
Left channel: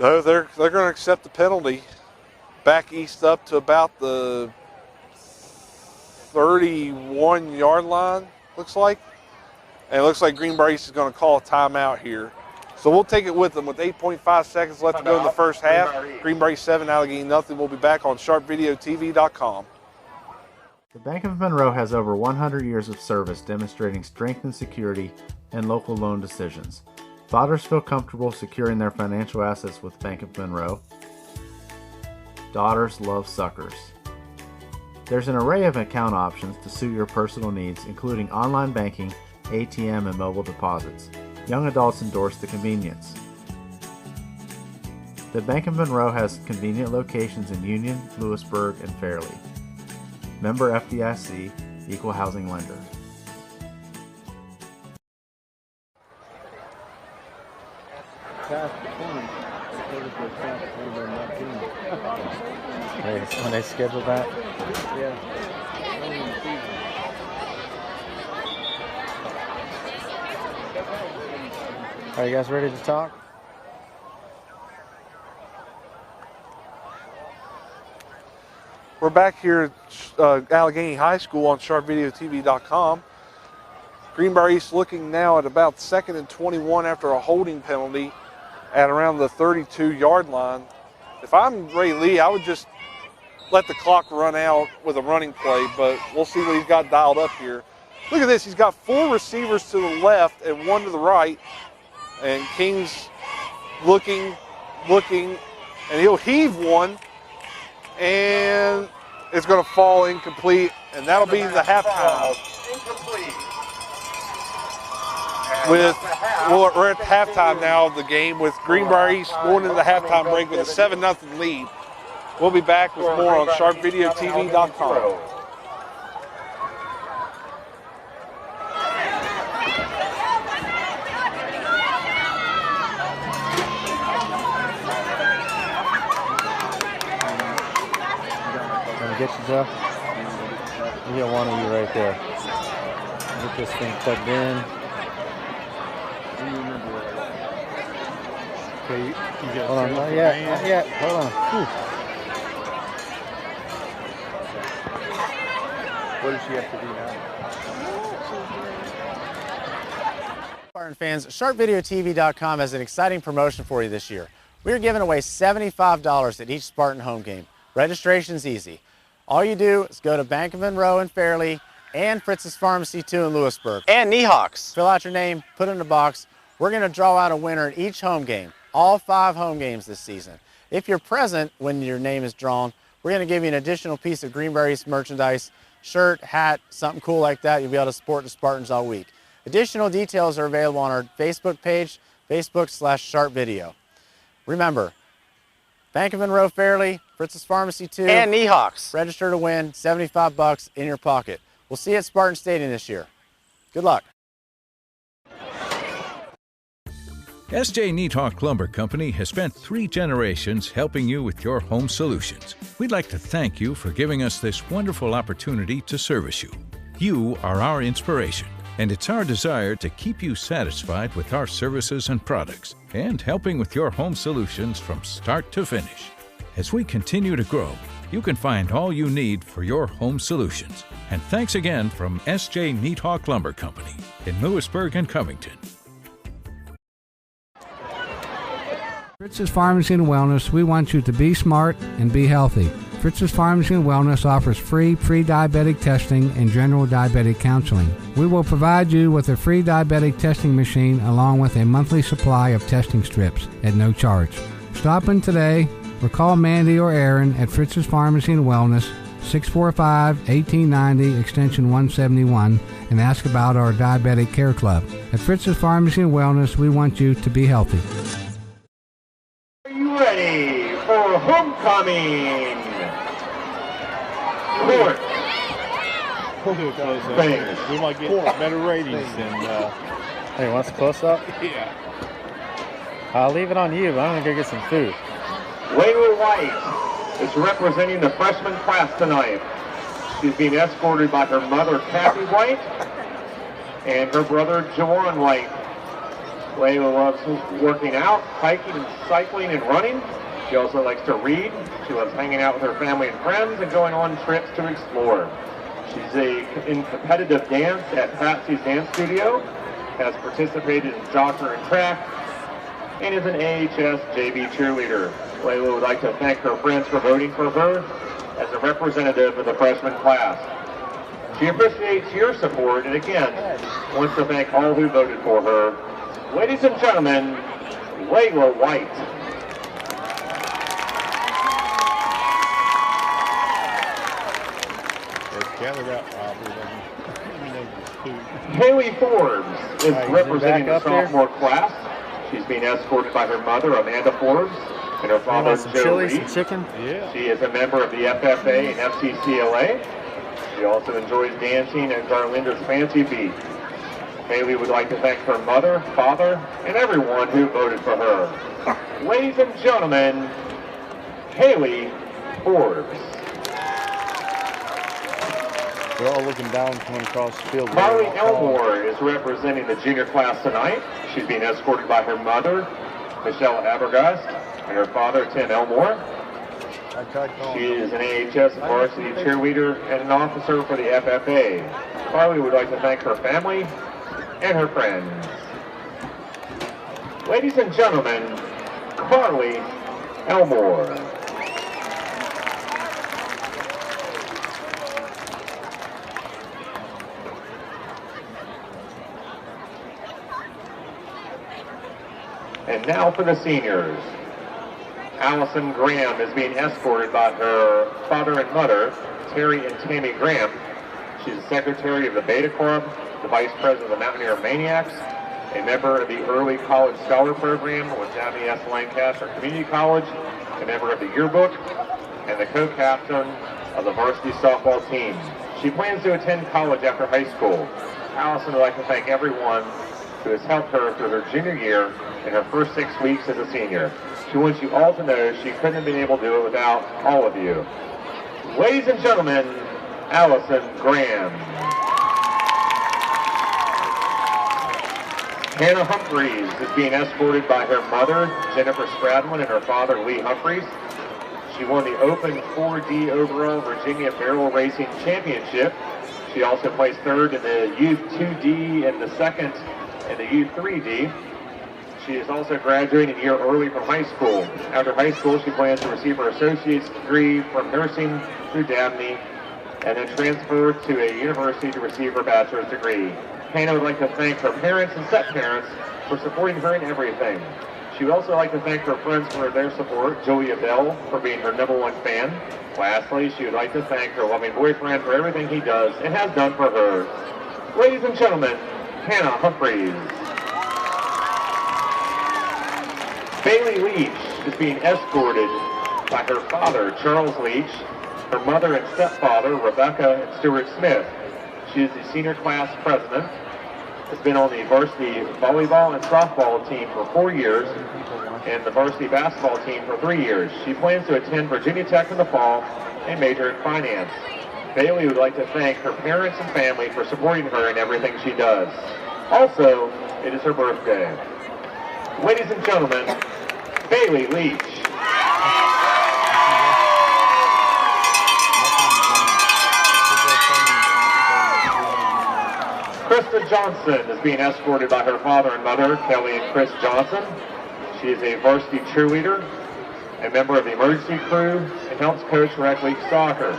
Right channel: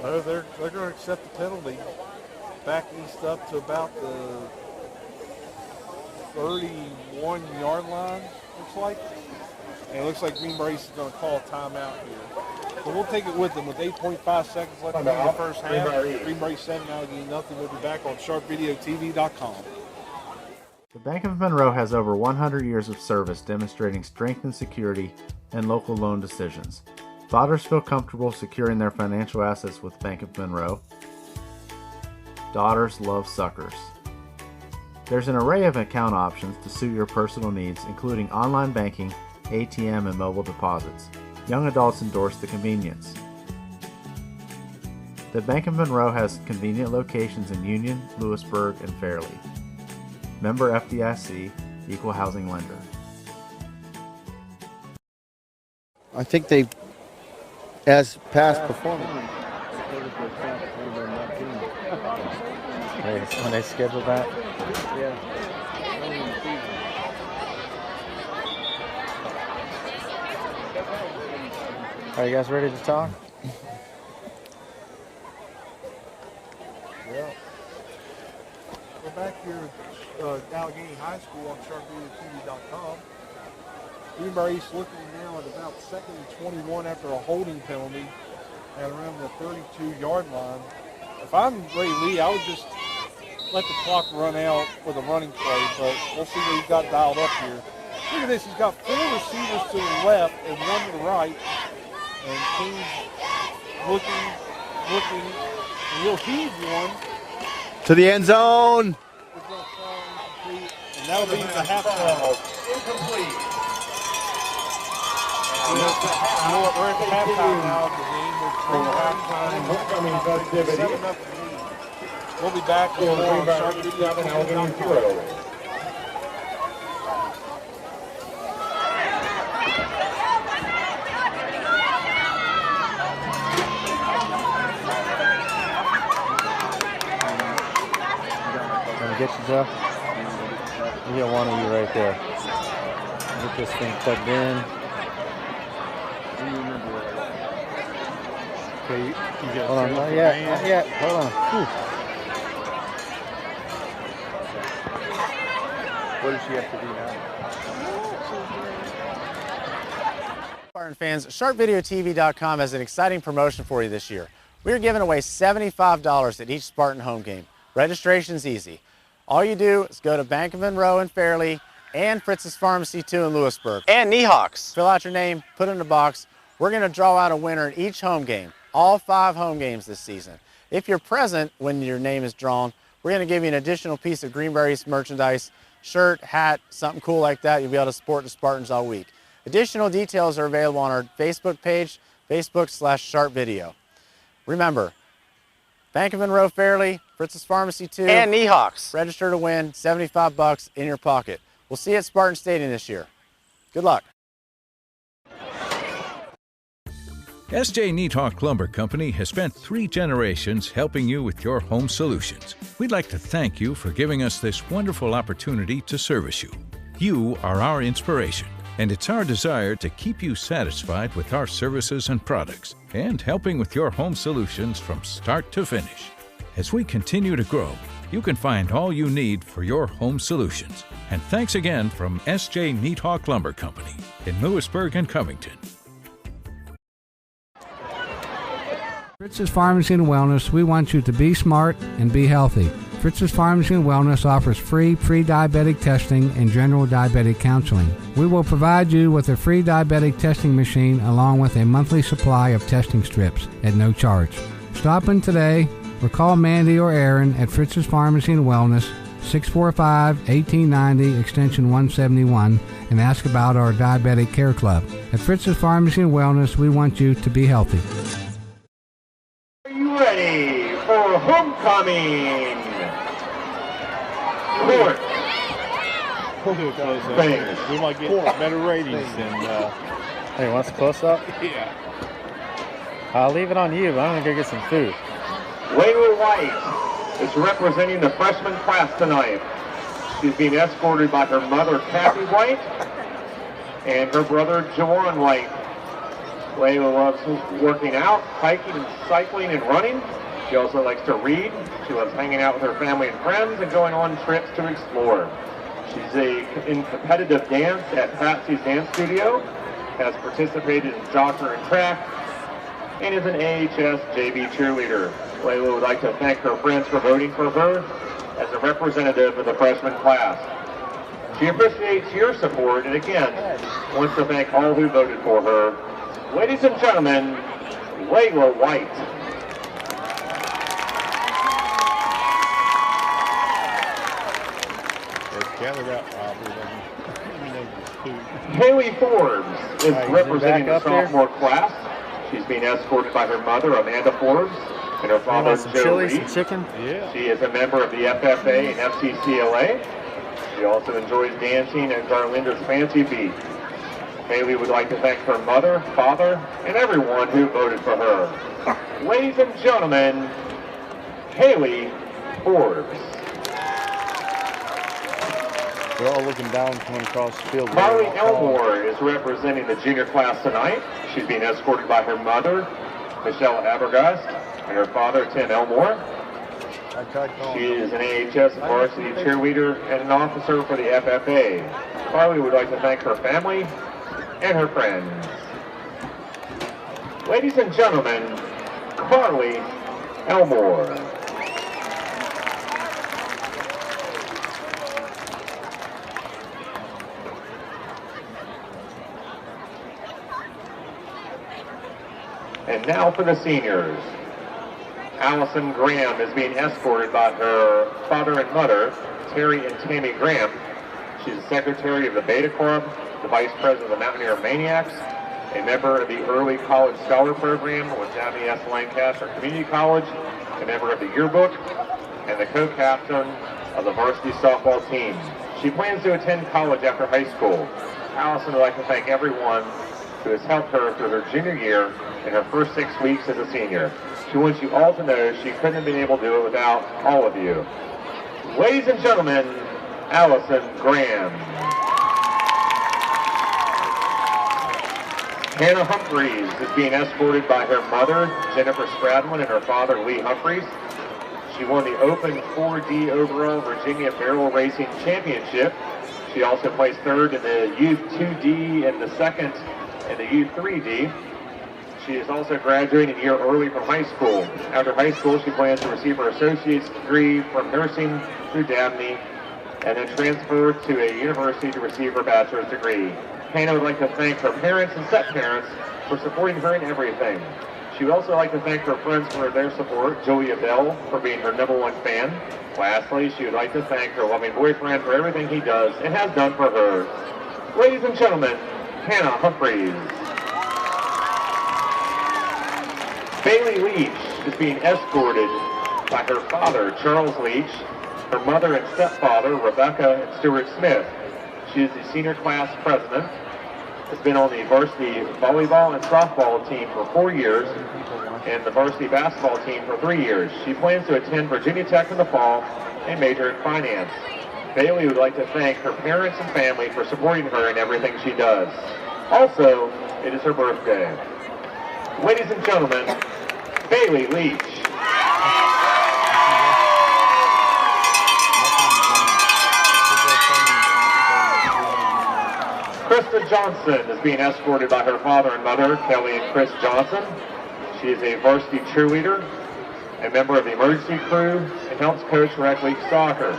No, they're going to accept the penalty. Back East up to about the 31-yard line, looks like. And it looks like Greenbrier East is going to call a timeout here. So we'll take it with them with 8.5 seconds left to go in the first half. Greenbrier East 7, Allegheny nothing. We'll be back on sharpvideotv.com. The Bank of Monroe has over 100 years of service demonstrating strength and security in local loan decisions. Fathers feel comfortable securing their financial assets with Bank of Monroe. Daughters love suckers. There's an array of account options to suit your personal needs, including online banking, ATM, and mobile deposits. Young adults endorse the convenience. The Bank of Monroe has convenient locations in Union, Lewisburg, and Fairleigh. Member FDIC, Equal Housing Lender. I think they, as past performance. When they scheduled that? Yeah. Are you guys ready to talk? We're back here at Allegheny High School on sharpvideotv.com. Greenbrier East looking now at about 2nd and 21 after a holding penalty at around the 32-yard line. If I'm Ray Lee, I would just let the clock run out with a running play, but we'll see what he's got dialed up here. Look at this. He's got 4 receivers to the left and 1 to the right. And King's looking, and he'll heave one. To the end zone. It's going to fall incomplete, and that'll be the halftime. We're at halftime now of the game with Greenbrier East going into the halftime break with a 7-0 lead. We'll be back with more on sharpvideotv.com. Get you, Joe? We got one of you right there. Get this thing plugged in. Okay, you got Hold on, not yet. Hold on. Whew. What does she have to do now? Spartan fans, sharpvideotv.com has an exciting promotion for you this year. We are giving away $75 at each Spartan home game. Registration's easy. All you do is go to Bank of Monroe in Fairleigh and Fritz's Pharmacy 2 in Lewisburg. And Niehawks. Fill out your name, put it in a box. We're going to draw out a winner at each home game, all 5 home games this season. If you're present when your name is drawn, we're going to give you an additional piece of Greenbrier East merchandise, shirt, hat, something cool like that. You'll be able to support the Spartans all week. Additional details are available on our Facebook page, Facebook/SharpVideo. Remember, Bank of Monroe Fairleigh, Fritz's Pharmacy 2, and Niehawks. Register to win, $75 in your pocket. We'll We'll see you at Spartan Stadium this year. Good luck. S.J. Neathawk Lumber Company has spent 3 generations helping you with your home solutions. We'd like to thank you for giving us this wonderful opportunity to service you. You are our inspiration, and it's our desire to keep you satisfied with our services and products and helping with your home solutions from start to finish. As we continue to grow, you can find all you need for your home solutions. And thanks again from S.J. Neathawk Lumber Company in Lewisburg and Covington. Fritz's Pharmacy and Wellness, we want you to be smart and be healthy. Fritz's Pharmacy and Wellness offers free pre-diabetic testing and general diabetic counseling. We will provide you with a free diabetic testing machine along with a monthly supply of testing strips at no charge. Stop in today or call Mandy or Aaron at Fritz's Pharmacy and Wellness, 645-1890, extension 171, and ask about our Diabetic Care Club. At Fritz's Pharmacy and Wellness, we want you to be healthy. Are you ready for homecoming? Court. We might get better ratings than. Hey, wants a close-up? Yeah. I'll leave it on you, but I'm going to go get some food. Layla White is representing the freshman class tonight. She's being escorted by her mother, Kathy White, and her brother, Jawan White. Layla loves working out, hiking, and cycling, and running. She also likes to read. She loves hanging out with her family and friends and going on trips to explore. She's in competitive dance at Patsy's Dance Studio, has participated in soccer and track, and is an AHS JV cheerleader. Layla would like to thank her friends for voting for her as a representative of the freshman class. She appreciates your support and again wants to thank all who voted for her. Ladies and gentlemen, Layla White. Haley Forbes is representing the sophomore class. She's being escorted by her mother, Amanda Forbes, and her father, Joe Reed. Some chicken? Yeah. She is a member of the FFA and FCCLA. She also enjoys dancing at Garlinda's Fancy Beat. Haley would like to thank her mother, father, and everyone who voted for her. Ladies and gentlemen, Haley Forbes. They're all looking down, coming across the field. Carly Elmore is representing the junior class tonight. She's being escorted by her mother, Michelle Abergast, and her father, Tim Elmore. She is an AHS varsity cheerleader and an officer for the FFA. Carly would like to thank her family and her friends. Ladies and gentlemen, Carly Elmore. And now for the seniors. Allison Graham is being escorted by her father and mother, Terry and Tammy Graham. She's the secretary of the Beta Club, the vice president of the Mountaineer Maniacs, a member of the Early College Scholar Program with Dabney S. Lancaster Community College, a member of the yearbook, and the co-captain of the varsity softball team. She plans to attend college after high school. Allison would like to thank everyone who has helped her through her junior year in her first 6 weeks as a senior. She wants you all to know she couldn't have been able to do it without all of you. Ladies and gentlemen, Allison Graham. Hannah Humphreys is being escorted by her mother, Jennifer Stradlin, and her father, Lee Humphreys. She won the Open 4D overall Virginia Barrel Racing Championship. She also placed third in the Youth 2D and the second in the Youth 3D. She is also graduating a year early from high school. After high school, she plans to receive her associate's degree from nursing through Dabney and then transfer to a university to receive her bachelor's degree. Hannah would like to thank her parents and step parents for supporting her in everything. She would also like to thank her friends for their support, Julia Bell for being her #1 fan. Lastly, she would like to thank her loving boyfriend for everything he does and has done for her. Ladies and gentlemen, Hannah Humphreys. Bailey Leach is being escorted by her father, Charles Leach, her mother and stepfather, Rebecca and Stuart Smith. She is the senior class president. Has been on the varsity volleyball and softball team for 4 years and the varsity basketball team for 3 years. She plans to attend Virginia Tech in the fall and major in finance. Bailey would like to thank her parents and family for supporting her in everything she does. Also, it is her birthday. Ladies and gentlemen, Bailey Leach. Krista Johnson is being escorted by her father and mother, Kelly and Chris Johnson. She is a varsity cheerleader, a member of the emergency crew, and helps coach rec league soccer.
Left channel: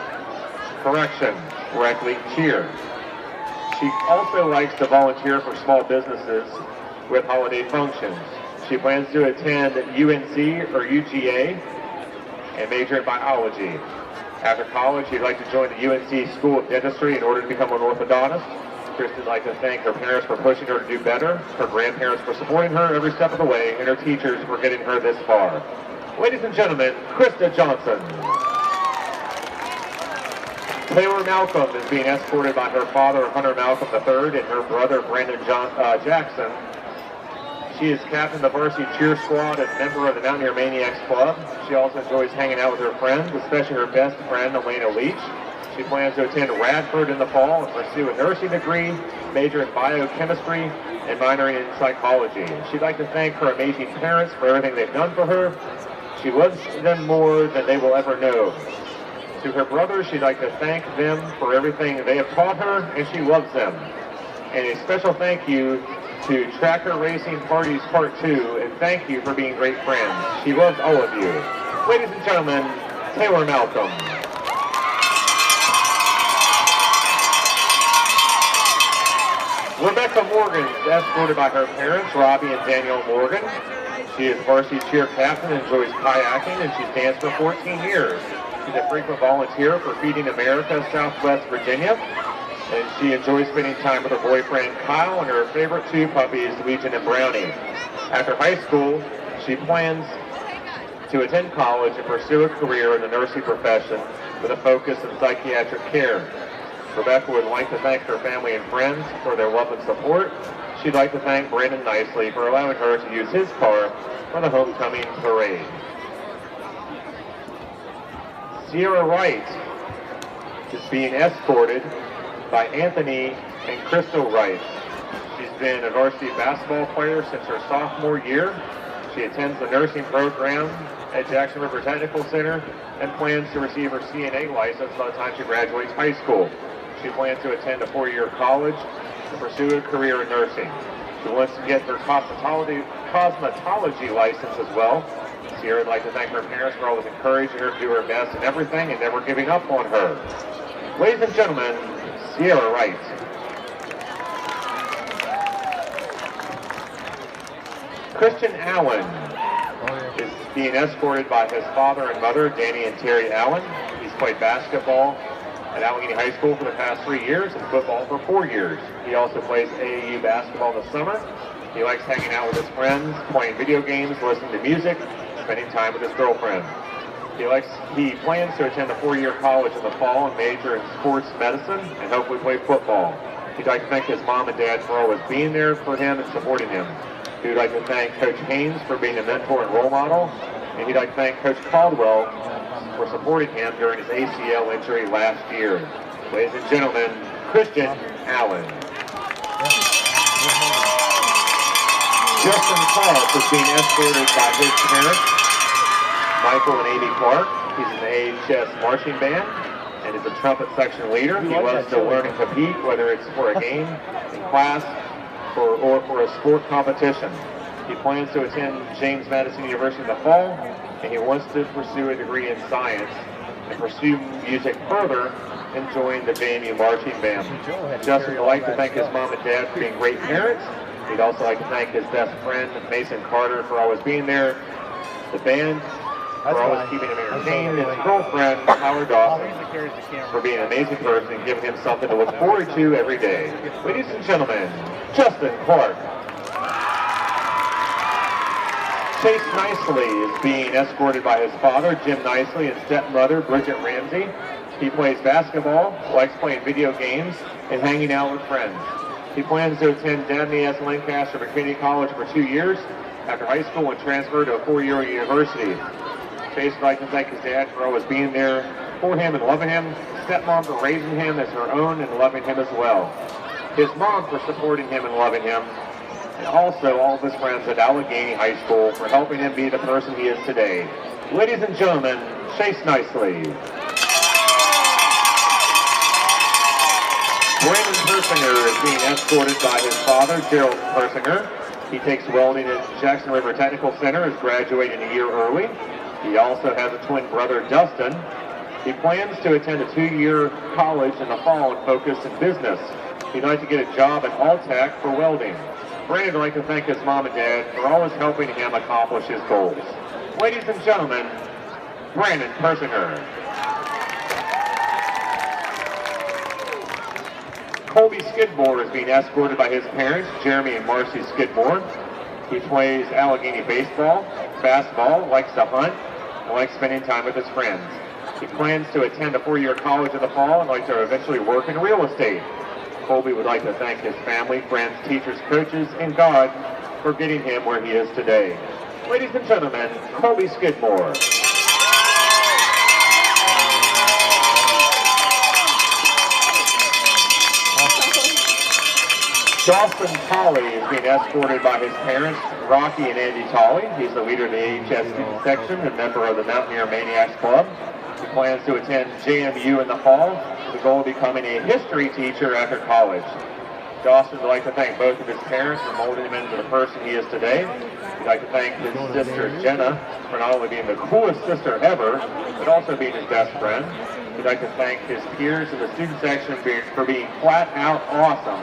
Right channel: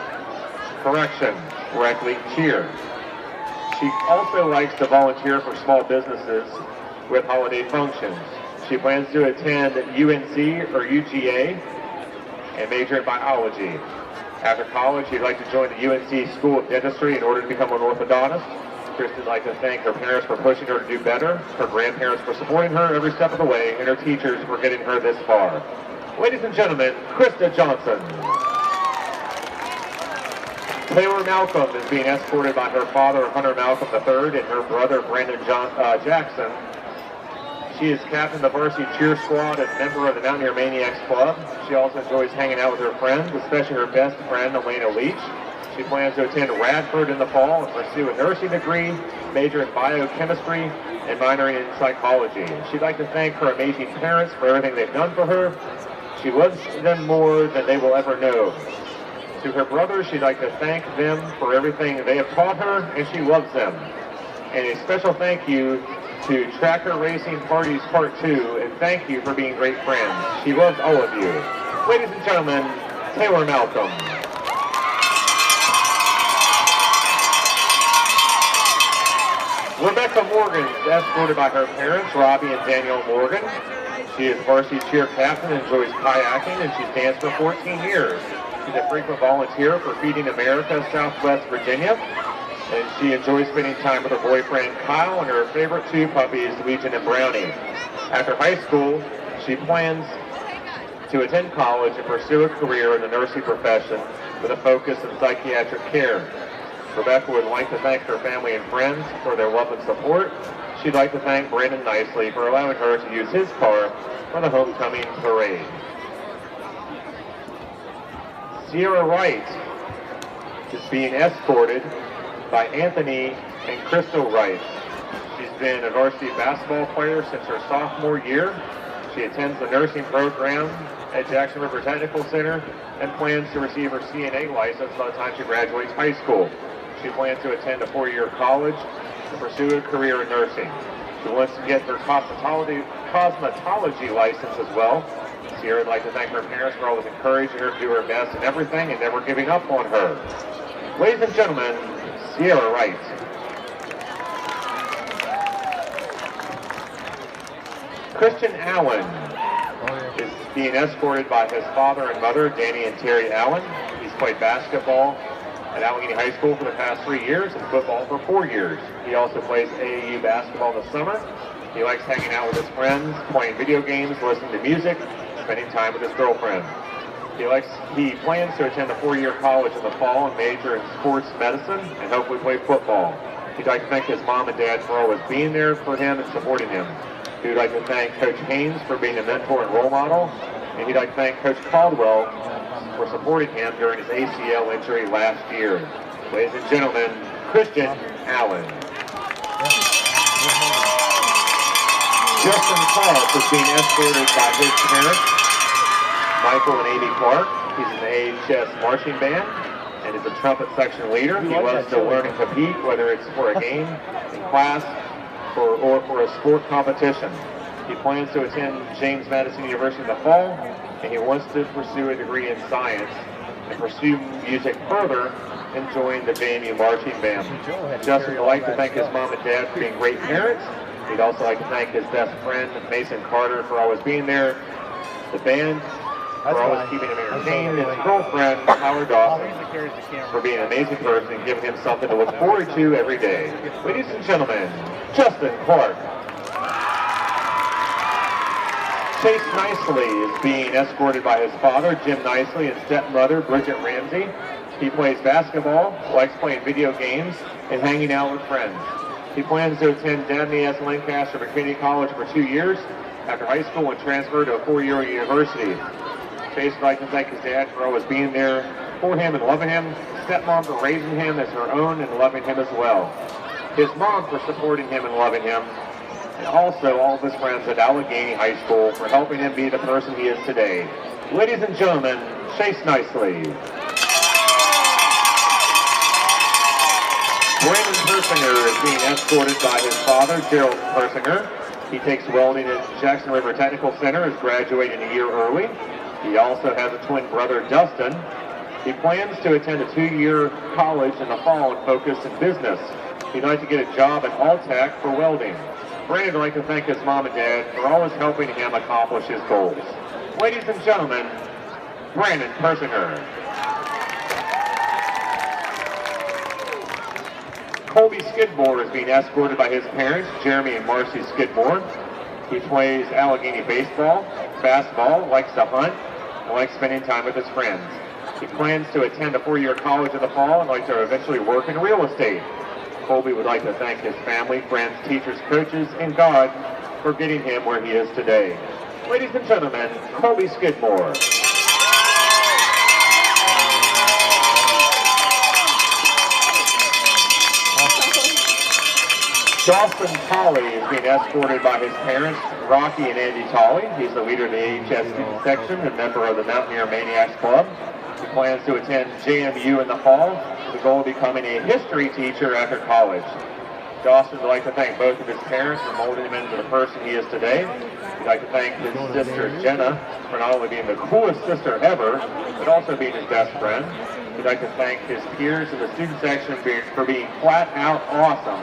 Correction, rec league cheer. She also likes to volunteer for small businesses with holiday functions. She plans to attend UNC or UGA and major in biology. After college, she'd like to join the UNC School of Dentistry in order to become an orthodontist. Kristen would like to thank her parents for pushing her to do better, her grandparents for supporting her every step of the way, and her teachers for getting her this far. Ladies and gentlemen, Krista Johnson. Taylor Malcolm is being escorted by her father, Hunter Malcolm III, and her brother, Brandon Jackson. She is captain of the varsity cheer squad and member of the Mountaineer Maniacs Club. She also enjoys hanging out with her friends, especially her best friend, Elena Leach. She plans to attend Radford in the fall and pursue a nursing degree, major in biochemistry, and minoring in psychology. She'd like to thank her amazing parents for everything they've done for her. She loves them more than they will ever know. To her brothers, she'd like to thank them for everything they have taught her, and she loves them. And a special thank you to Tracker Racing Parties Part 2, and thank you for being great friends. She loves all of you. Ladies and gentlemen, Taylor Malcolm. Rebecca Morgan is escorted by her parents, Robbie and Danielle Morgan. She is varsity cheer captain and enjoys kayaking, and she's danced for 14 years. She's a frequent volunteer for Feeding America, Southwest Virginia, and she enjoys spending time with her boyfriend Kyle and her favorite 2 puppies, Legion and Brownie. After high school, she plans to attend college and pursue a career in the nursing profession with a focus in psychiatric care. Rebecca would like to thank her family and friends for their love and support. She'd like to thank Brandon Nicely for allowing her to use his car for the homecoming parade. Sierra Wright is being escorted by Anthony and Crystal Wright. She's been a varsity basketball player since her sophomore year. She attends the nursing program at Jackson River Technical Center and plans to receive her CNA license by the time she graduates high school. She plans to attend a 4-year college to pursue a career in nursing. She wants to get her cosmetology license as well. Sierra would like to thank her parents for always encouraging her to do her best in everything and never giving up on her. Ladies and gentlemen, Sierra Wright. Christian Allen is being escorted by his father and mother, Danny and Terry Allen. He's played basketball at Allegheny High School for the past 3 years and football for 4 years. He also plays AAU basketball in the summer. He likes hanging out with his friends, playing video games, listening to music, spending time with his girlfriend. He plans to attend a 4-year college in the fall and major in sports medicine and hopefully play football. He'd like to thank his mom and dad for always being there for him and supporting him. He would like to thank Coach Haynes for being a mentor and role model, and he'd like to thank Coach Caldwell for supporting him during his ACL injury last year. Ladies and gentlemen, Christian Allen. Justin Clark is being escorted by his parents, Michael and Amy Clark. He's in the AHS marching band and is a trumpet section leader. He loves to learn and compete, whether it's for a game, in class, or for a sport competition. He plans to attend James Madison University in the fall, and he wants to pursue a degree in science and pursue music further and join the JMU marching band. Justin would like to thank his mom and dad for being great parents. He'd also like to thank his best friend, Mason Carter, for always being there, the band for always keeping him entertained, and his girlfriend, Howard Dawson, for being an amazing person and giving him something to look forward to every day. Ladies and gentlemen, Justin Clark. Chase Nicely is being escorted by his father, Jim Nicely, and stepmother, Bridget Ramsey. He plays basketball, likes playing video games, and hanging out with friends. He plans to attend Dabney S. Lancaster McKinney College for 2 years after high school and transfer to a 4-year university. Chase would like to thank his dad for always being there for him and loving him, stepmom for raising him as her own and loving him as well, his mom for supporting him and loving him, and also all of his friends at Allegheny High School for helping him be the person he is today. Ladies and gentlemen, Chase Nicely. Brandon Persinger is being escorted by his father, Gerald Persinger. He takes welding at Jackson River Technical Center, is graduating a year early. He also has a twin brother, Dustin. He plans to attend a 2-year college in the fall and focus in business. He'd like to get a job at Alltech for welding. Brandon would like to thank his mom and dad for always helping him accomplish his goals. Ladies and gentlemen, Brandon Persinger. Colby Skidmore is being escorted by his parents, Jeremy and Marcy Skidmore. He plays Allegheny baseball, basketball, likes to hunt, and likes spending time with his friends. He plans to attend a 4-year college in the fall and like to eventually work in real estate. Colby would like to thank his family, friends, teachers, coaches, and God for getting him where he is today. Ladies and gentlemen, Colby Skidmore. Dawson Tolley is being escorted by his parents, Rocky and Andy Tolley. He's the leader of the AHS student section and member of the Mountaineer Maniacs Club. He plans to attend JMU in the fall with the goal of becoming a history teacher after college. Dawson would like to thank both of his parents for molding him into the person he is today. He'd like to thank his sister, Jenna, for not only being the coolest sister ever, but also being his best friend. He'd like to thank his peers in the student section for being flat out awesome.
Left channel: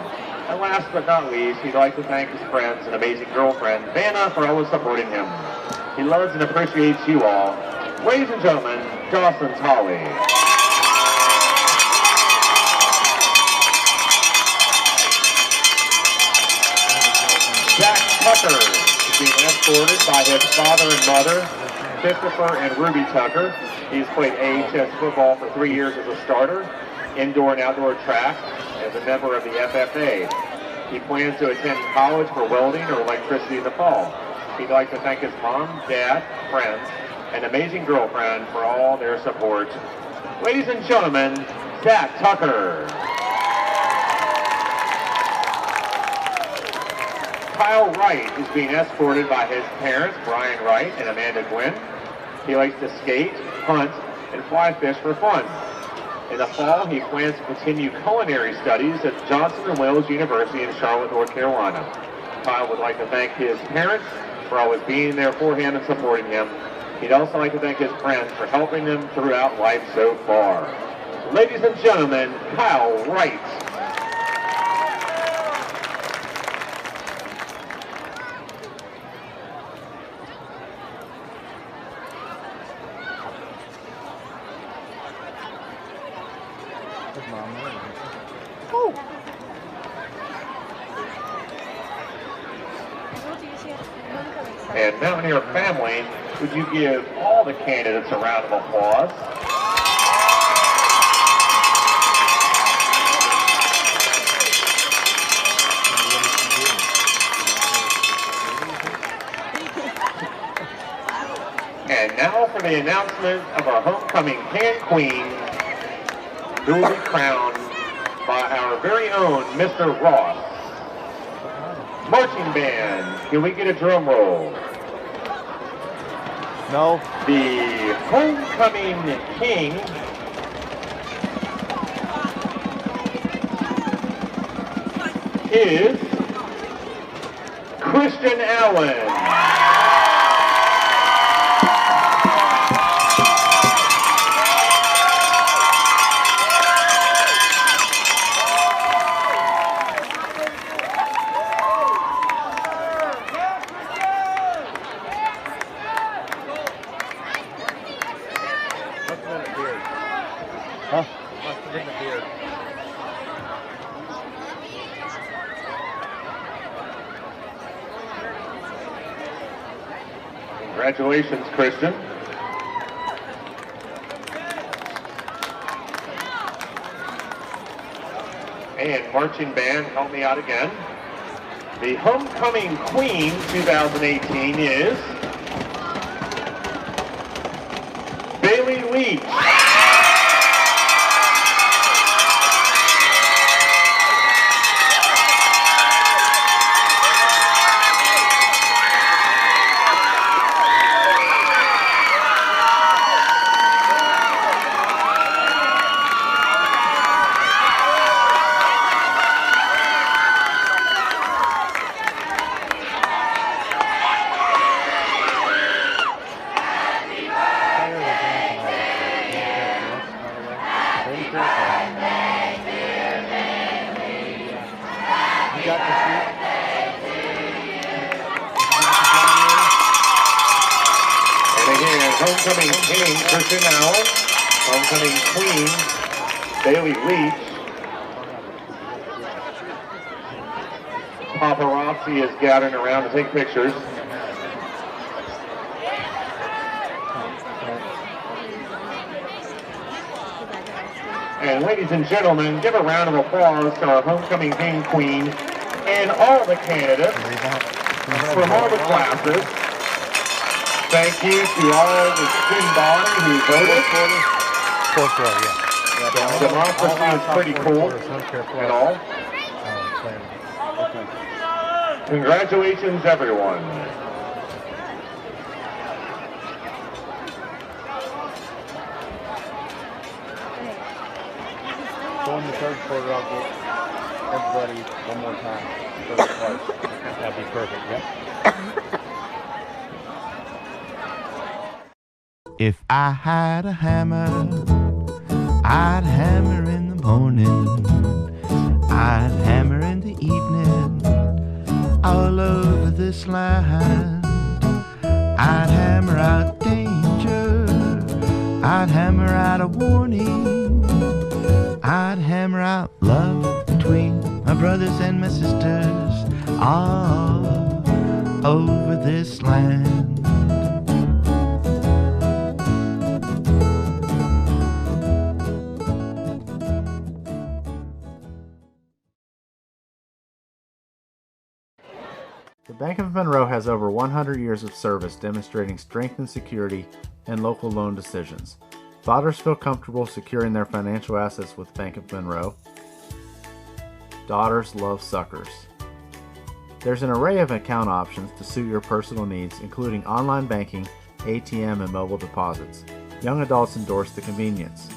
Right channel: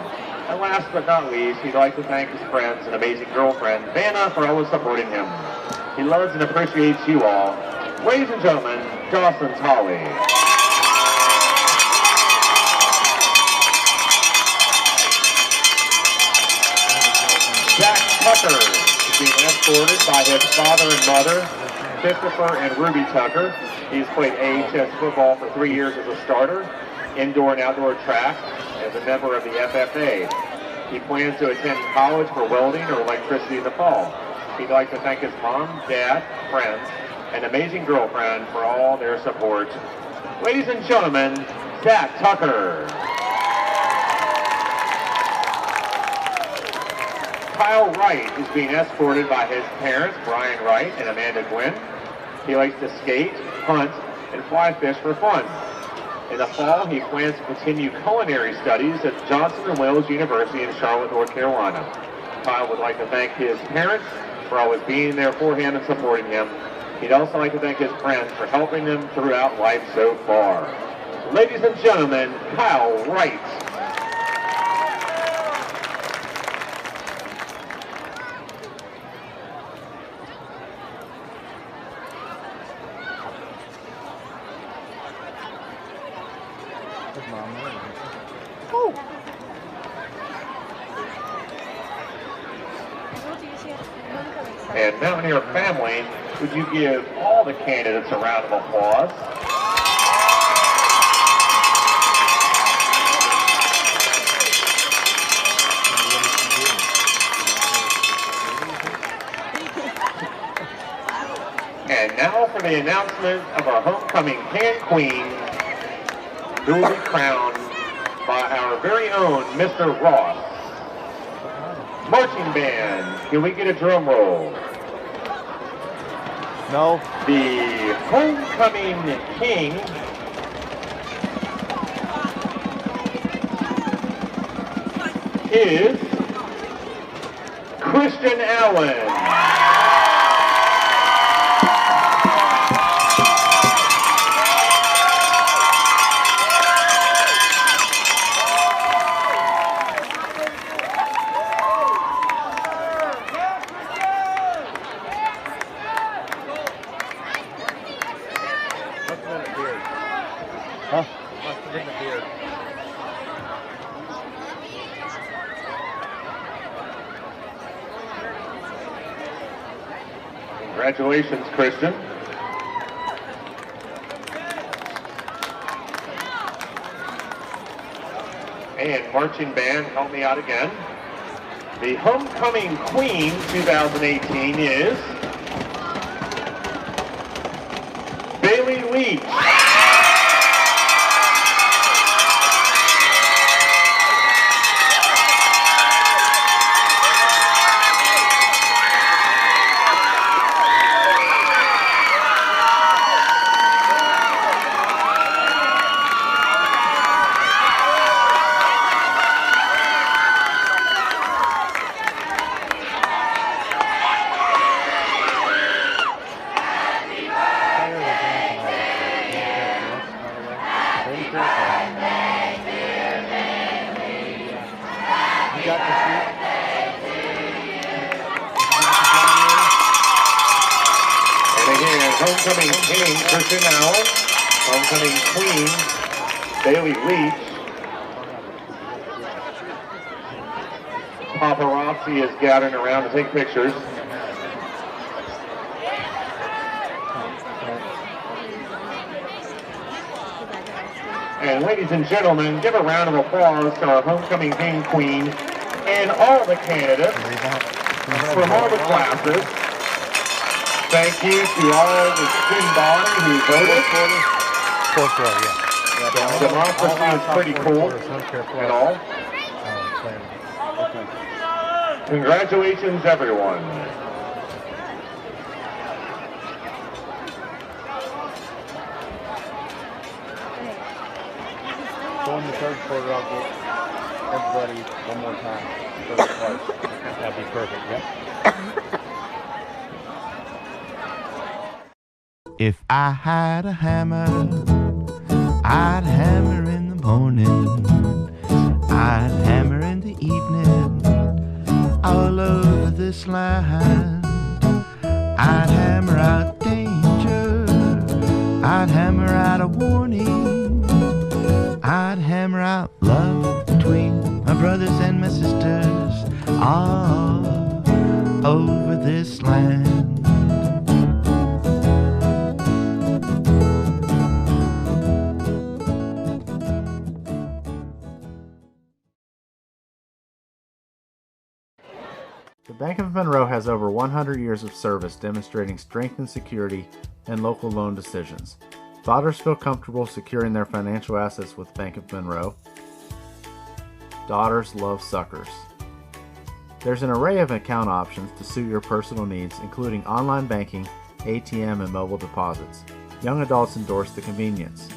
And last but not least, he'd like to thank his friends and amazing girlfriend, Vanna, for always supporting him. He loves and appreciates you all. Ladies and gentlemen, Dawson Tolley. Jack Tucker is being escorted by his father and mother, Christopher and Ruby Tucker. He's played AHS football for 3 years as a starter, indoor and outdoor track, as a member of the FFA. He plans to attend college for welding or electricity in the fall. He'd like to thank his mom, dad, friends, and amazing girlfriend for all their support. Ladies and gentlemen, Zach Tucker. Kyle Wright is being escorted by his parents, Brian Wright and Amanda Gwynn. He likes to skate, hunt, and fly fish for fun. In the fall, he plans to continue culinary studies at Johnson & Wales University in Charlotte, North Carolina. Kyle would like to thank his parents for always being there for him and supporting him. He'd also like to thank his friends for helping him throughout life so far. Ladies and gentlemen, Kyle Wright. And Mountaineer family, would you give all the candidates a round of applause? And now for the announcement of our homecoming Can Queen, who will be crowned by our very own Mr. Ross. Marching band, can we get a drum roll? No. The homecoming king is Christian Allen. Congratulations, Christian. marching band help me out again. The homecoming queen 2018 is Bailey Leach. Homecoming king, Christian Allen. Homecoming queen, Bailey Leach. Paparazzi is gathering around to take pictures. And ladies and gentlemen, give a round of applause to our homecoming king, queen, and all the candidates from all the classes. Thank you to all the student body who voted. Fourth row, yeah. The democracy is pretty cool and all. Congratulations, everyone. So in the third quarter, I'll get everybody one more time. That'd be perfect, yep. If I had a hammer, I'd hammer in the morning, I'd hammer in the evening, all over this land. I'd hammer out danger, I'd hammer out a warning, I'd hammer out love between my brothers and my sisters, all over this land. The Bank of Monroe has over 100 years of service demonstrating strength and security in local loan decisions. Fathers feel comfortable securing their financial assets with Bank of Monroe. Daughters love suckers. There's an array of account options to suit your personal needs, including online banking, ATM, and mobile deposits. Young adults endorse the convenience.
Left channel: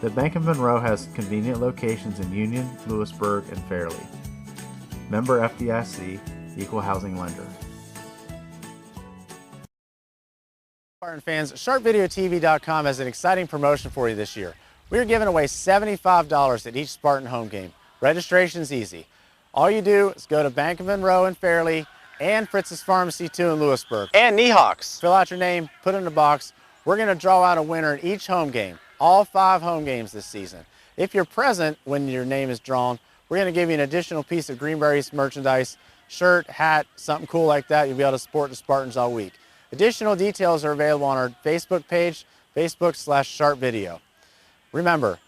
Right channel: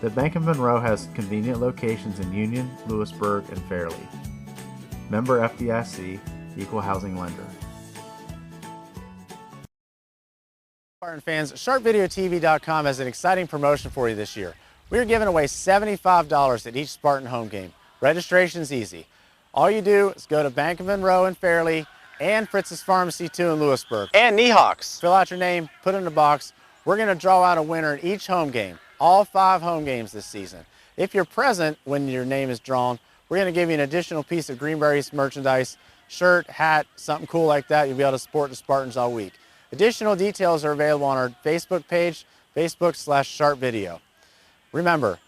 The Bank of Monroe has convenient locations in Union, Lewisburg, and Fairleigh. Member FDIC, Equal Housing Lender. Spartan fans, SharpVideoTV.com has an exciting promotion for you this year. We are giving away $75 at each Spartan home game. Registration's easy. All you do is go to Bank of Monroe in Fairleigh and Fritz's Pharmacy 2 in Lewisburg. And Niehawks. Fill out your name, put it in a box. We're going to draw out a winner at each home game, all 5 home games this season. If you're present when your name is drawn, we're going to give you an additional piece of Greenbrier East merchandise, shirt, hat, something cool like that. You'll be able to support the Spartans all week. Additional details are available on our Facebook page, Facebook/SharpVideo. Remember,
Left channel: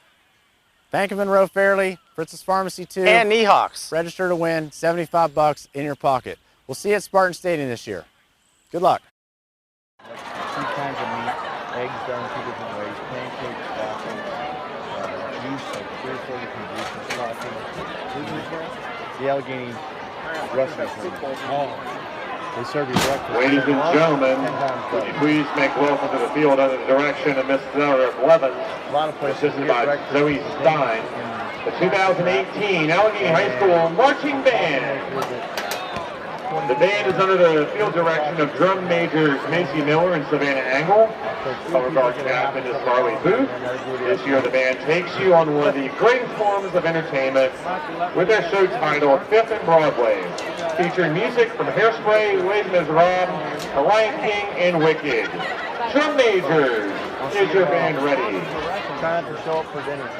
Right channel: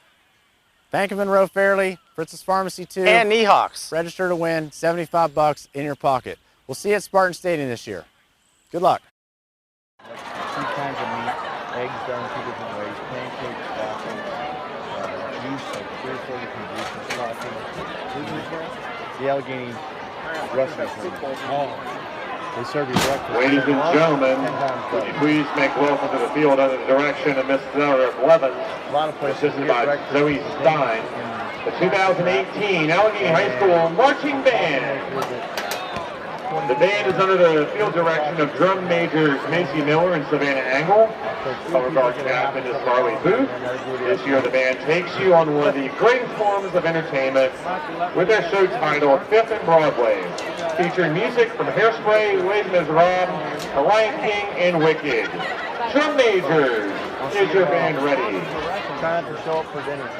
Bank of Monroe Fairleigh, Fritz's Pharmacy 2, and Niehawks. Register to win, $75 in your pocket. We'll see you at Spartan Stadium this year. Good luck. 2 kinds of meat, eggs done 2 different ways, pancakes, waffles, juice, like 3 or 4 different juices, coffee. The Allegheny wrestling tournament. Oh. They serve you breakfast. Ladies and gentlemen, would you please make welcome to the field under the direction of Miss Sarah Blevins, assisted by Zoe Stein, the 2018 Allegheny High School Marching Band. The band is under the field direction of drum majors Macy Miller and Savannah Angle. Color guard captain is Carly Booth. This year the band takes you on one of the greatest forms of entertainment with their show titled 5th and Broadway, featuring music from Hairspray, Les Miserables, The Lion King, and Wicked. Drum majors, is your band ready? Time to show up for dinner.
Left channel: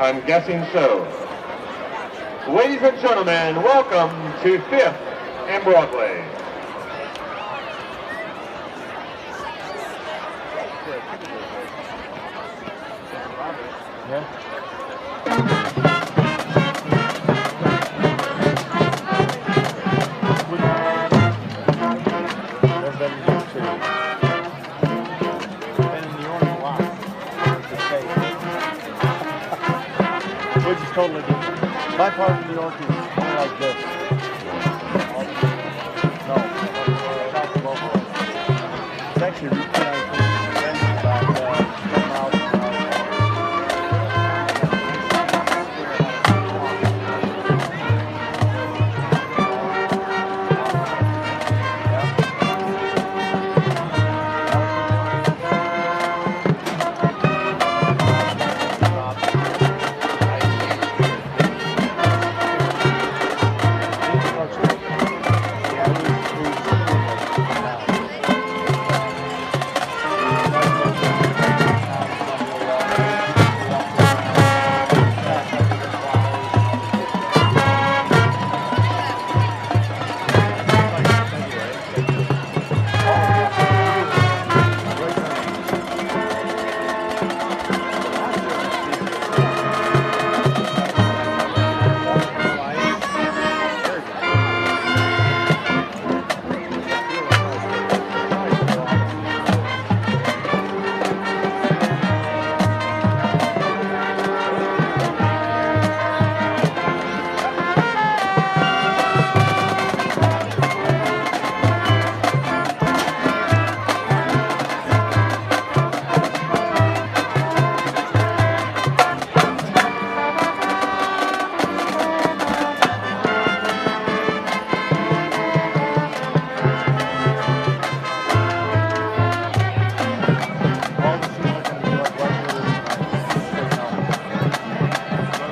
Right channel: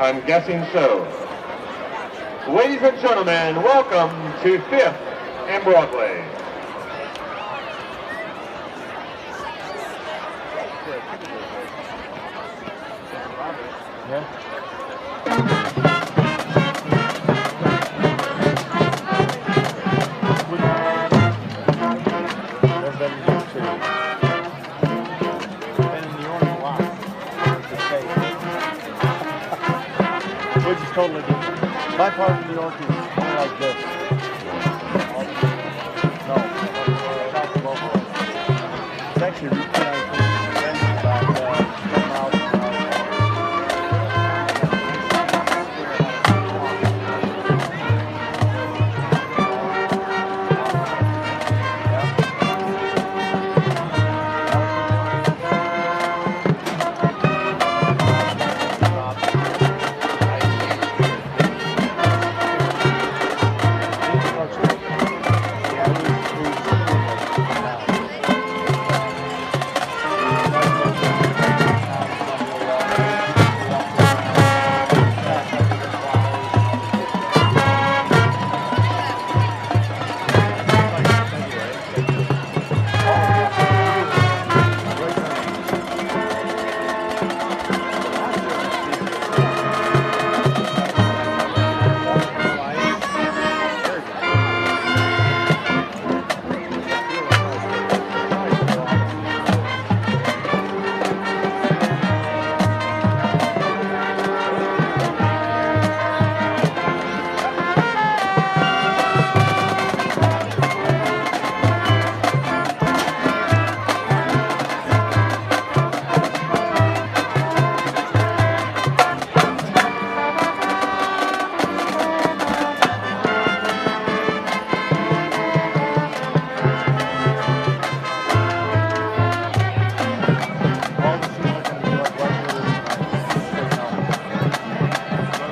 I'm guessing so. Ladies and gentlemen, welcome to 5th and Broadway. Which is totally different. My part of New York is more like this. No, it's actually Route 19. About 10 miles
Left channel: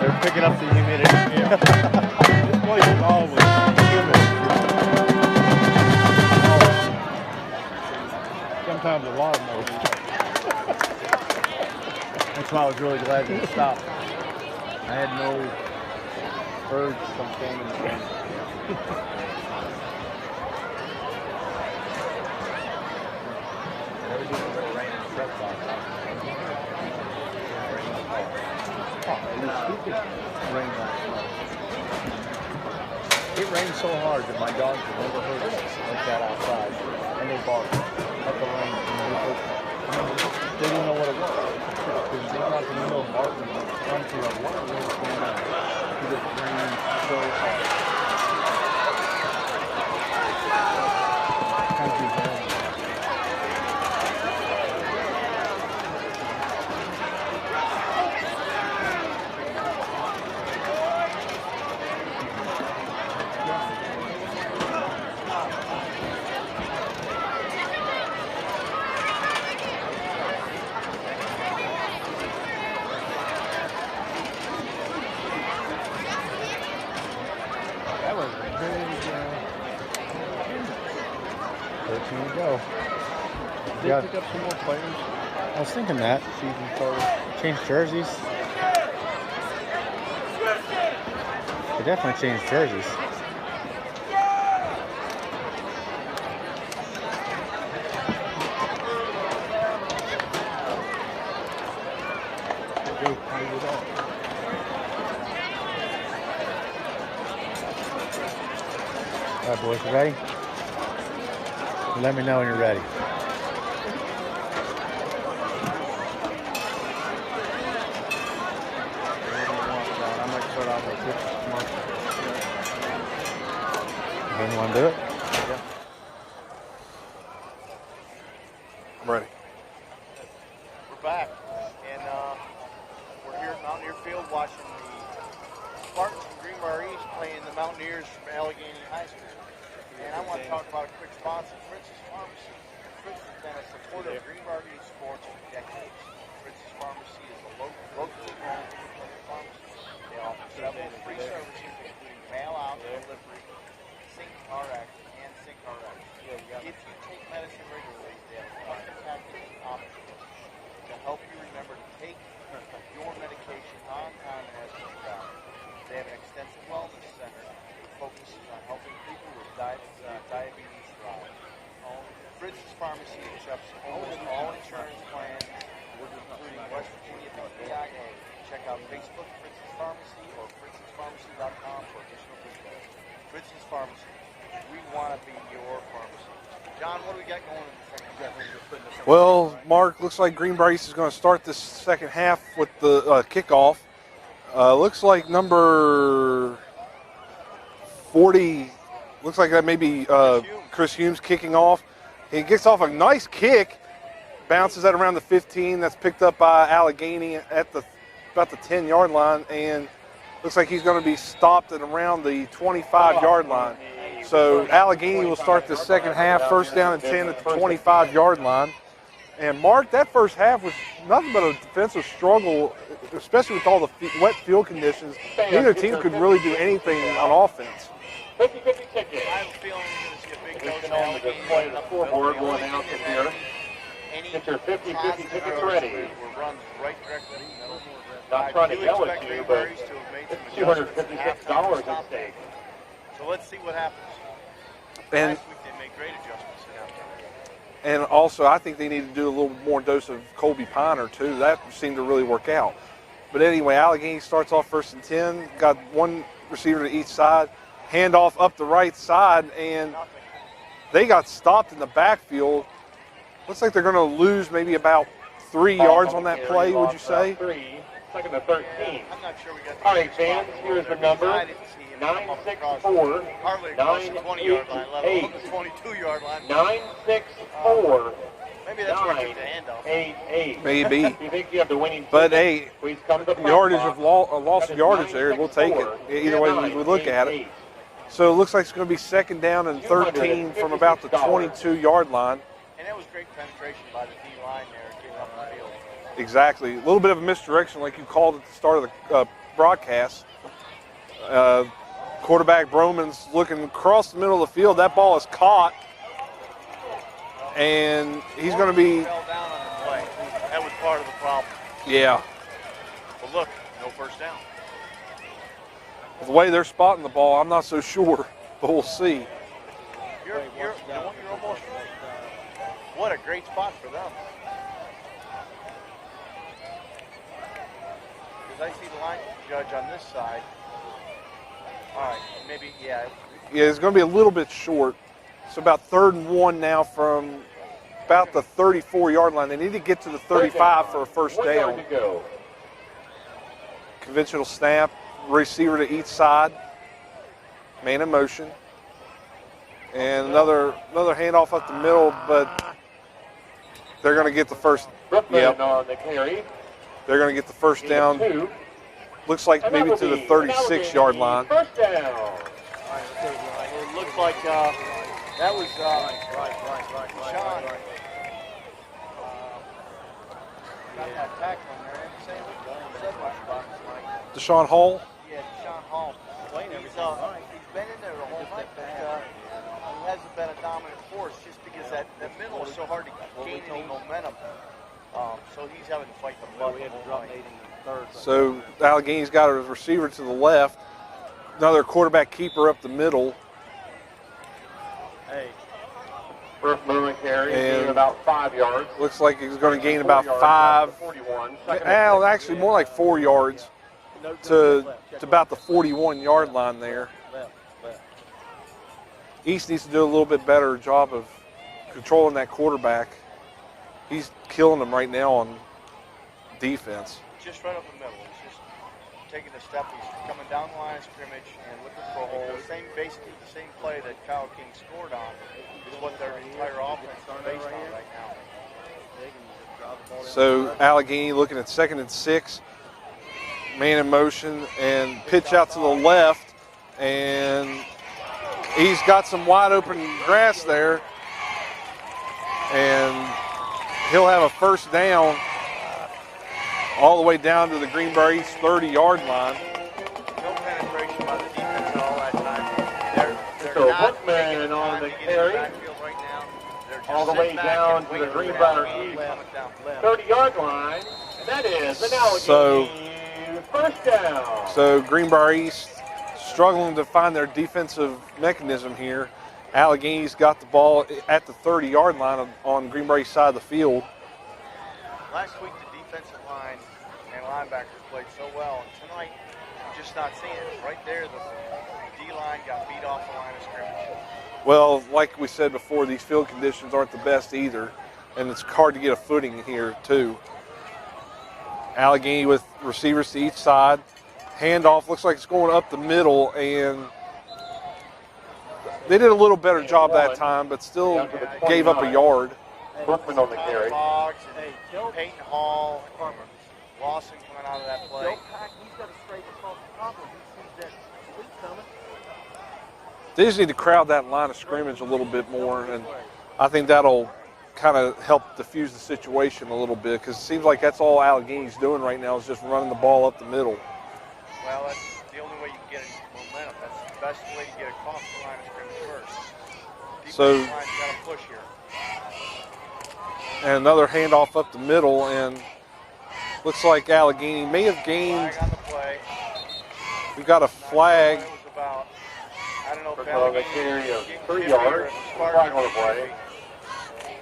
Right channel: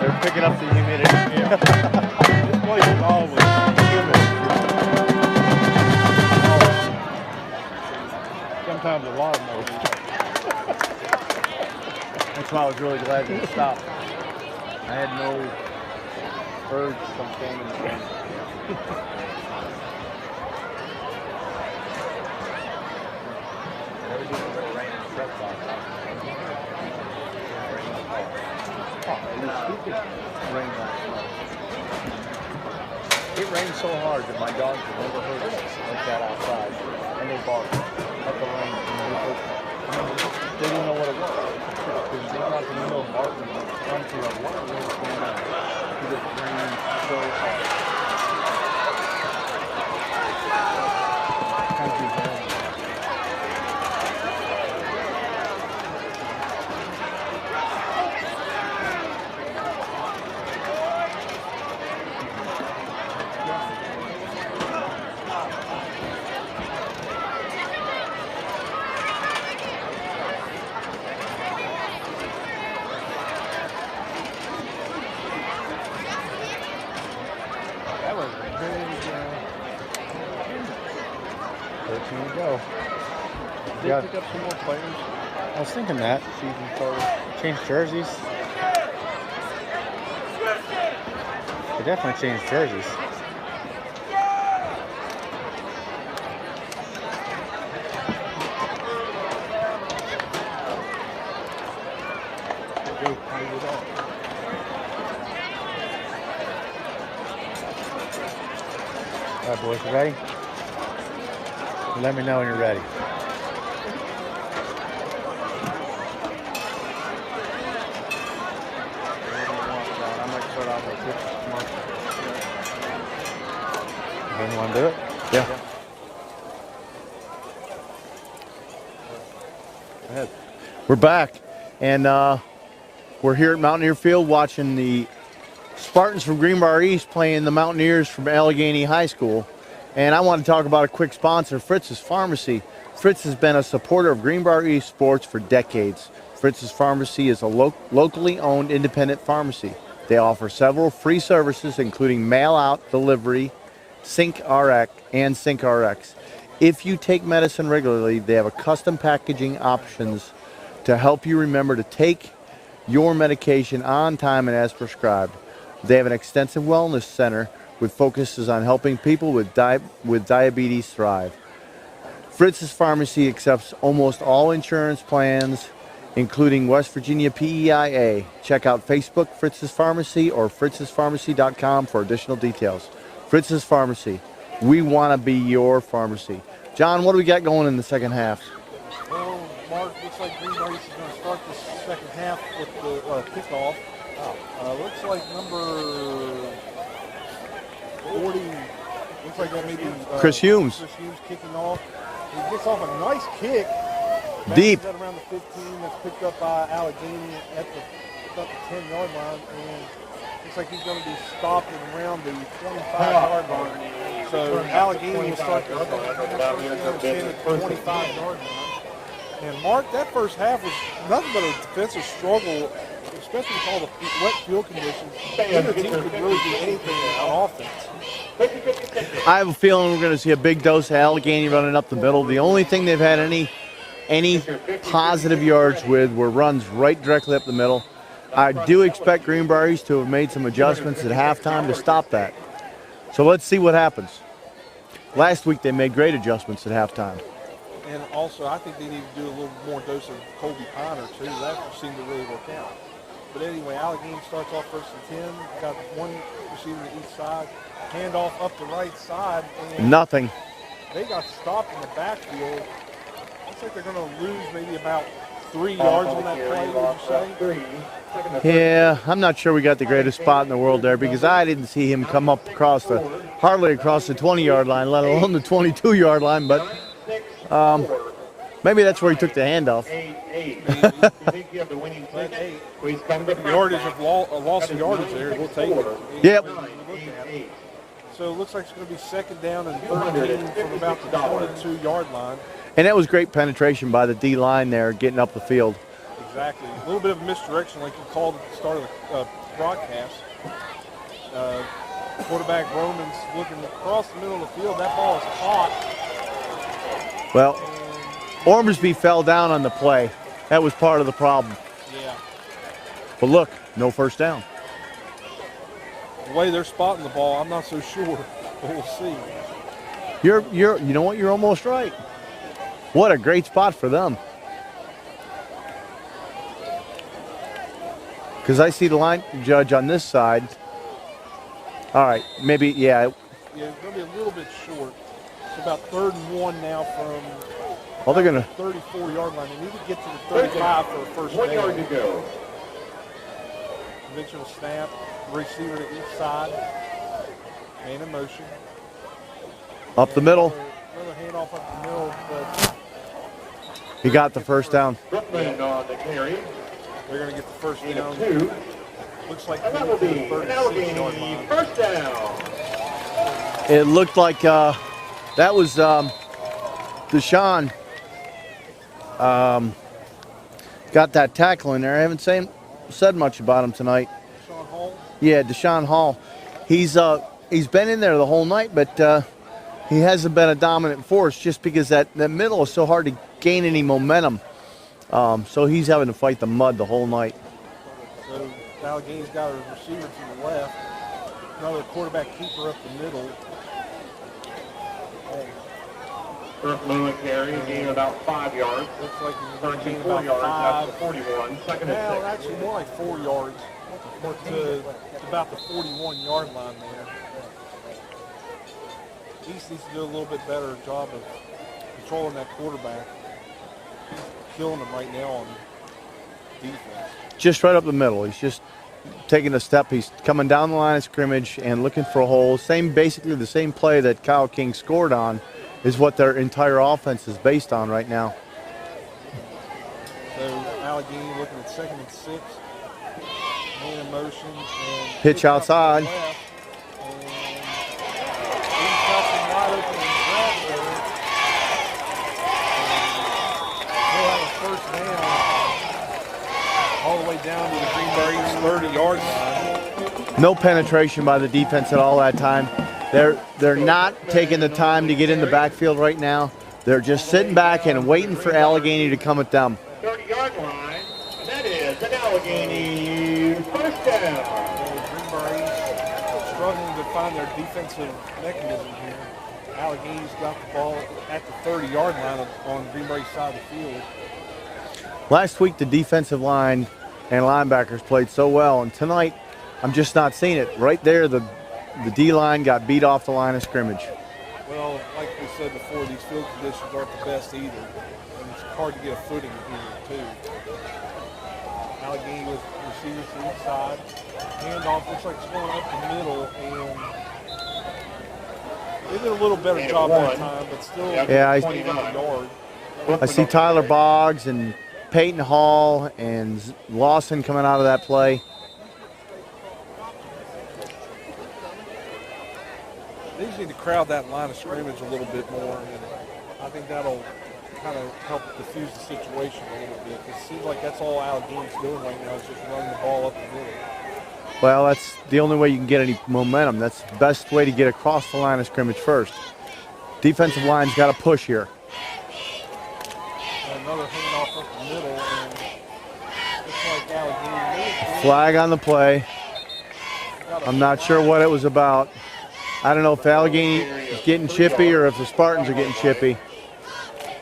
from picking up the humidity. This place is always humid. Sometimes a lot of motion. That's why I was really glad that it stopped. I had no urge to come stand in the rain. It rained so hard that my dogs have never heard it like that outside, and they barked at the rain. They didn't know what it was. Because they got the window barking and run through like, what is going on? Because it rained so hard. Country rain. Go. Did they pick up some more players? I was thinking that. Season started. Change jerseys. They definitely changed jerseys. All right, boys, you ready? Let me know when you're ready. You want to do it? Yeah. Ready. Go ahead. We're back, and we're here at Mountaineer Field watching the Spartans from Greenbrier East playing the Mountaineers from Allegheny High School. And I want to talk about a quick sponsor, Fritz's Pharmacy. Fritz has been a supporter of Greenbrier East sports for decades. Fritz's Pharmacy is a locally owned independent pharmacy. They offer several free services, including mail-out delivery, SyncRx, and SyncRx. If you take medicine regularly, they have a custom packaging options to help you remember to take your medication on time and as prescribed. They have an extensive wellness center with focuses on helping people with diabetes thrive. Fritz's Pharmacy accepts almost all insurance plans, including West Virginia PEIA. Check out Facebook, Fritz's Pharmacy, or fritzspharmacy.com for additional details. Fritz's Pharmacy. We want to be your pharmacy. John, what do we got going in the second half? Well, Mark, looks like Greenbrier East is going to start this second half with the kickoff. Looks like number 40, looks like that may be Chris Humes. Chris Humes kicking off. He gets off a nice kick, bounces Deep. at around the 15. That's picked up by Allegheny at about the 10-yard line, and looks like he's going to be stopped at around the 25-yard line. So Allegheny will start the second half, first down and 10 at the 25-yard line. And Mark, that first half was nothing but a defensive struggle, especially with all the wet field conditions. Neither team could really do anything on offense. I have a feeling we're going to see a big dose of Allegheny running up the middle. The only thing they've had any positive yards with were runs right directly up the middle. I do expect Greenbrier East to have made some adjustments at halftime to stop that. So let's see what happens. Last week they made great adjustments at halftime. And also, I think they need to do a little more dose of Colby Piner, too. That seemed to really work out. But anyway, Allegheny starts off first and 10. Got one receiver to each side. Handoff up the right side. And nothing. They got stopped in the backfield. Looks like they're going to lose maybe about 3 yards on that play, would you say? Yeah, I'm not sure we got the greatest spot in the world there because I didn't see him come up hardly across the 20-yard line, let alone the 22-yard line, but maybe that's where he took the handoff. Maybe. But, hey, yardage of loss of yardage there, we'll take it. Either way we look at it. So it looks like it's going to be second down and 13 from about the 22-yard line. And that was great penetration by the D-line there, getting up the field. Exactly. A little bit of a misdirection, like you called at the start of the broadcast. Quarterback Broman's looking across the middle of the field. That ball is caught. Well, and Ormsby fell down on the play. That was part of the problem. Yeah. But look, no first down. The way they're spotting the ball, I'm not so sure, but we'll see. You know what? You're almost right. What a great spot for them. Because I see the line judge on this side. All right, maybe, yeah. Yeah, it's going to be a little bit short. It's about 3rd and 1 now from about the 34-yard line. They need to get to the 35 for a first down. Conventional snap, receiver to each side. Man in motion. Up the middle. Another handoff up the middle, but they're going to get the first down. Yep. They're going to get the first down. Looks like maybe to the 36-yard line. It looked like that was Deshaun got that tackle in there. I haven't said much about him tonight. Deshaun Hall? Yeah, Deshaun Hall. He's been in there the whole night, but he hasn't been a dominant force just because that middle is so hard to gain any momentum. So he's having to fight the mud the whole night. So Allegheny's got a receiver to the left, another quarterback keeper up the middle. First movement carry, gain about 5 yards. Looks like he's going to gain about 5. Well, actually more like 4 yards to about the 41-yard line there. East needs to do a little bit better job of controlling that quarterback. He's killing them right now on defense. Just right up the middle. He's just taking a step. He's coming down the line of scrimmage and looking for a hole. Basically the same play that Kyle King scored on is what their entire offense is based on right now. So Allegheny looking at 2nd and 6. Man in motion and pitch out outside to the left. And he's got some wide open grass there. And he'll have a first down all the way down to the Greenbrier East 30-yard line. No penetration by the defense at all that time. They're not taking the time to get in the backfield right now. They're just sitting back and waiting for Allegheny to come at them. 30-yard line, and that is an Allegheny first down. So Greenbrier East struggling to find their defensive mechanism here. Allegheny's got the ball at the 30-yard line on Greenbrier East side of the field. Last week, the defensive line and linebackers played so well, and tonight, I'm just not seeing it. Right there, the D-line got beat off the line of scrimmage. Well, like we said before, these field conditions aren't the best either, and it's hard to get a footing here, too. Allegheny with receivers to each side. Handoff looks like it's going up the middle, and they did a little better job that time, but still gave up a yard. I see Tyler Boggs and Peyton Hall and Lawson coming out of that play. They just need to crowd that line of scrimmage a little bit more, and I think that'll kind of help diffuse the situation a little bit, because it seems like that's all Allegheny's doing right now is just running the ball up the middle. Well, that's the only way you can get any momentum. That's the best way to get across the line of scrimmage first. Defensive line's got to push here. And another handoff up the middle, and looks like Allegheny may have gained. Flag on the play. I'm not sure what it was about. I don't know if Allegheny is getting chippy or if the Spartans are getting chippy.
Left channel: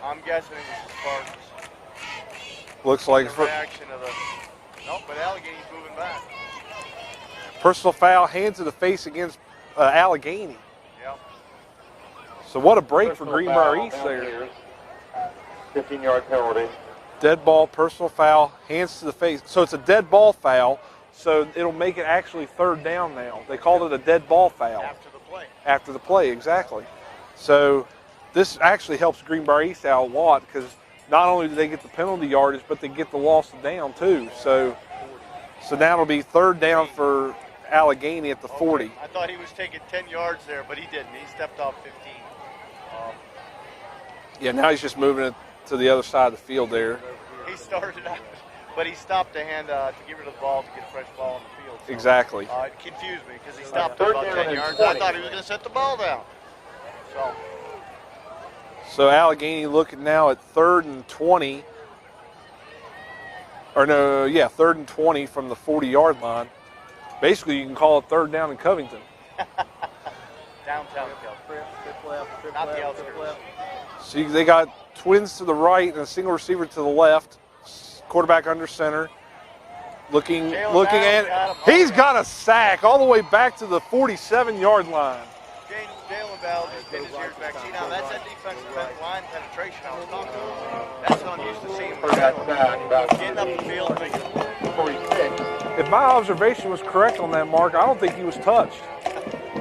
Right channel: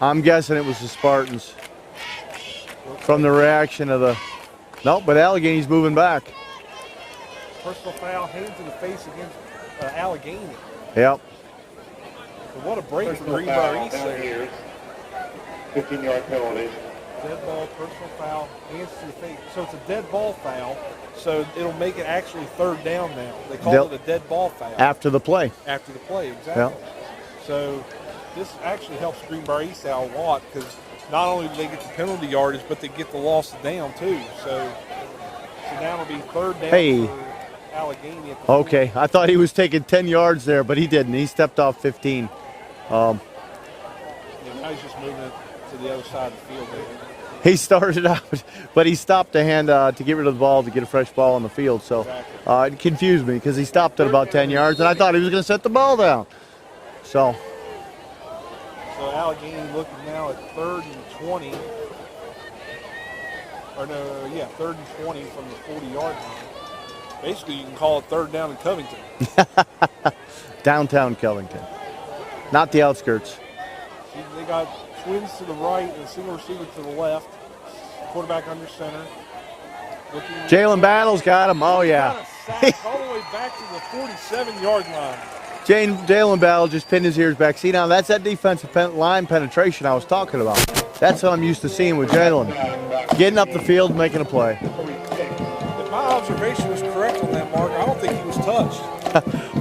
I'm guessing it was the Spartans. Looks from like the reaction of the. Nope, but Allegheny's moving back. Personal foul, hand to the face against Allegheny. Yep. So what a break for Greenbrier East there. 15-yard penalty. Dead ball, personal foul, hands to the face. So it's a dead ball foul, so it'll make it actually third down now. They call it a dead ball foul. After the play. After the play, exactly. Yep. So this actually helps Greenbrier East out a lot, because not only do they get the penalty yardage, but they get the loss of down too. So now it'll be third down for Allegheny at the 40. Okay, I thought he was taking 10 yards there, but he didn't. He stepped off 15. Yeah, now he's just moving it to the other side of the field there. He started out, but he stopped to hand to get rid of the ball to get a fresh ball on the field. So exactly. It confused me because he stopped at about 10 yards, and I thought he was going to set the ball down. So Allegheny looking now at 3rd and 20. Or no, yeah, 3rd and 20 from the 40-yard line. Basically, you can call it third down in Covington. Downtown Covington, not the outskirts. See, they got twins to the right and a single receiver to the left. Quarterback under center. Jalen Battle's got him. He's got a sack all the way back to the 47-yard line. Jalen Battle just pinned his ears back. See, now that's that defensive line penetration I was talking about. That's what I'm used to seeing with Jalen. Getting up the field, making a play. If my observation was correct on that, Mark, I don't think he was touched.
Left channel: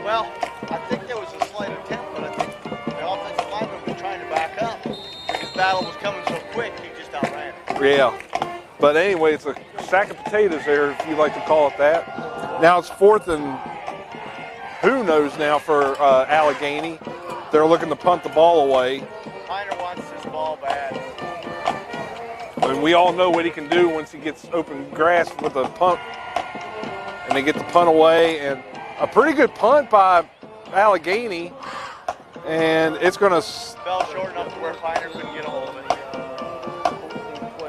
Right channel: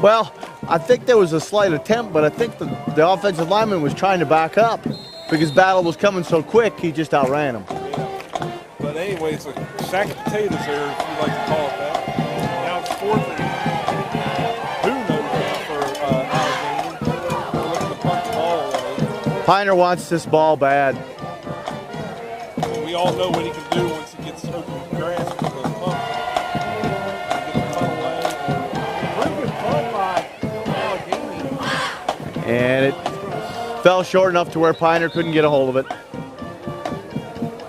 Well, I think there was a slight attempt, but I think the offensive lineman was trying to back up because Battle was coming so quick, he just outran him. Yeah. But anyway, it's a sack of potatoes there, if you like to call it that. Now it's 4th and who knows now for Allegheny. They're looking to punt the ball away. Piner wants this ball bad. And we all know what he can do once he gets open grass with a punt. And they get the punt away, and a pretty good punt by Allegheny. And it's going to... Fell short enough to where Piner couldn't get a hold of it.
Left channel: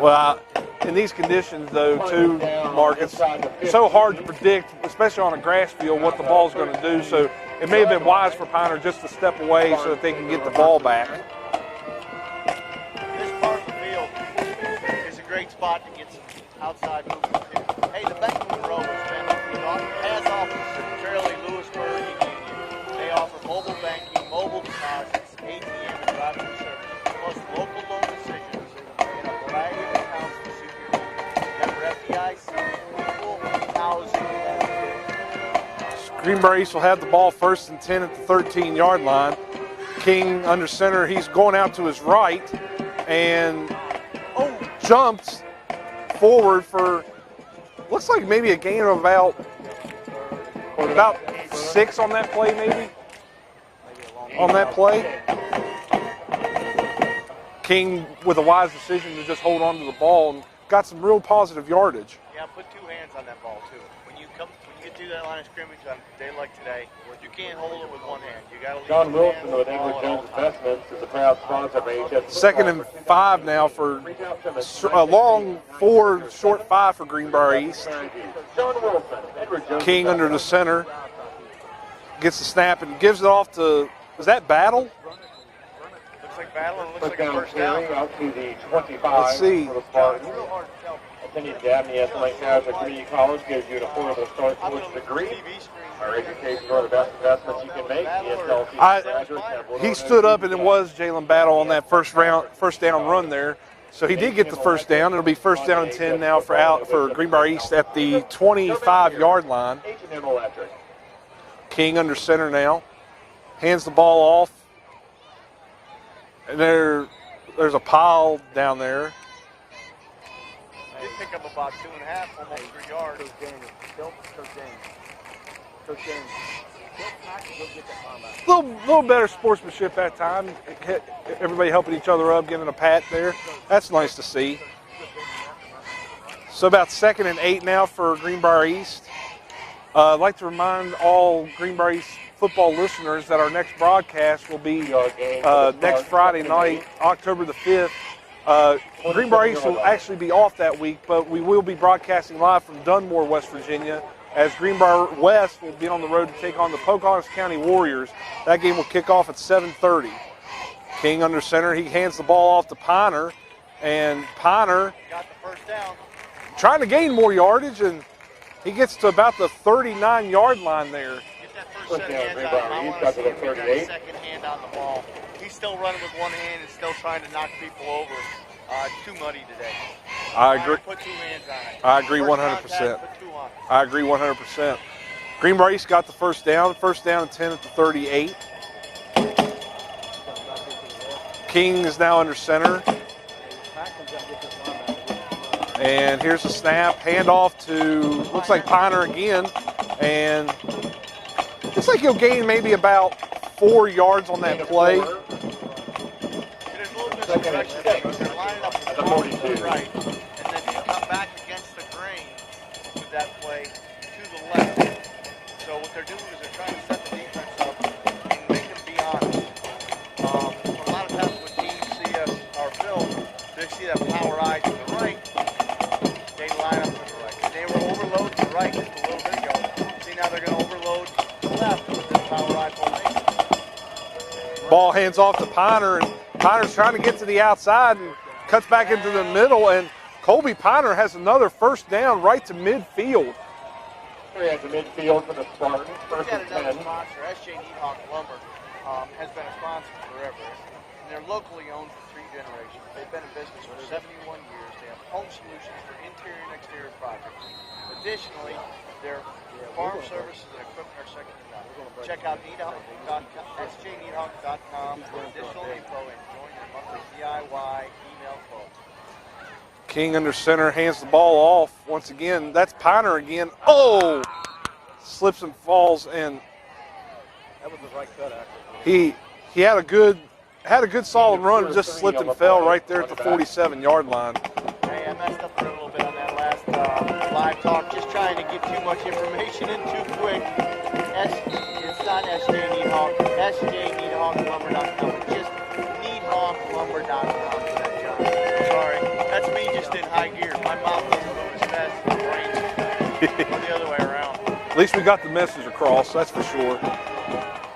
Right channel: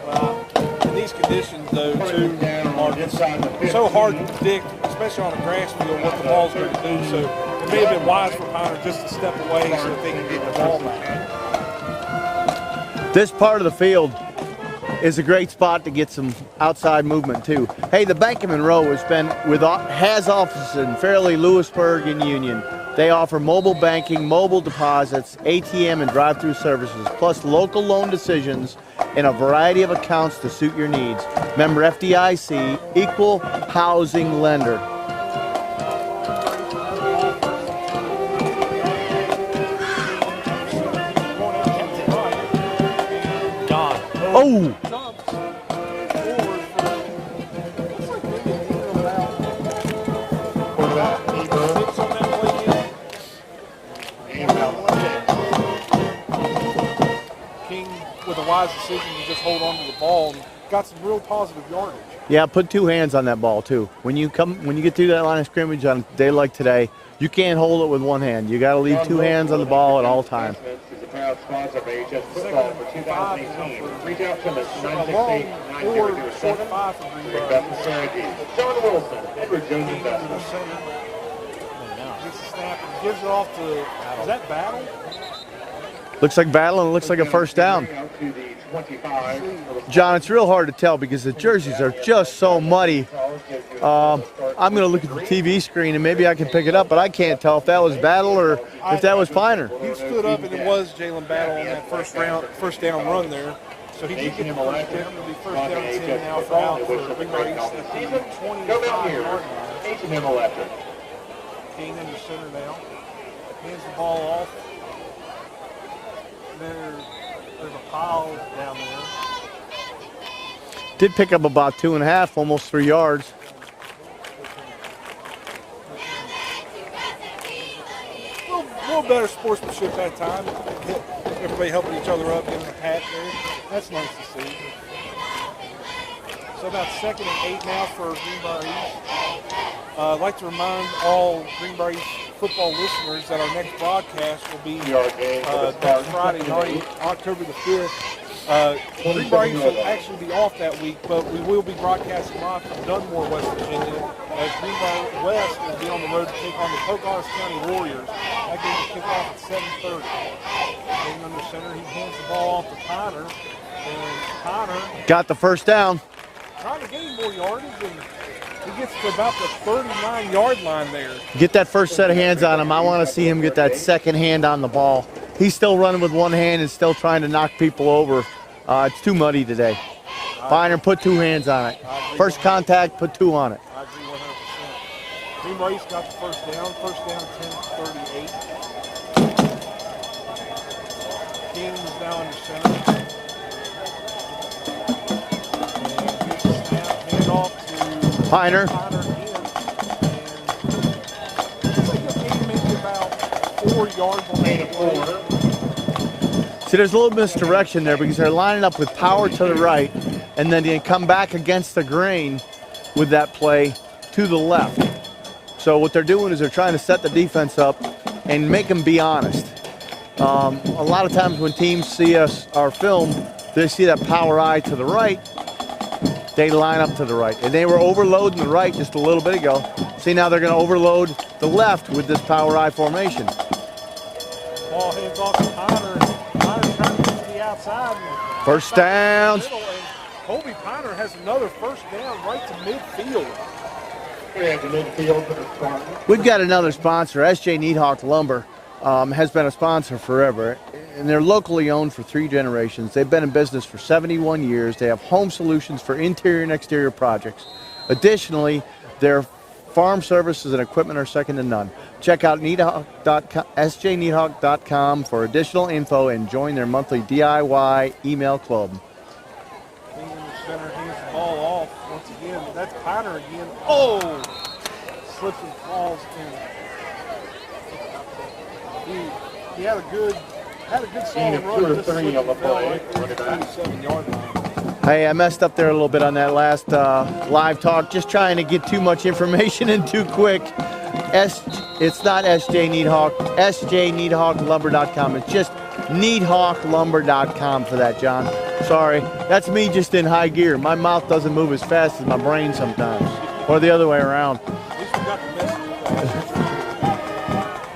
Well, in these conditions, though, too, Mark, it's so hard to predict, especially on a grass field, what the ball's going to do. So it may have been wise for Piner just to step away so that they can get the ball back. This part of the field is a great spot to get some outside movement, too. Hey, the Bank of Monroe has offices in Fairleigh, Lewisburg, and Union. They offer mobile banking, mobile deposits, ATM, and drive-through services, plus local loan decisions in a variety of accounts to suit your needs. Member FDIC, equal housing lender. Greenbrier East will have the ball 1st and 10 at the 13-yard line. King under center, he's going out to his right and jumps forward for, looks like maybe a gain of about 6 on that play, maybe. On that play. King with a wise decision to just hold on to the ball and got some real positive yardage. Yeah, put 2 hands on that ball too. When you get through that line of scrimmage on a day like today, you can't hold it with one hand. You got to leave 2 hands on the ball at all times. 2nd and 5 now for a long 4, short 5 for Greenbrier East. King under the center gets the snap and gives it off to, is that Battle? Looks like battle and it looks like a first down. Let's see. John, it's real hard to tell because the jerseys are just so muddy. I'm going to look at the TV screen and maybe I can pick it up, but I can't tell if that was Battle or if that was Piner. He stood up and it was Jalen Battle on that first down run there. So he did get the first down. It'll be first down and 10 now for Greenbrier East at the 25-yard line. King under center now. Hands the ball off. And there's a pile down there. Did pick up about 2.5, almost 3 yards. A little better sportsmanship that time. Everybody helping each other up, giving a pat there. That's nice to see. So about 2nd and 8 now for Greenbrier East. I'd like to remind all Greenbrier East football listeners that our next broadcast will be next Friday night, October the 5th. Greenbrier East will actually be off that week, but we will be broadcasting live from Dunmore, West Virginia, as Greenbrier West will be on the road to take on the Pocahontas County Warriors. That game will kick off at 7:30. King under center. He hands the ball off to Piner, and Piner got the first down. Trying to gain more yardage, and he gets to about the 39-yard line there. Get that first set of hands on him. I want to see him get that second hand on the ball. He's still running with one hand and still trying to knock people over. It's too muddy today. Piner, put 2 hands on it. I agree. First 100%. contact, put 2 on it. I agree 100%. Greenbrier East got the first down and 10 at the 38. King is now under center. And here's the snap, handoff to Piner again. And looks like he'll gain maybe about 4 yards on that play. See, there's a little misdirection there because they're lining up with power to the right, and then they come back against the grain with that play to the left. So what they're doing is they're trying to set the defense up and make them be honest. A lot of times when teams see our film, they see that power eye to the right, they line up to the right. And they were overloading the right just a little bit ago. See, now they're going to overload the left with this power eye formation. Ball hands off to Piner, and Piner's trying to get to the outside and cuts back into the middle, and Colby Piner has another first down right to midfield. We've got another sponsor. SJ Needhawk Lumber has been a sponsor forever, and they're locally owned for 3 generations. They've been in business for 71 years. They have home solutions for interior and exterior projects. Additionally, their farm services and equipment are second to none. Check out sjneedhawk.com for additional info and join their monthly DIY email club. King under center, hands the ball off. Once again, that's Piner again. Oh! Slips and falls, and he had a good solid run, just slipped and fell right there at the 47-yard line. Hey, I messed up there a little bit on that last live talk, just trying to get too much information in too quick. It's not SJ Needhawk, sjneedhawklumber.com. It's just needhawklumber.com for that, John. Sorry, that's me just in high gear. My mouth doesn't move as fast as my brain sometimes, or the other way around. At least we got the message across, that's for sure.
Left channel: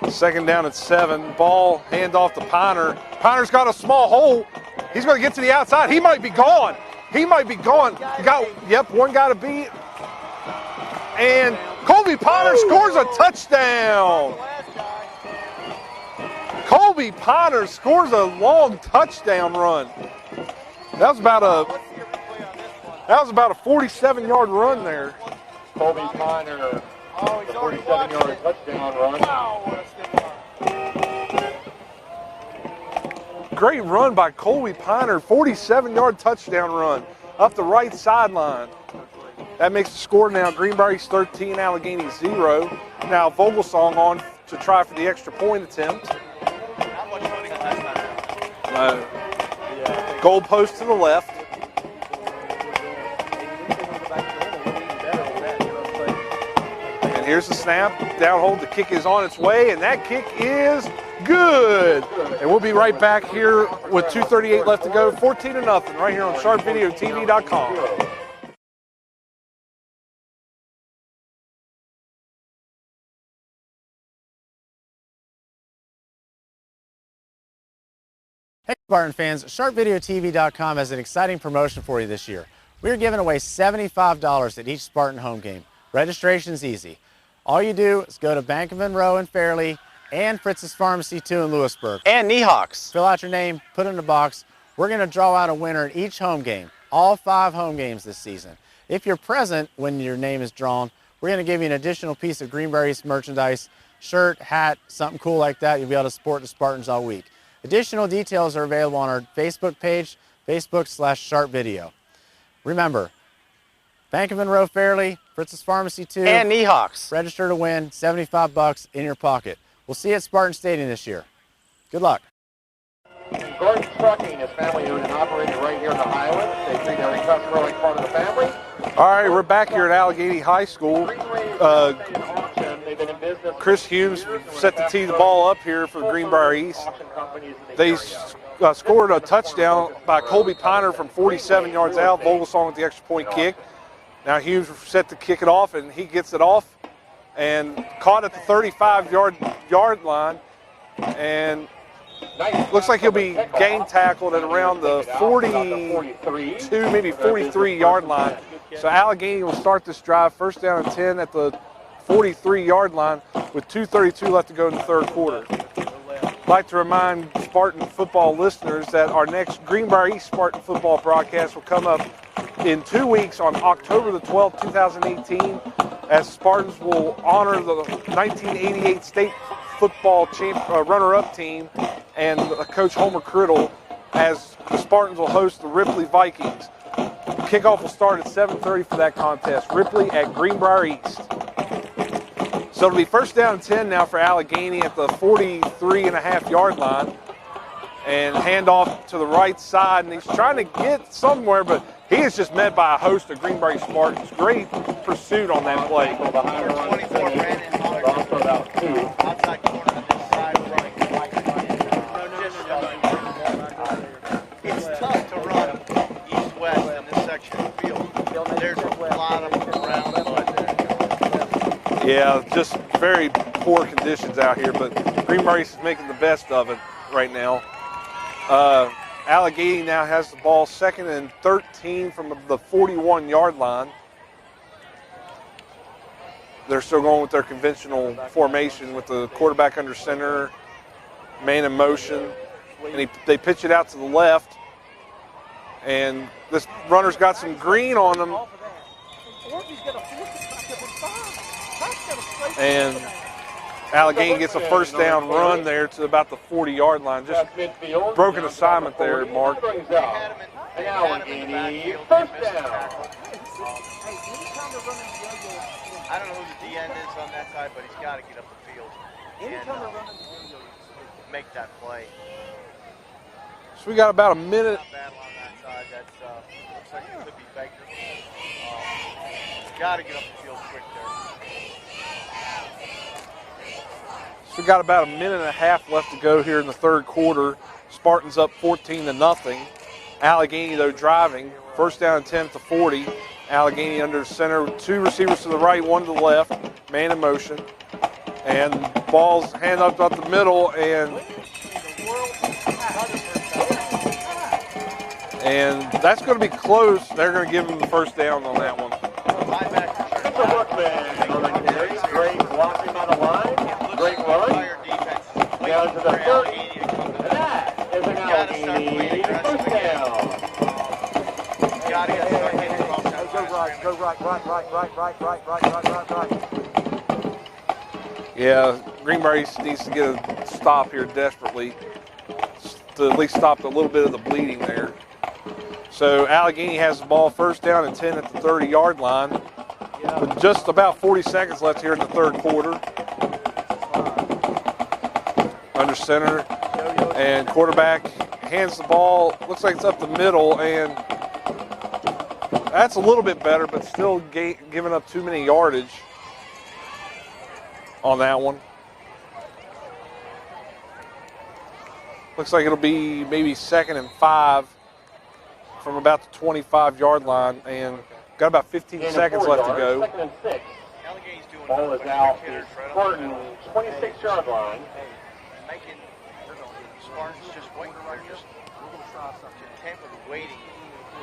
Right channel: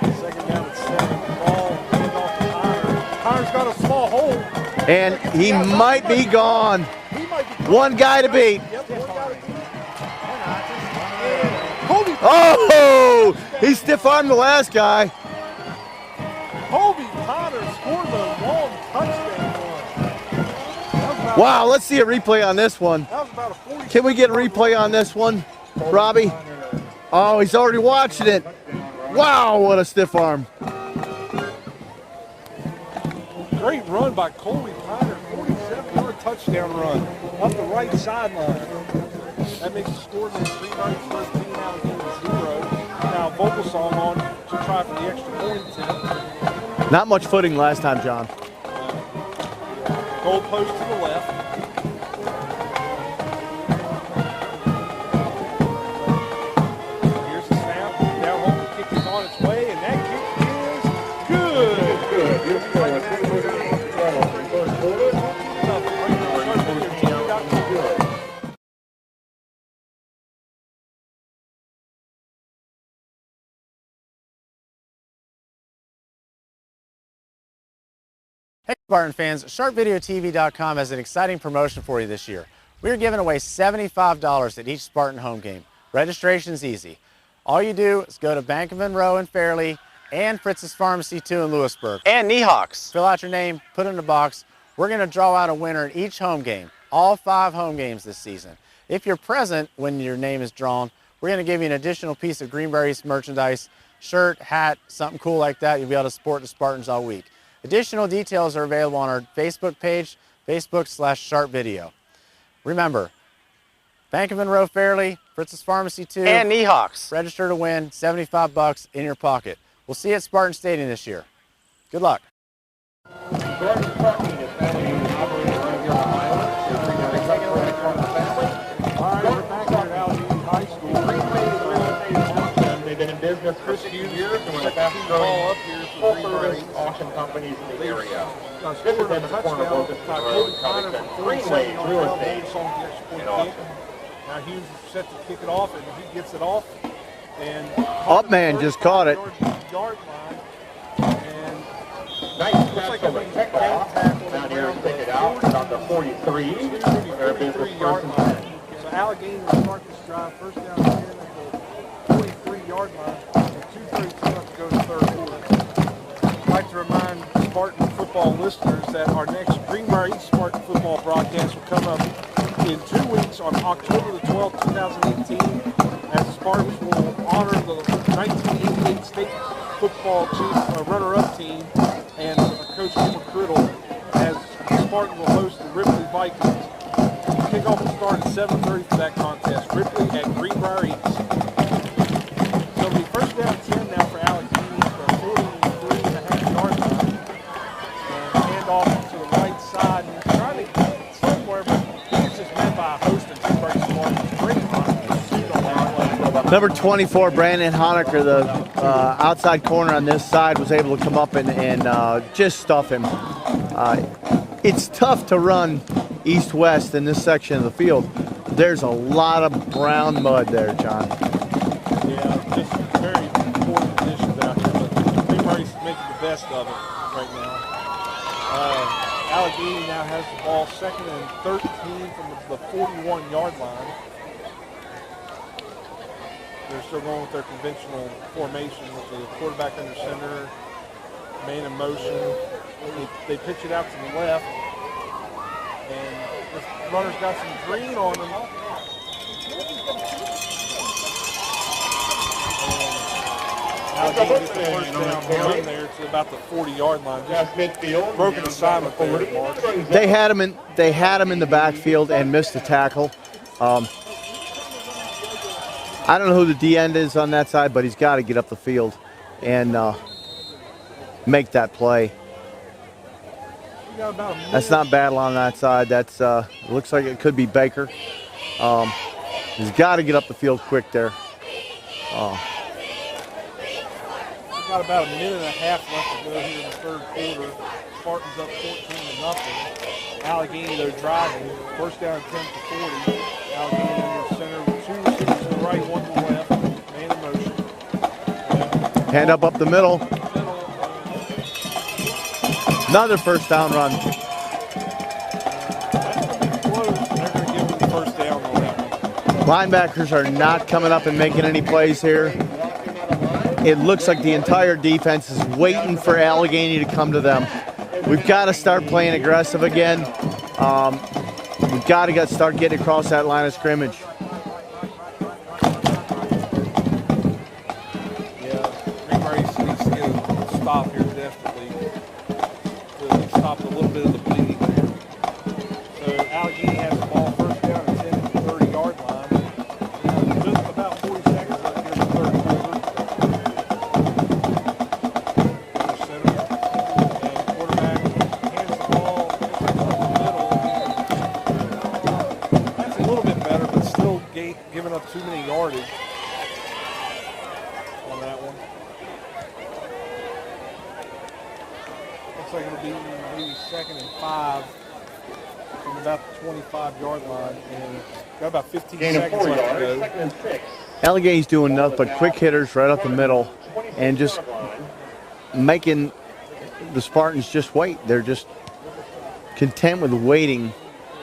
2nd down and 7. Ball, hand off to Piner. Piner's got a small hole. He's going to get to the outside. He might be gone. He might be gone. One guy to beat. Yep, one guy to beat. And Colby Piner scores a touchdown. He stiff-armed the last guy. Colby Piner scores a long touchdown run. That was about wow, let's see a replay on this one. That was about a 47-yard Can we get a replay run on there. this one, Robbie? Oh, he's already watched it. Wow, what a stiff arm. Great run by Colby Piner, 47-yard touchdown run up the right sideline. That makes the score now Greenbrier East 13, Allegheny 0. Now Vogelsong on to try for the extra point attempt. Not much footing last time, John. Goal post to the left. And here's the snap. Down hold, the kick is on its way, and that kick is good. And we'll be right back here with 2:38 left to go, 14-0, right here on SharpVideoTV.com. Hey Spartan fans, SharpVideoTV.com has an exciting promotion for you this year. We are giving away $75 at each Spartan home game. Registration's easy. All you do is go to Bank of Monroe in Fairleigh and Fritz's Pharmacy 2 in Lewisburg. And Niehawks. Fill out your name, put it in a box. We're going to draw out a winner in each home game, all 5 home games this season. If you're present when your name is drawn, we're going to give you an additional piece of Greenbrier East merchandise, shirt, hat, something cool like that. You'll be able to support the Spartans all week. Additional details are available on our Facebook page, Facebook/SharpVideo. Remember, Bank of Monroe Fairleigh, Fritz's Pharmacy 2, and Niehawks. Register to win, $75 in your pocket. We'll see you at Spartan Stadium this year. Good luck. Spartan Trucking is family-owned and operated right here in the Highlands. And Greenbrier customer like part of the family. All right, we're back here at Allegheny High School. Chris Hughes set to tee the ball up here for Greenbrier East. They scored a touchdown by Colby Piner from 47 yards out. Vogelsong with the extra point kick. Now Hughes set to kick it off, and he gets it off and caught it at the 35-yard line. And looks like he'll be game tackled at around the 42, maybe 43-yard line. So Allegheny will start this drive first down and 10 at the 43-yard line with 2:32 left to go in the third quarter. I'd like to remind Spartan football listeners that our next Greenbrier East Spartan football broadcast will come up in 2 weeks on October the 12th, 2018, as the Spartans will honor the 1988 state football runner-up team and Coach Homer Criddle, as the Spartans will host the Ripley Vikings. Kickoff will start at 7:30 for that contest. Ripley at Greenbrier East. So it'll be first down and 10 now for Allegheny at the 43.5-yard line. And hand off to the right side. And he's trying to get somewhere, but he is just met by a host of Greenbrier East Spartans. Great pursuit on that play. Number 24, Brandon Honecker, the outside corner on this side, was able to come up and just stuff him. It's tough to run east-west in this section of the field. There's a lot of brown mud there, John. Yeah, just very poor conditions out here, but Greenbrier is making the best of it right now. Allegheny now has the ball 2nd and 13 from the 41-yard line. They're still going with their conventional formation with the quarterback under center, man in motion, and they pitch it out to the left. And this runner's got some green on him. And Allegheny gets a first down run there to about the 40-yard line. Just broken assignment there, Mark. They had him in the backfield and missed the tackle. I don't know who the D end is on that side, but he's got to get up the field and make that play. So we got about a minute. That's not bad on that side. That's looks like it could be Baker. He's got to get up the field quick there. We got about a minute and a half left to go here in the third quarter. Spartans up 14-0. Allegheny, though, driving. First down and 10 to 40. Allegheny under center with 2 receivers to the right, 1 to the left. Man in motion. And hand up the middle. Up the middle, and another first down run. And that's going to be close. They're going to give them the first down on that one. Linebackers are not coming up and making any plays here. It looks like the entire defense is waiting for Allegheny to come to them. We've got to start playing aggressive again. We've got to start getting across that line of scrimmage. Yeah, Greenbrier needs to get a stop here desperately to at least stop a little bit of the bleeding there. So Allegheny has the ball first down and 10 at the 30-yard line. Just about 40 seconds left here in the third quarter. Under center, and quarterback hands the ball. Looks like it's up the middle, and that's a little bit better, but still giving up too many yardage on that one. Looks like it'll be maybe 2nd and 5 from about the 25-yard line, and got about 15 seconds left to go. Allegheny's doing nothing but quick hitters right up the middle and just making the Spartans just wait. They're just content with waiting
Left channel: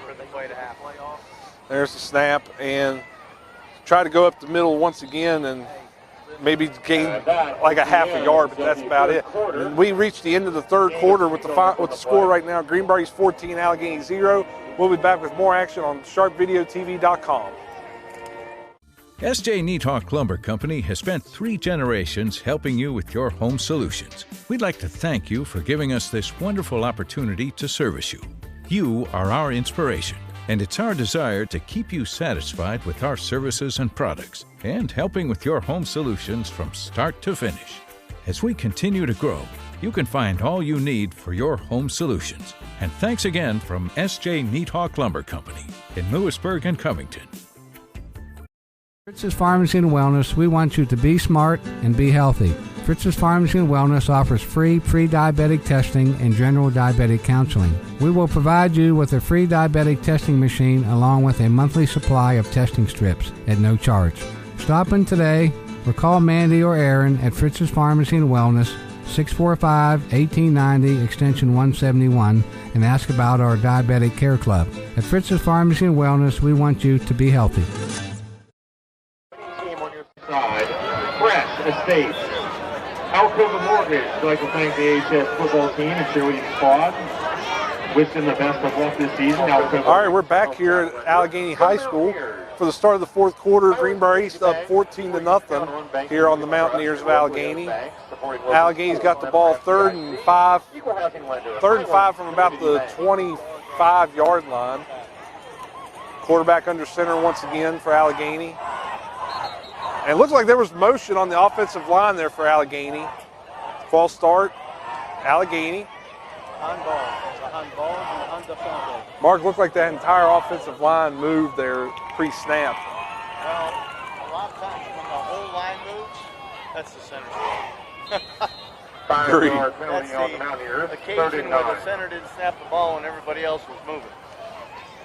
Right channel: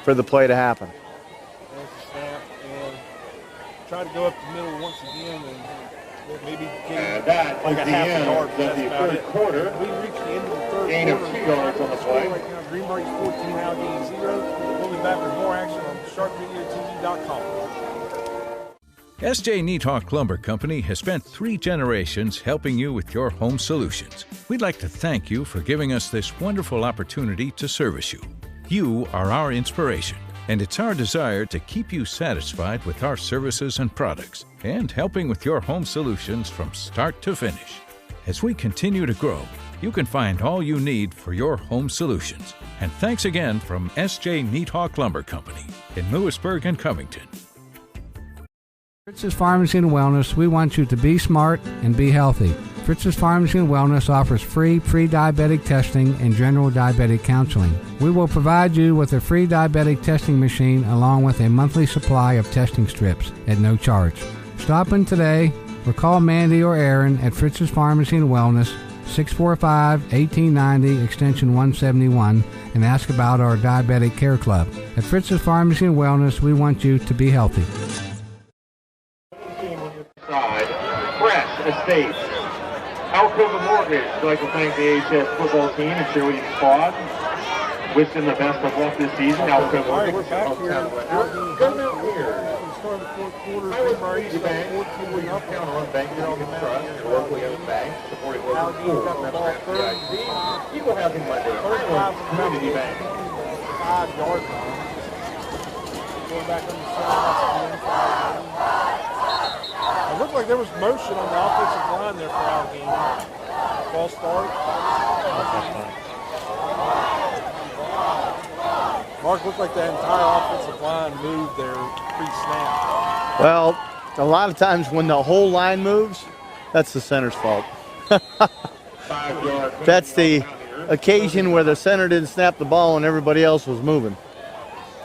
for the play to happen. There's the snap, and try to go up the middle once again and maybe gain like a half a yard, but that's about it. We reached the end of the third quarter with the score right now. Greenbrier East 14, Allegheny 0. We'll be back with more action on sharpvideotv.com. S.J. Neathawk Lumber Company has spent 3 generations helping you with your home solutions. We'd like to thank you for giving us this wonderful opportunity to service you. You are our inspiration, and it's our desire to keep you satisfied with our services and products and helping with your home solutions from start to finish. As we continue to grow, you can find all you need for your home solutions. And thanks again from S.J. Neathawk Lumber Company in Lewisburg and Covington. Fritz's Pharmacy and Wellness, we want you to be smart and be healthy. Fritz's Pharmacy and Wellness offers free pre-diabetic testing and general diabetic counseling. We will provide you with a free diabetic testing machine along with a monthly supply of testing strips at no charge. Stop in today or call Mandy or Aaron at Fritz's Pharmacy and Wellness, 645-1890, extension 171, and ask about our Diabetic Care Club. At Fritz's Pharmacy and Wellness, we want you to be healthy. Fresh Estates. Alcova Mortgage would like to thank the AHS football team and cheerleading squad. Wish them the best of luck this season. Alcova. All right, we're back here at Allegheny High School for the start of the fourth quarter. Greenbrier East up 14-0 here on the Mountaineers of Allegheny. Allegheny's got the ball third and five from about the 25-yard line. Quarterback under center once again for Allegheny. And it looked like there was motion on the offensive line there for Allegheny. False start, Allegheny. Mark, looked like that entire offensive line moved there pre-snap. Well, a lot of times when the whole line moves, that's the center's fault. That's the occasion where the center didn't snap the ball and everybody else was moving.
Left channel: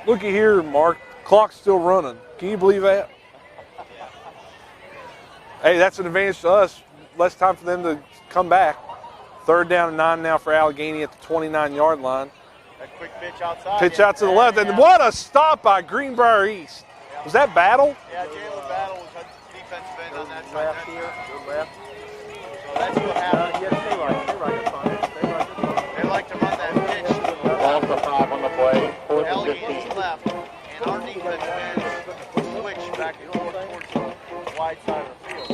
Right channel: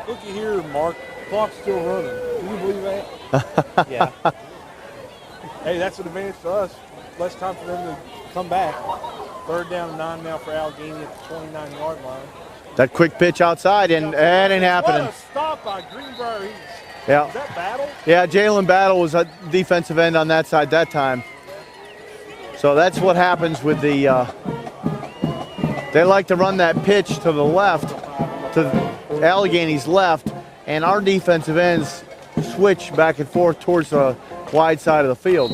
Looky here, Mark. Clock's still running. Can you believe that? Yeah. Hey, that's an advantage to us. Less time for them to come back. Third down and 9 now for Allegheny at the 29-yard line. That quick pitch outside. Pitch out to the left. And what a stop by Greenbrier East. Yeah. Was that Battle? Yeah, Jalen Battle was a defensive end on that side that time. So that's what happens with the, they like to run that pitch to the left, to Allegheny's left, and our defensive ends switch back and forth towards the wide side of the field.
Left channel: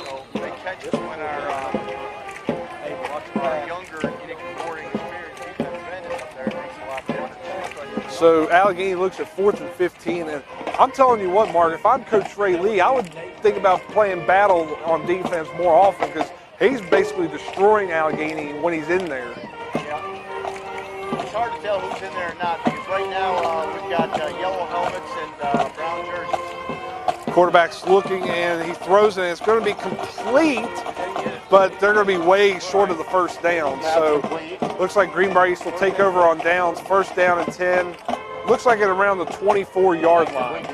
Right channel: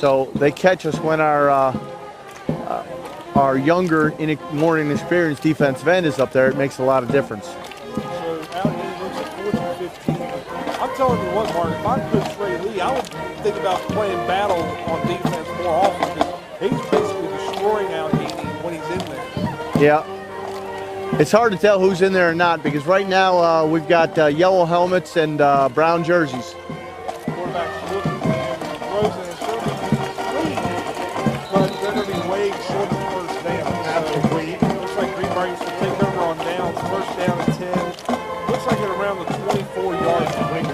So they catch us when our younger, more inexperienced defensive end is up there. It makes a lot of difference. So Allegheny looks at 4th and 15, and I'm telling you what, Mark, if I'm Coach Ray Lee, I would think about playing Battle on defense more often because he's basically destroying Allegheny when he's in there. Yeah. It's hard to tell who's in there or not because right now we've got yellow helmets and brown jerseys. Quarterback's looking and he throws it, and it's going to be complete, but they're going to be way short of the first down. So looks like Greenbrier East will take over on downs. First down and 10. Looks like at around the 24-yard line.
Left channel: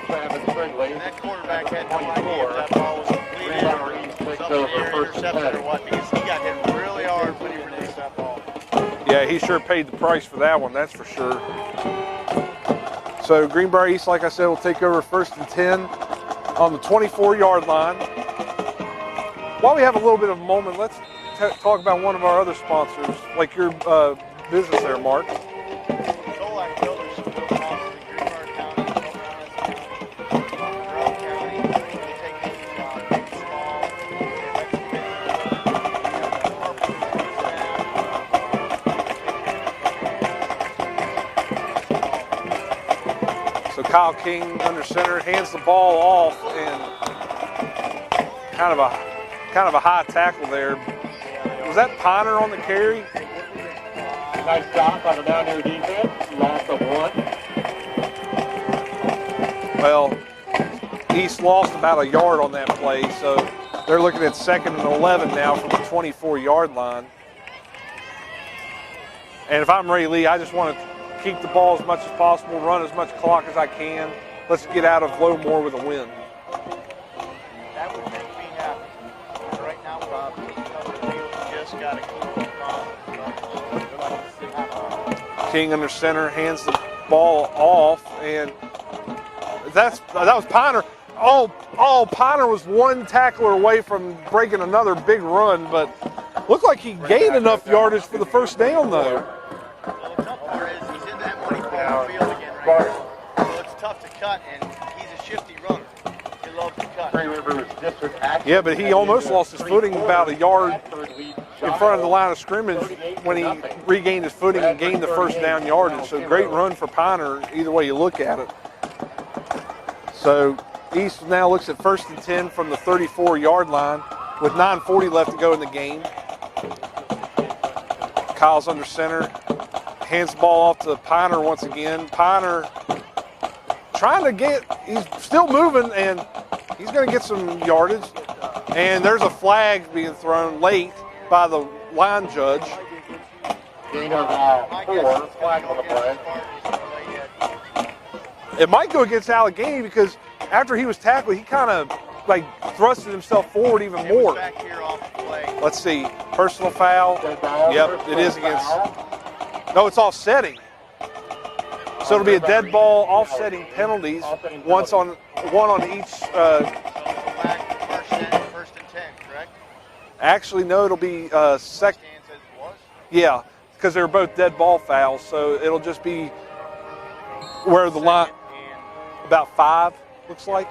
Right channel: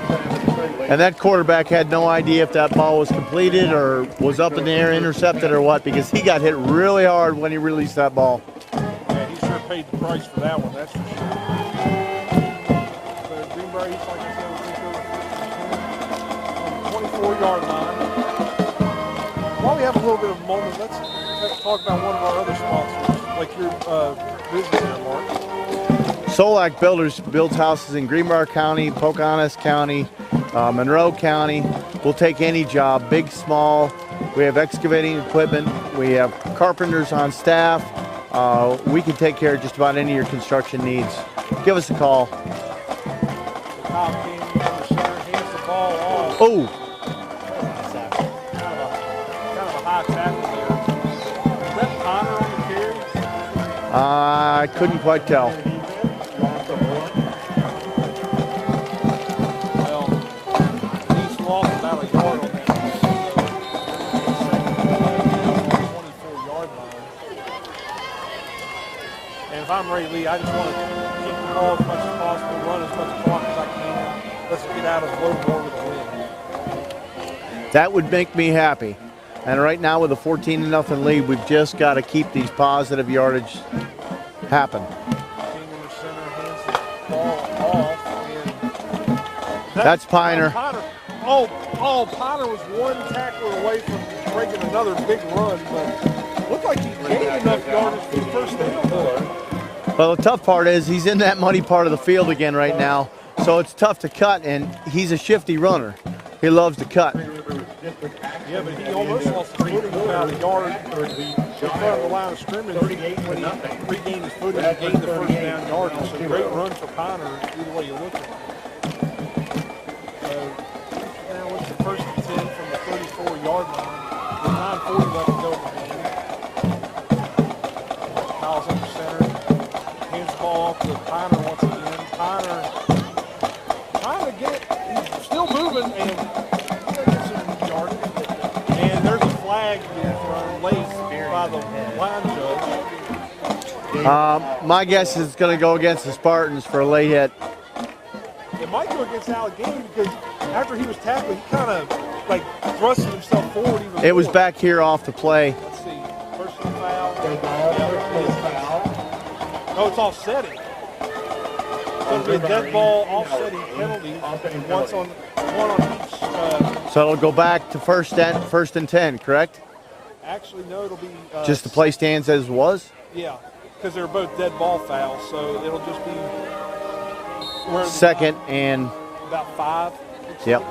And that quarterback had no idea if that ball was completed or was up in the air, intercepted or what, because he got hit really hard when he released that ball. Yeah, he sure paid the price for that one, that's for sure. So Greenbrier East, like I said, will take over 1st and 10 on the 24-yard line. While we have a little bit of a moment, let's talk about one of our other sponsors, like your business there, Mark. Solak Builders builds houses in Greenbrier County, Pocahontas County, Monroe County. We'll take any job, big, small. We have excavating equipment. We have carpenters on staff. We can take care of just about any of your construction needs. Give us a call. So Kyle King under center, hands the ball off. Oh, kind of a high tackle there. Was that Ponder on the carry? I couldn't quite tell. Well, East lost about a yard on that play, so they're looking at 2nd and 11 now from the 24-yard line. And if I'm Ray Lee, I just want to keep the ball as much as possible, run as much clock as I can. Let's get out of Lowmore with a win. That would make me happy. And right now with a 14-0 lead, we've just got to keep these positive yardage happen. King under center, hands the ball off, and that's Piner. That was Piner. Oh, Piner was one tackler away from breaking another big run, but looked like he gained enough yardage for the first down, though. Well, the tough part is he's in that muddy part of the field again right now, so it's tough to cut, and he's a shifty runner. He loves to cut. Yeah, but he almost lost his footing about a yard in front of the line of scrimmage when he regained his footing and gained the first down yardage. So great run for Piner, either way you look at it. So East now looks at 1st and 10 from the 34-yard line with 9:40 left to go in the game. Kyle's under center, hands the ball off to Piner once again. Piner trying to get, he's still moving, and he's going to get some yardage. And there's a flag being thrown late by the line judge. My guess is it's going to go against the Spartans for a late hit. It might go against Allegheny because after he was tackled, he kind of like thrusted himself forward even more. It was back here off the play. Let's see, personal foul. Yep, it is against. No, it's offsetting. So it'll be a dead ball, offsetting penalties, one on each. So it'll go back to first and 10, correct? Actually, no, it'll be just the play stands as was. Yeah, because they're both dead ball fouls, so it'll just be where the second line, and about 5 looks like.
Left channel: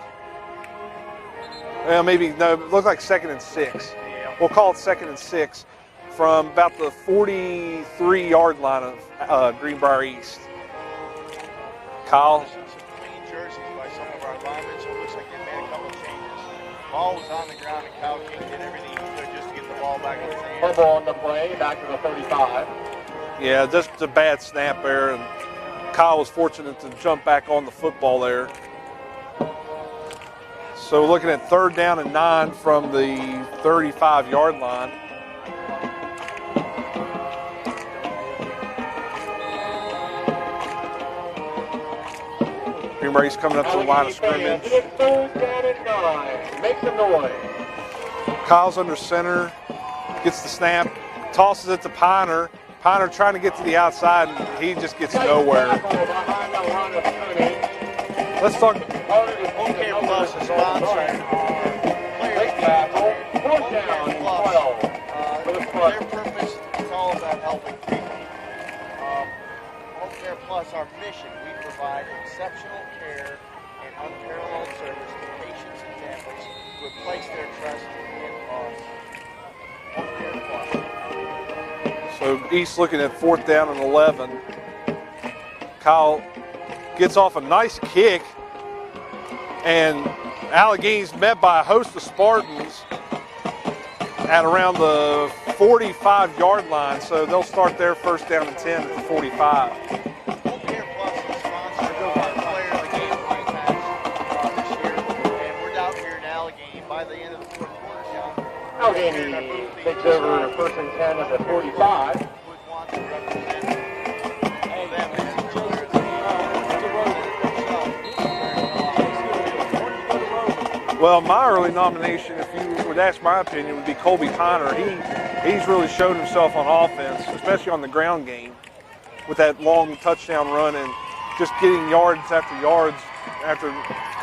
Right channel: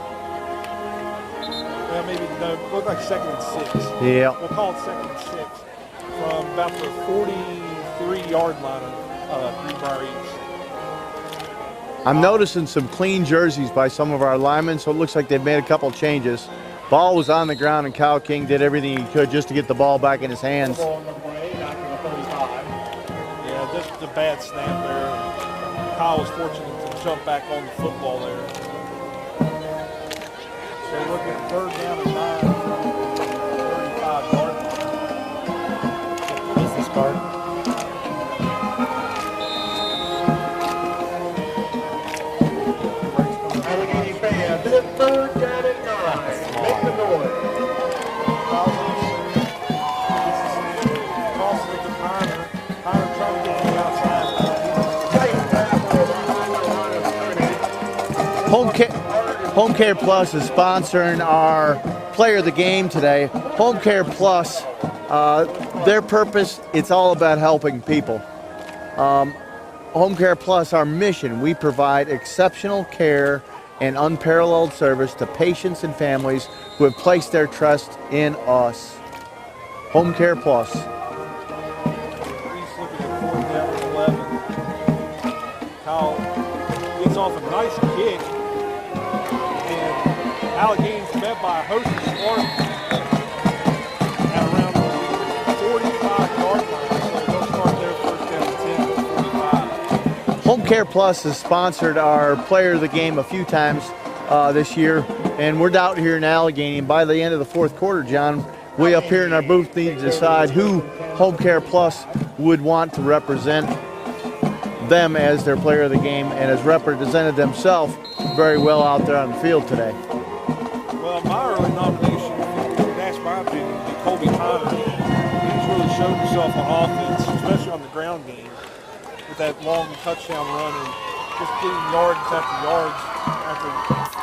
Maybe no, it looked like 2nd and 6. Yeah, we'll call it 2nd and 6 from about the 43-yard line of Greenbrier East. I'm noticing some clean jerseys by some of our linemen, so it looks like they've made a couple changes. Ball was on the ground, and Kyle King did everything he could just to get the ball back in his hands. Ball on the play, back to the 35. Yeah, just a bad snap there, and Kyle was fortunate to jump back on the football there. So we're looking at 3rd down and 9 from the 35-yard line. Greenbrier's coming up to the line of scrimmage. 3rd down and 9. Make the noise. Kyle's under center, gets the snap, tosses it to Piner. Piner trying to get to the outside, he just gets nowhere. Home Care Plus is sponsoring our player of the game today. Home Care Plus, their purpose, it's all about helping people. Home Care Plus, our mission, we provide exceptional care and unparalleled service to patients and families who have placed their trust in us. Home Care Plus. So East looking at 4th down and 11. Kyle gets off a nice kick, and Allegheny's met by a host of Spartans at around the 45-yard line, so they'll start their 1st down and 10 at the 45. Home Care Plus has sponsored our player of the game a few times this year, and we're out here in Allegheny, and by the end of the 4th quarter, John, we up here in our booth need to decide who Home Care Plus would want to represent them as their player of the game, and has represented themselves very well out there on the field today. Well, my early nomination, if you would ask my opinion, would be Colby Piner. He's really showed himself on offense, especially on the ground game, with that long touchdown run and just getting yards after yards after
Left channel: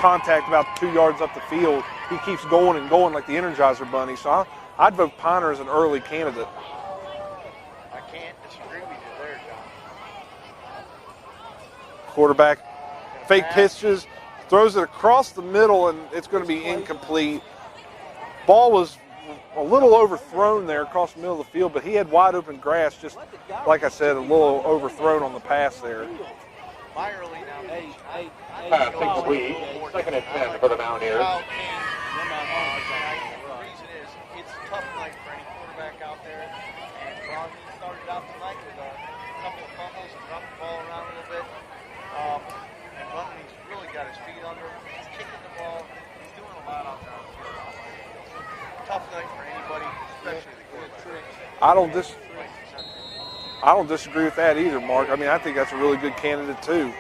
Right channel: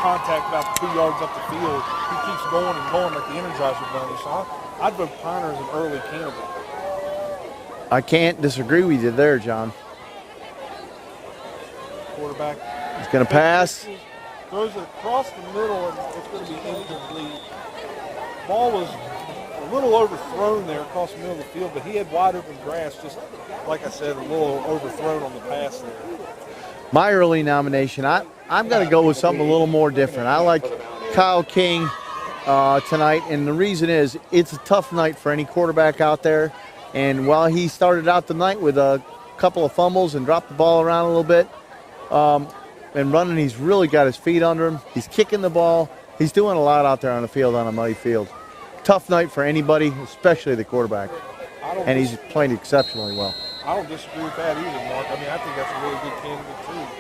contact about 2 yards up the field. He keeps going and going like the Energizer Bunny. So I'd vote Piner as an early candidate. I can't disagree with you there, John. Quarterback is going to fake pass. Pitches, throws it across the middle, and it's going to be incomplete. Ball was a little overthrown there across the middle of the field, but he had wide open grass, just like I said, a little overthrown on the pass there. My early nomination, I'm going to go with something a little more different. I like Kyle King tonight, and the reason is it's a tough night for any quarterback out there. And while he started out the night with a couple of fumbles and dropped the ball around a little bit and running, he's really got his feet under him. He's kicking the ball. He's doing a lot out there on the field, on a muddy field. Tough night for anybody, especially the quarterback. And he's playing exceptionally well. I don't disagree with that either, Mark. I mean, I think that's a really good candidate, too.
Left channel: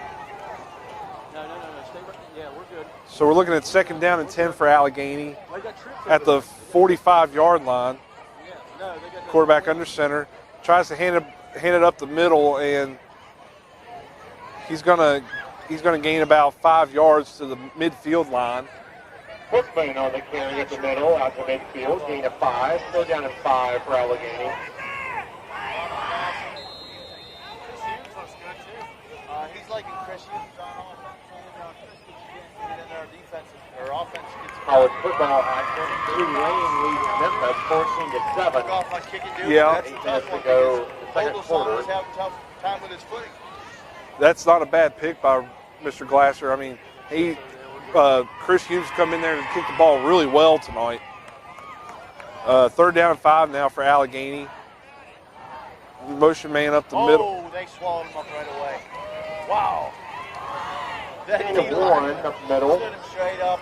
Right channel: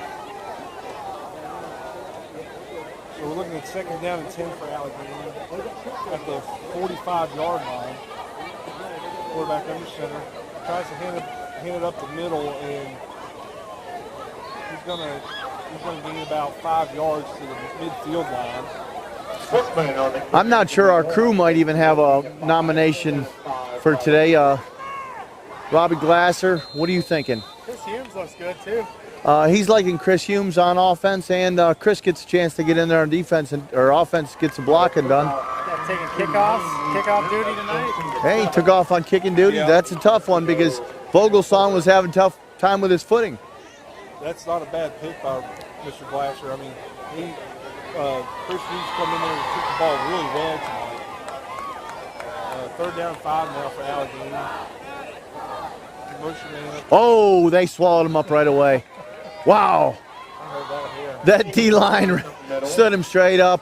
So we're looking at 2nd down and 10 for Allegheny at the 45-yard line. Quarterback under center, tries to hand it up the middle, and he's gonna gain about 5 yards to the midfield line. I'm not sure our crew might even have a nomination for today. Robbie Glasser, what are you thinking? Chris Humes looks good too. He's liking Chris Humes on offense, and Chris gets a chance to get in there on defense, or offense gets some blocking done. Kickoff duty tonight. Hey, he took off on kicking duty. Yeah. That's a tough one because Vogelsong was having a tough time with his footing. That's not a bad pick by Mr. Glasser. I mean, Chris Humes come in there and kick the ball really well tonight. 3rd down and 5 now for Allegheny. Motion man up the middle. Oh, they swallowed him up right away. Wow. That D-line stood him straight up.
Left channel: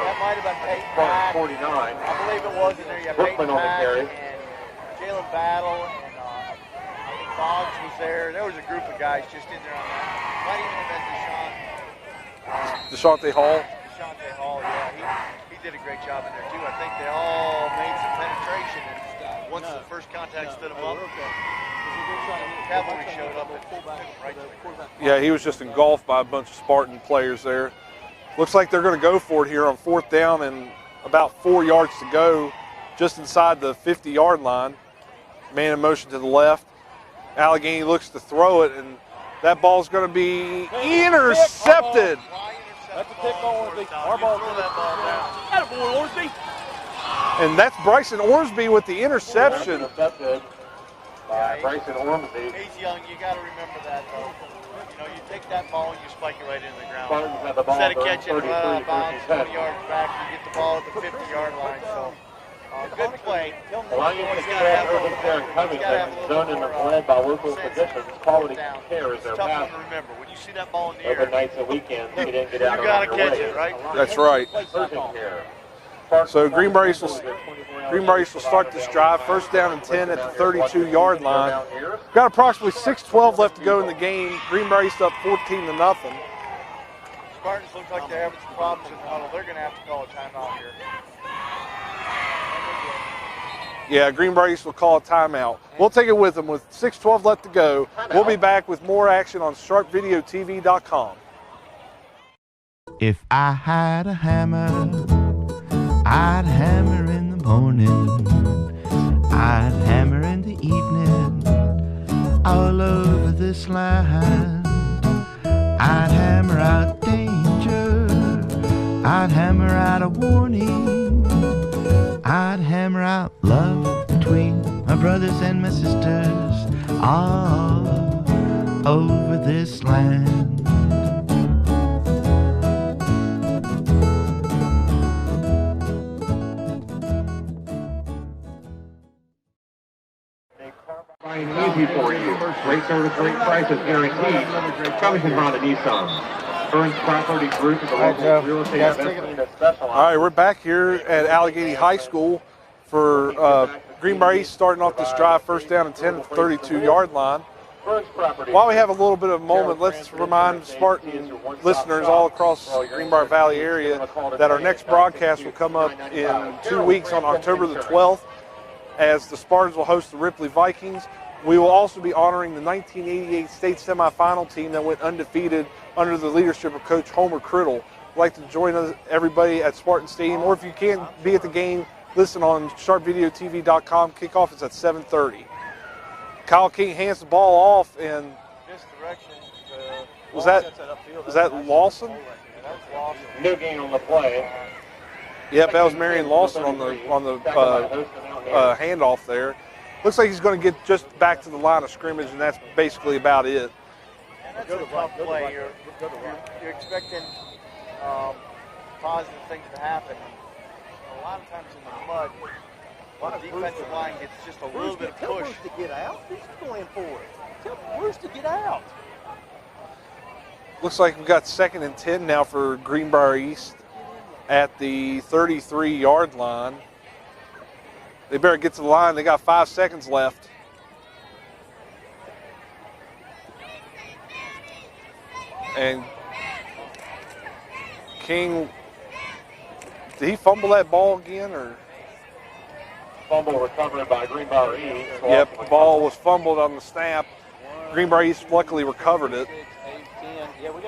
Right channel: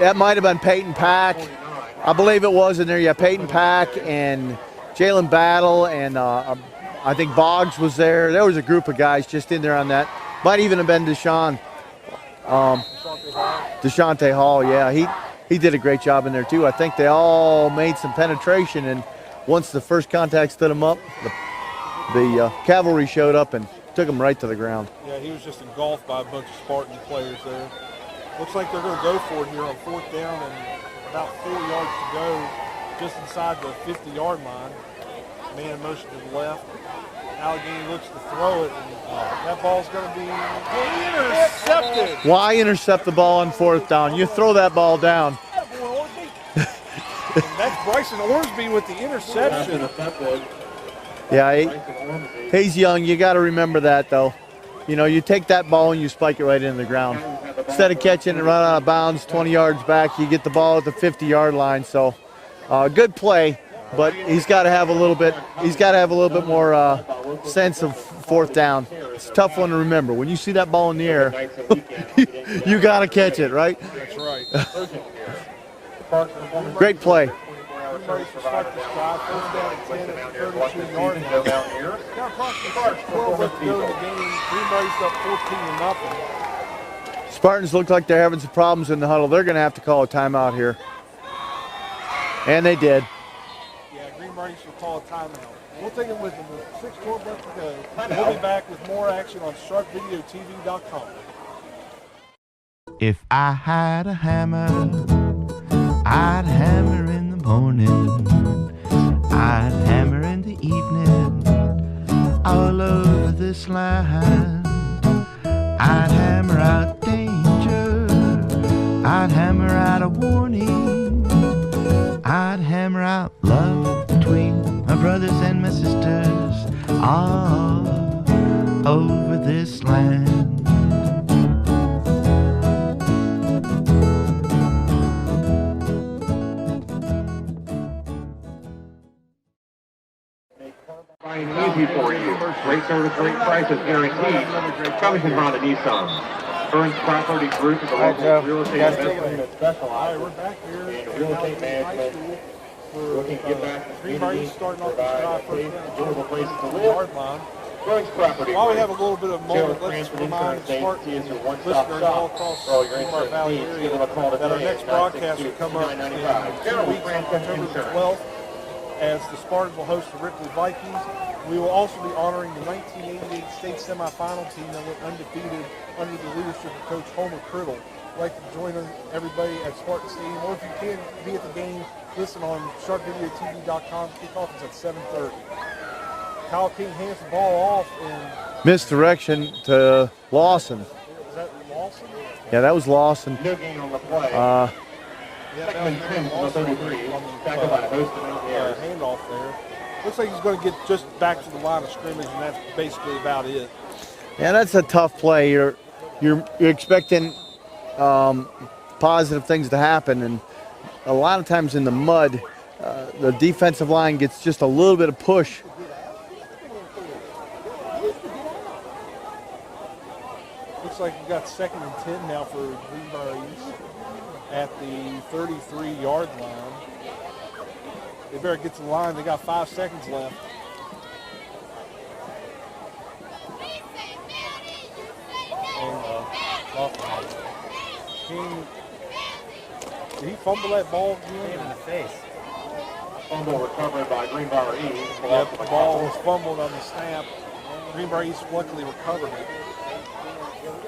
That might have been Peyton Pack. I believe it was in there. Yeah, Peyton Pack and Jalen Battle, and I think Boggs was there. There was a group of guys just in there on that. Might even have been Deshaun. Deshante Hall. Deshante Hall, yeah. He did a great job in there, too. I think they all made some penetration, and once the first contact stood him up, the cavalry showed up and took him right to the ground. Yeah, he was just engulfed by a bunch of Spartan players there. Looks like they're going to go for it here on 4th down and about 4 yards to go, just inside the 50-yard line. Man in motion to the left. Allegheny looks to throw it, and that ball's going to be intercepted. Why intercept the ball on 4th down? You throw that ball down. And that's Bryson Ormsby with the interception. Yeah, he's young. You got to remember that, though. You know, you take that ball and you spike it right into the ground. Instead of catching it right out of bounds 20 yards back, you get the ball at the 50-yard line. So, good play, but he's got to have a little bit. He's got to have a little bit more sense of 4th down. It's a tough one to remember. When you see that ball in the air, you got to catch it, right? That's right. So Greenbrier East will start this drive. 1st down and 10 at the 32-yard line. Got approximately 6:12 left to go in the game. Greenbrier East up 14-0. Spartans look like they're having some problems in the huddle. They're going to have to call a timeout here. And they did. Yeah, Greenbrier East will call a timeout. We'll take it with them with 6:12 left to go. We'll be back with more action on sharpvideotv.com. If I had a hammer, I'd hammer in the morning, I'd hammer in the evening, all over this land. I'd hammer out danger, I'd hammer out a warning, I'd hammer out love between my brothers and my sisters, all over this land. Easy for you. Great service, great prices guaranteed. Coming from Honda Nissan. Burns Property Group is a local real estate investment. All right, we're back here at Allegheny High School for Greenbrier East starting off this drive. 1st down and 10 at the 32-yard line. While we have a little bit of a moment, let's remind Spartan listeners all across the Greenbrier Valley area that our next broadcast will come up in 2 weeks on October the 12th as the Spartans will host the Ripley Vikings. We will also be honoring the 1988 state semifinal team that went undefeated under the leadership of Coach Homer Criddle. I'd like to join everybody at Spartan Stadium, or if you can't be at the game, listen on sharpvideotv.com. Kickoff is at 7:30. Kyle King hands the ball off and Misdirection to Lawson. Is that Lawson? Yeah, that was Lawson. Yep, that was Marion Lawson on the handoff there. Looks like he's going to get just back to the line of scrimmage, and that's basically about it. Yeah, that's a tough play. You're expecting positive things to happen, and a lot of times in the mud, the defensive line gets just a little bit of push. Looks like we've got 2nd and 10 now for Greenbrier East at the 33-yard line. They better get to the line. They got 5 seconds left. And King Did he fumble that ball again? Or? Fumble recovered by Greenbrier East. Yep, the ball was fumbled on the snap. Greenbrier East luckily recovered it.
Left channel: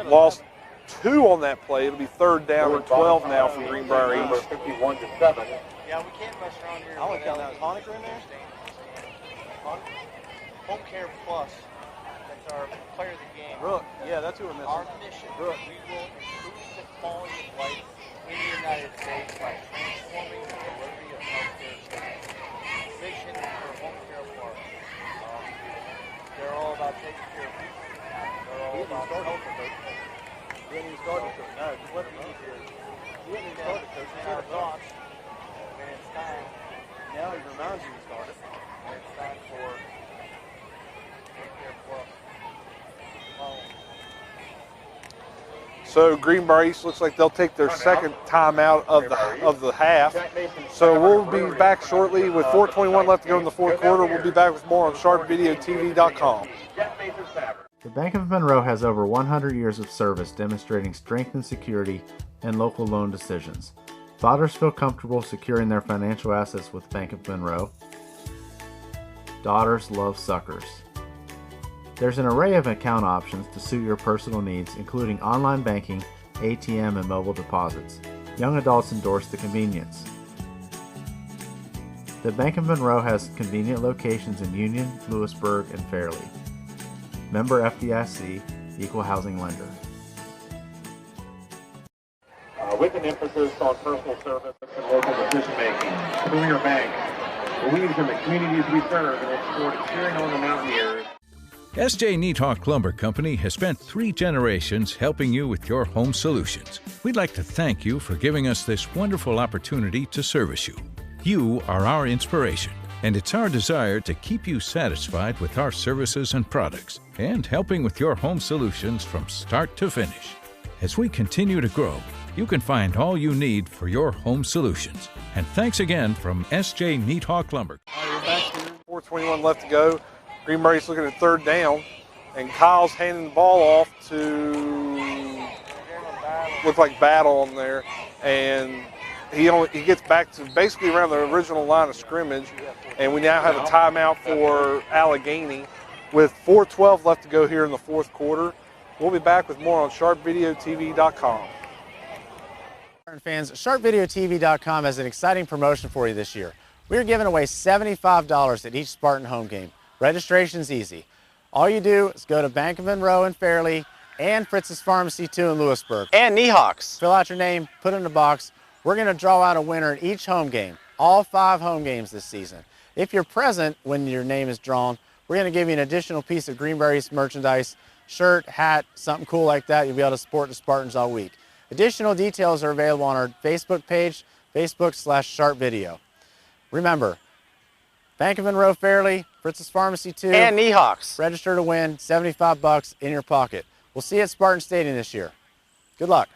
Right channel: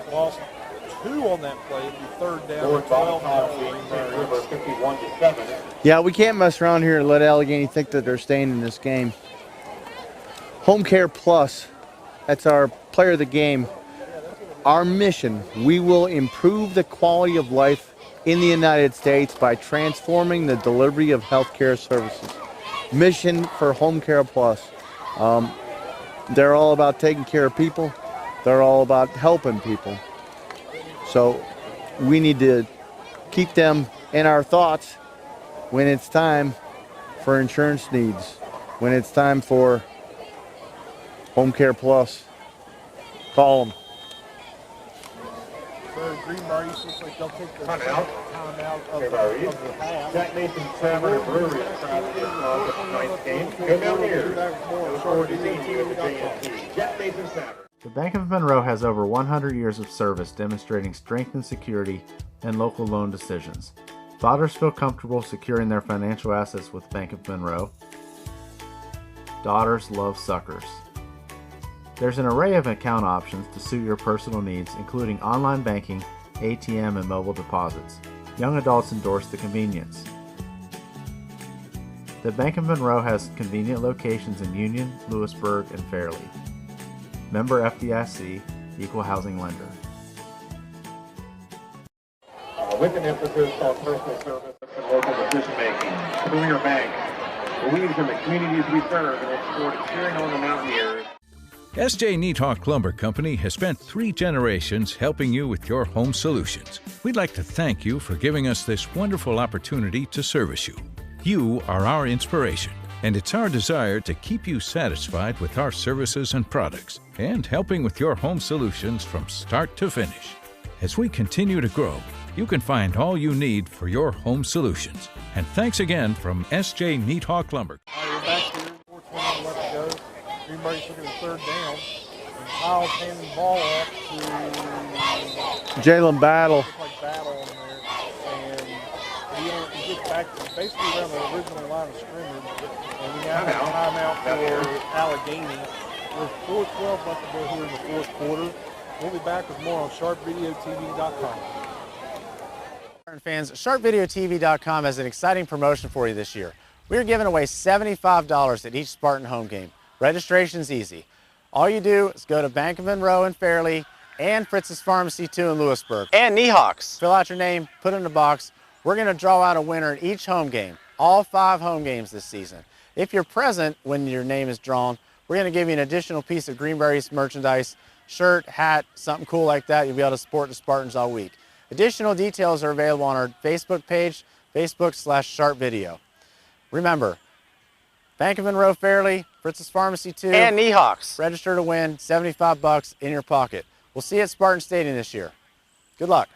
Lost 2 on that play. It'll be 3rd down and 12 now for Greenbrier East. Yeah, we can't mess around here and let Allegheny think that they're staying in this game. Home Care Plus, that's our player of the game. Our mission, we will improve the quality of life in the United States by transforming the delivery of healthcare services. Mission for Home Care Plus. They're all about taking care of people. They're all about helping people. So we need to keep them in our thoughts when it's time for insurance needs, when it's time for Home Care Plus. Call them. So Greenbrier East looks like they'll take their second timeout of the half. So we'll be back shortly with 4:21 left to go in the fourth quarter. We'll be back with more on sharpvideotv.com. The Bank of Monroe has over 100 years of service demonstrating strength and security in local loan decisions. Fathers feel comfortable securing their financial assets with Bank of Monroe. Daughters love suckers. There's an array of account options to suit your personal needs, including online banking, ATM, and mobile deposits. Young adults endorse the convenience. The Bank of Monroe has convenient locations in Union, Lewisburg, and Fairleigh. Member FDIC, Equal Housing Lender. With an emphasis on personal service and local decision-making, Career Bank believes in the communities we serve and looks forward to cheering on the Mountaineers. S.J. Neathawk Lumber Company has spent 3 generations helping you with your home solutions. We'd like to thank you for giving us this wonderful opportunity to service you. You are our inspiration, and it's our desire to keep you satisfied with our services and products and helping with your home solutions from start to finish. As we continue to grow, you can find all you need for your home solutions. And thanks again from S.J. Neathawk Lumber. All right, we're back here. 4:21 left to go. Greenbrier East looking at 3rd down, and Kyle's handing the ball off to Jalen Battle. Looks like Battle on there, and he gets back to basically around the original line of scrimmage, and we now have a timeout for Allegheny with 4:12 left to go here in the fourth quarter. We'll be back with more on sharpvideotv.com. Fans, sharpvideotv.com has an exciting promotion for you this year. We are giving away $75 at each Spartan home game. Registration's easy. All you do is go to Bank of Monroe in Fairleigh and Fritz's Pharmacy 2 in Lewisburg. And Neahawks. Fill out your name, put it in a box. We're going to draw out a winner in each home game, all 5 home games this season. If you're present when your name is drawn, we're going to give you an additional piece of Greenbrier East merchandise, shirt, hat, something cool like that. You'll be able to support the Spartans all week. Additional details are available on our Facebook page, Facebook/SharpVideo. Remember, Bank of Monroe Fairleigh, Fritz's Pharmacy 2, and Neahawks. Register to win, $75 in your pocket. We'll see you at Spartan Stadium this year. Good luck.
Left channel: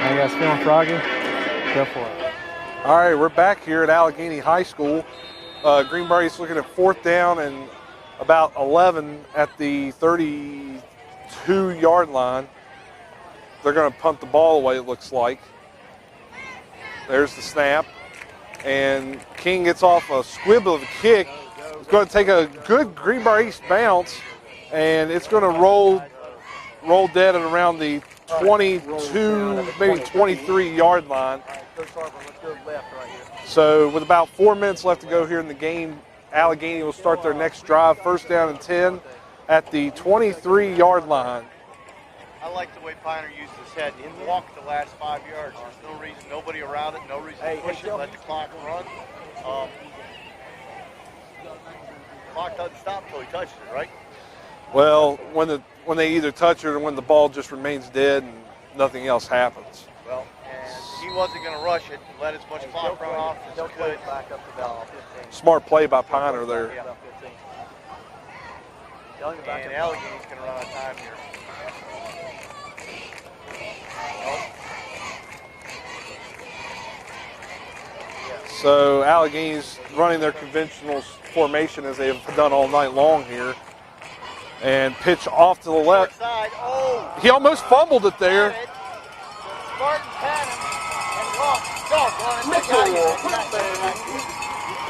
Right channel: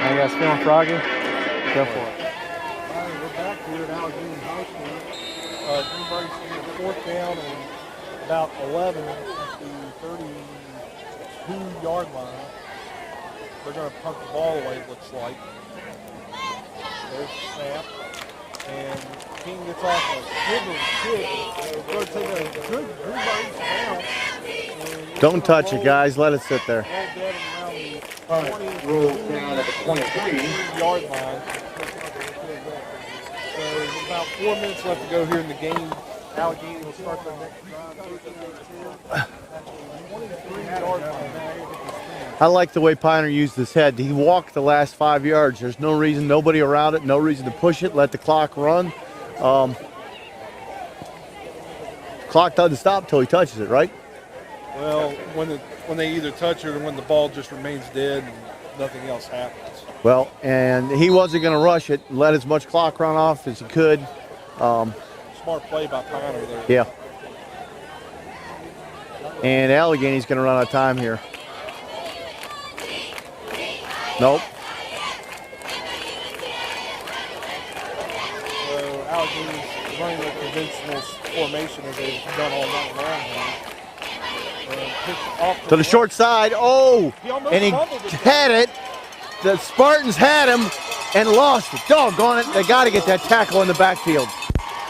Are you guys feeling froggy? Go for it. All right, we're back here at Allegheny High School. Greenbrier is looking at 4th down and about 11 at the 32-yard line. They're going to punt the ball away, it looks like. There's the snap. And King gets off a swivel of a kick. It's going to take a good Greenbrier East bounce. And it's going to roll. Don't touch it, guys. Let it sit there. Roll dead at around the 22, maybe 23-yard line. So with about 4 minutes left to go here in the game, Allegheny will start their next drive, 1st down and 10 at the 23-yard line. I like the way Piner used his head. He walked the last 5 yards. There's no reason, nobody around it, no reason to push it, let the clock run. Clock doesn't stop until he touches it, right? Well, when they either touch it or when the ball just remains dead and nothing else happens. Well, and he wasn't going to rush it, let as much clock run off as he could. Smart play by Piner there. Yeah. And Allegheny's going to run out of time here. Nope. So Allegheny's running their conventional formation as they have done all night long here. And pitch off to the left. short side. Oh! He almost fumbled it there. Had it. The Spartans had him and lost it. Doggone it. They got to get that tackle in the backfield.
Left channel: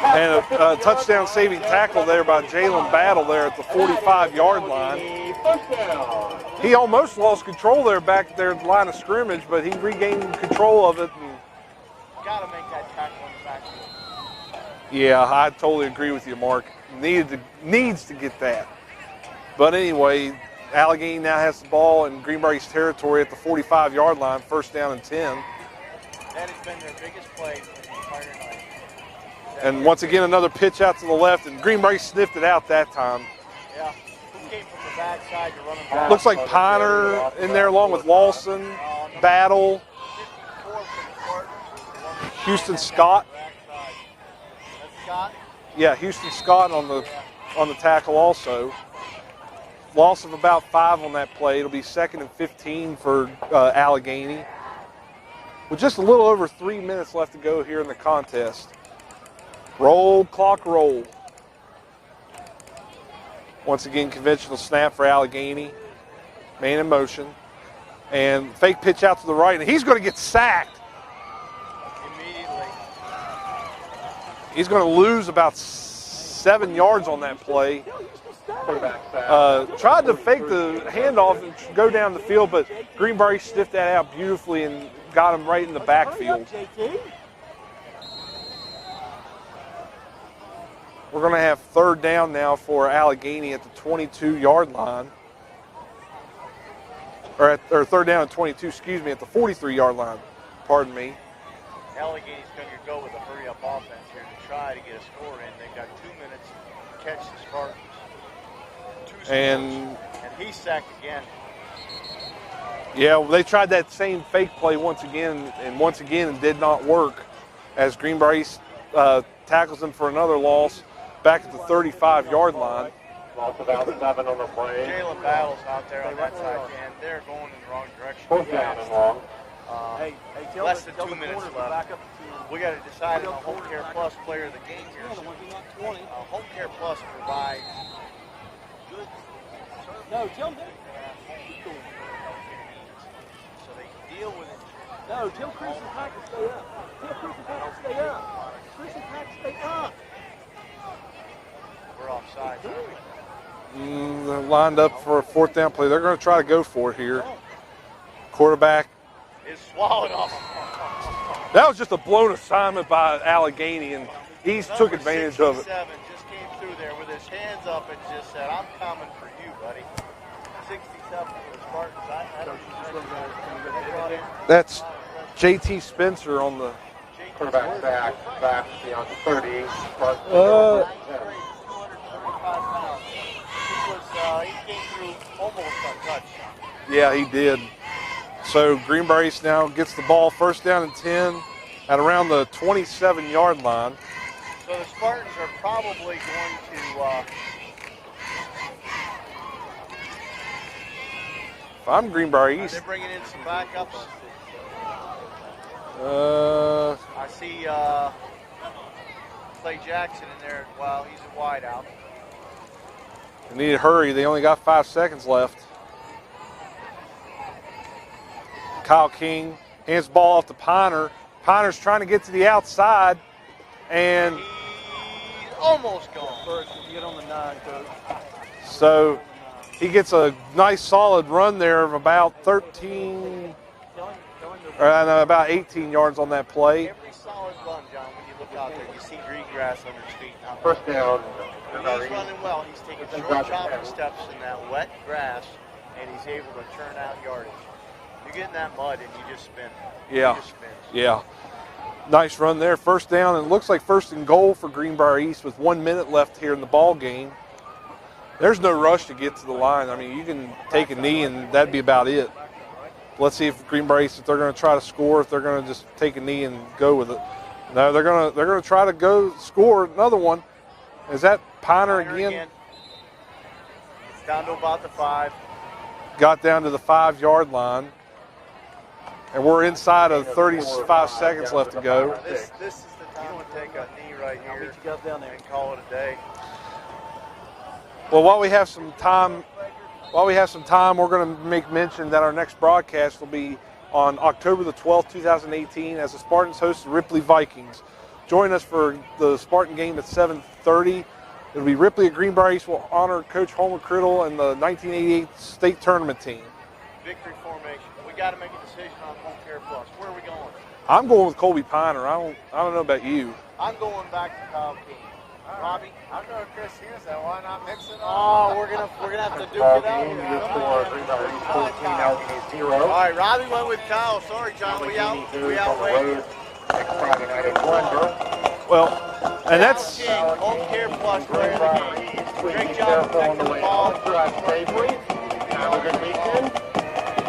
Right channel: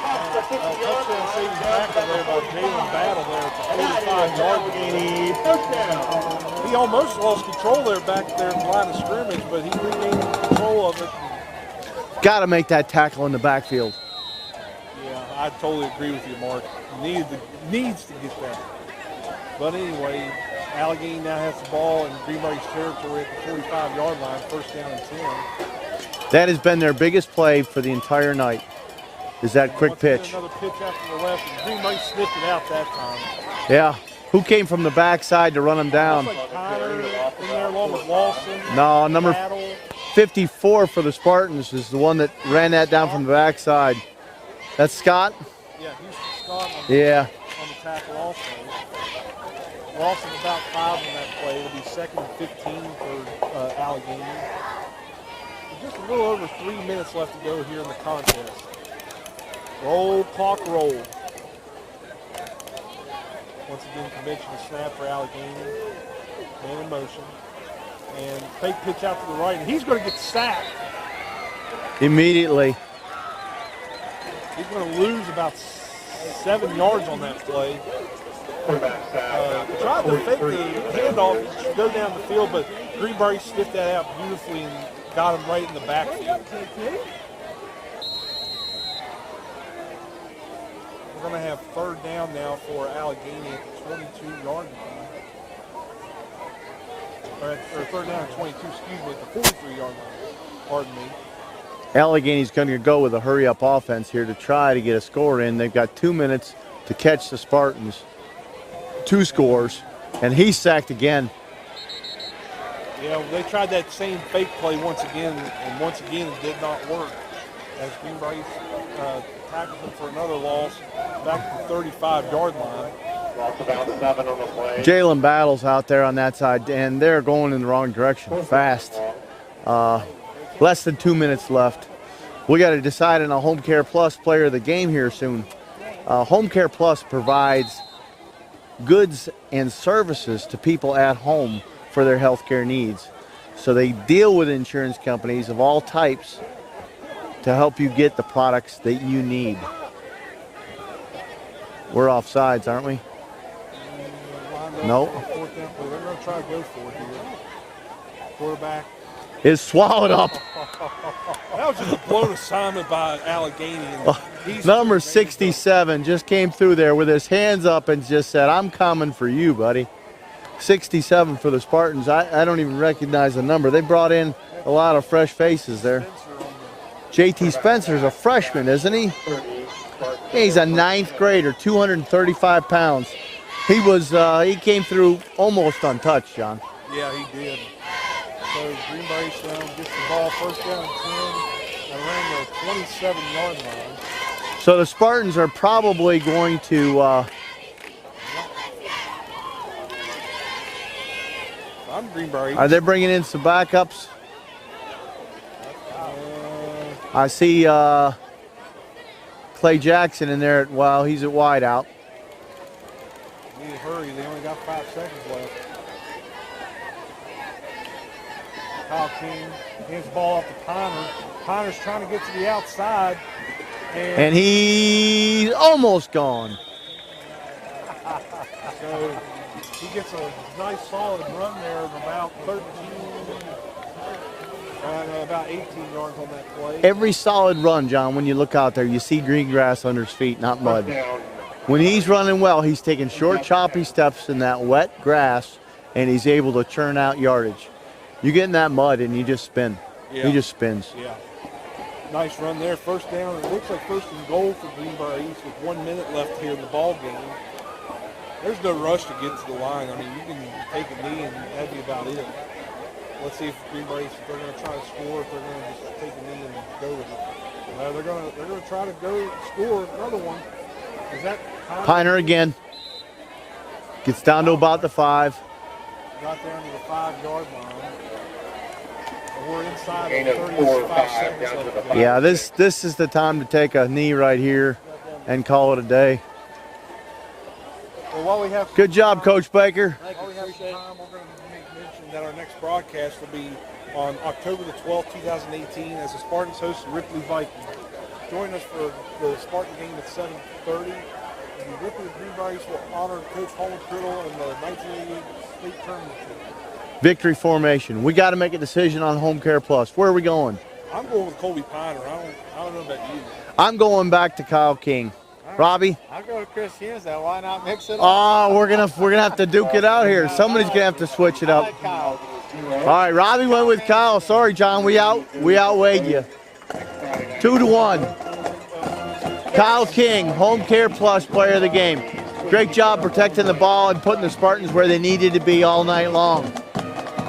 And a touchdown saving tackle there by Jalen Battle there at the 45-yard line. He almost lost control there back there at the line of scrimmage, but he regained control of it. Got to make that tackle in the backfield. Yeah, I totally agree with you, Mark. Needs to get that. But anyway, Allegheny now has the ball in Greenbrier East territory at the 45-yard line, first down and 10. That has been their biggest play for the entire night. Is that and quick once pitch. Again, another pitch out to the left, and Greenbrier sniffed it out that time. Yeah. Who came from the backside to run them down? Looks like Piner in there along with Lawson. No, number Battle. 54 for the Spartans is the one that Houston ran that down Scott. from the backside. That's Scott? Yeah, Houston Scott on the tackle also. Loss of about 5 on that play. It'll be 2nd and 15 for Allegheny. With just a little over 3 minutes left to go here in the contest. Roll, clock, roll. Once again, conventional snap for Allegheny. Man in motion. And fake pitch out to the right. And he's going to get sacked. Immediately. He's going to lose about 7 yards on that play. Tried to fake the handoff and go down the field, but Greenbrier sniffed that out beautifully and got him right in the backfield. We're going to have 3rd down now for Allegheny at the 22-yard line. Or 3rd down and 22, excuse me, at the 43-yard line. Pardon me. Allegheny's going to go with a hurry-up offense here to try to get a score in. They've got 2 minutes to catch the Spartans. 2 scores, and he's sacked again. Yeah, well, they tried that same fake play once again, it did not work as Greenbrier East tackles him for another loss back at the 35-yard line. Jalen Battle's out there on that side, and they're going in the wrong direction fast. Less than 2 minutes left. We got to decide on a Home Care Plus player of the game here soon. Home Care Plus provides goods and services to people at home for their health care needs. So they deal with insurance companies of all types to help you get the products that you need. We're off sides, aren't we? They're lined up for a 4th down play. They're going to try to go for it here. Quarterback is swallowed up. That was just a blown assignment by Allegheny. And he's number 67 just came through there with his hands up and just said, I'm coming for you, buddy. 67 for the Spartans. I don't even recognize the number. They brought in a lot of fresh faces there. Spencer on the JT Spencer's a freshman, isn't he? He's a 9th grader, 235 pounds. He came through almost untouched, John. Yeah, he did. So Greenbrier East now gets the ball 1st down and 10 at around the 27-yard line. So the Spartans are probably going to I'm Greenbrier East. Are they bringing in some backups? I see Clay Jackson in there. He's at wide out. Need to hurry. They only got 5 seconds left. Kyle King hands the ball off to Piner. Piner's trying to get to the outside. And he's almost gone. So he gets a nice solid run there of about 18 yards on that play. Every solid run, John, when you look out there, you see green grass under his feet, not mud. When he's running well, he's taking short, choppy steps in that wet grass, and he's able to churn out yardage. You get in that mud, and you just spin. Yeah. He just spins. Yeah. Nice run there. 1st down, and it looks like 1st and goal for Greenbrier East with 1 minute left here in the ball game. There's no rush to get to the line. I mean, you can take a knee, and that'd be about it. Let's see if Greenbrier East, if they're going to try to score, if they're going to just take a knee and go with it. No, they're going to try to go score another one. Is that Piner again? Gets down to about the 5. Got down to the 5-yard line. And we're inside of 35 seconds left to go. Yeah, this is the time to take a knee right here and call it a day. Well, while we have some Good job, time, Coach Baker. While we have some time, we're going to make mention that our next broadcast will be on October the 12th, 2018, as the Spartans host the Ripley Vikings. Join us for the Spartan game at 7:30. It'll be Ripley at Greenbrier East will honor Coach Holman Criddle and the 1988 state tournament team. Victory formation. We got to make a decision on Home Care Plus. Where are we going? I'm going with Colby Piner. I don't know about you. I'm going back to Kyle King. Robbie? I'll go with Chris Hughes, though. Why not mix it up? Oh, we're gonna have to duke it out here. Somebody's gonna have to switch it up. All right, Robbie went with Kyle. Sorry, John, we outweighed you. 2-1. Well, Kyle King, Home Care Plus player of the game. Great job protecting the ball and putting the Spartans where they needed to be all night long.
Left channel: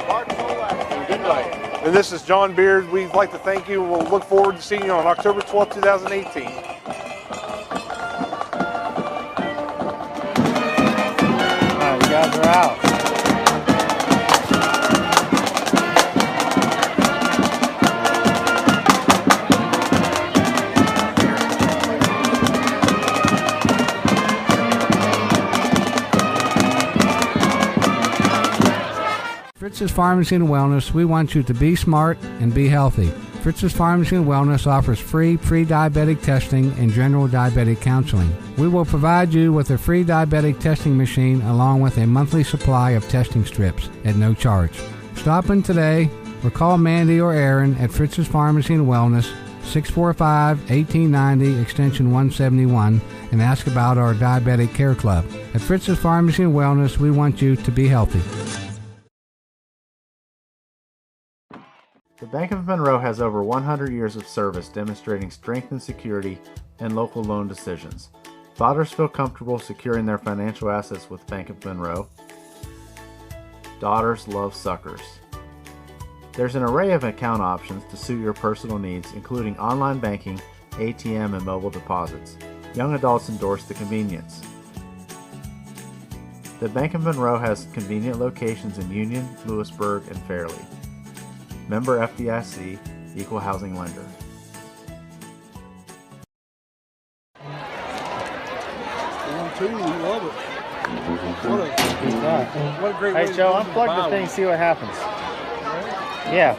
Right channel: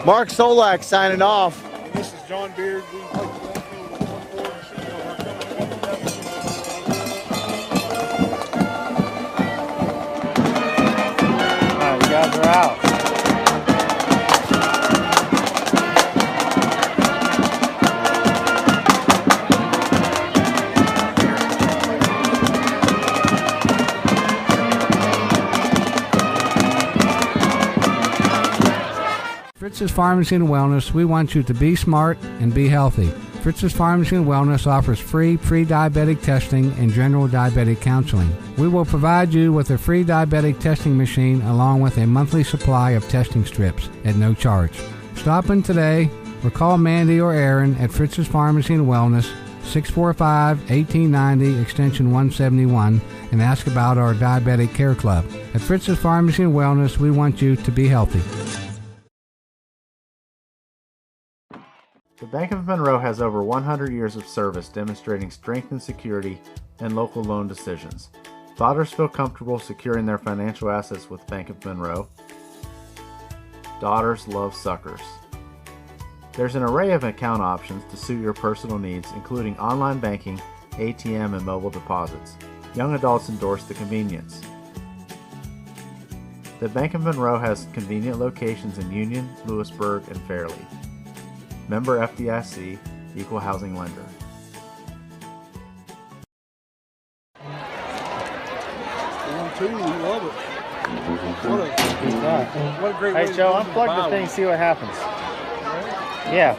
Mark Solak signing off. And this is John Beard. We'd like to thank you. We'll look forward to seeing you on October 12th, 2018. You guys are out. Fritz's Pharmacy and Wellness, we want you to be smart and be healthy. Fritz's Pharmacy and Wellness offers free pre-diabetic testing and general diabetic counseling. We will provide you with a free diabetic testing machine along with a monthly supply of testing strips at no charge. Stop in today or call Mandy or Aaron at Fritz's Pharmacy and Wellness, 645-1890, extension 171, and ask about our Diabetic Care Club. At Fritz's Pharmacy and Wellness, we want you to be healthy. The Bank of Monroe has over 100 years of service demonstrating strength and security in local loan decisions. Fathers feel comfortable securing their financial assets with Bank of Monroe. Daughters love suckers. There's an array of account options to suit your personal needs, including online banking, ATM, and mobile deposits. Young adults endorse the convenience. The Bank of Monroe has convenient locations in Union, Lewisburg, and Fairleigh. Member FDIC, Equal Housing Lender. We love it. What a great way Hey, to Joe, use the unplug the Bible. thing, see what happens. Yeah.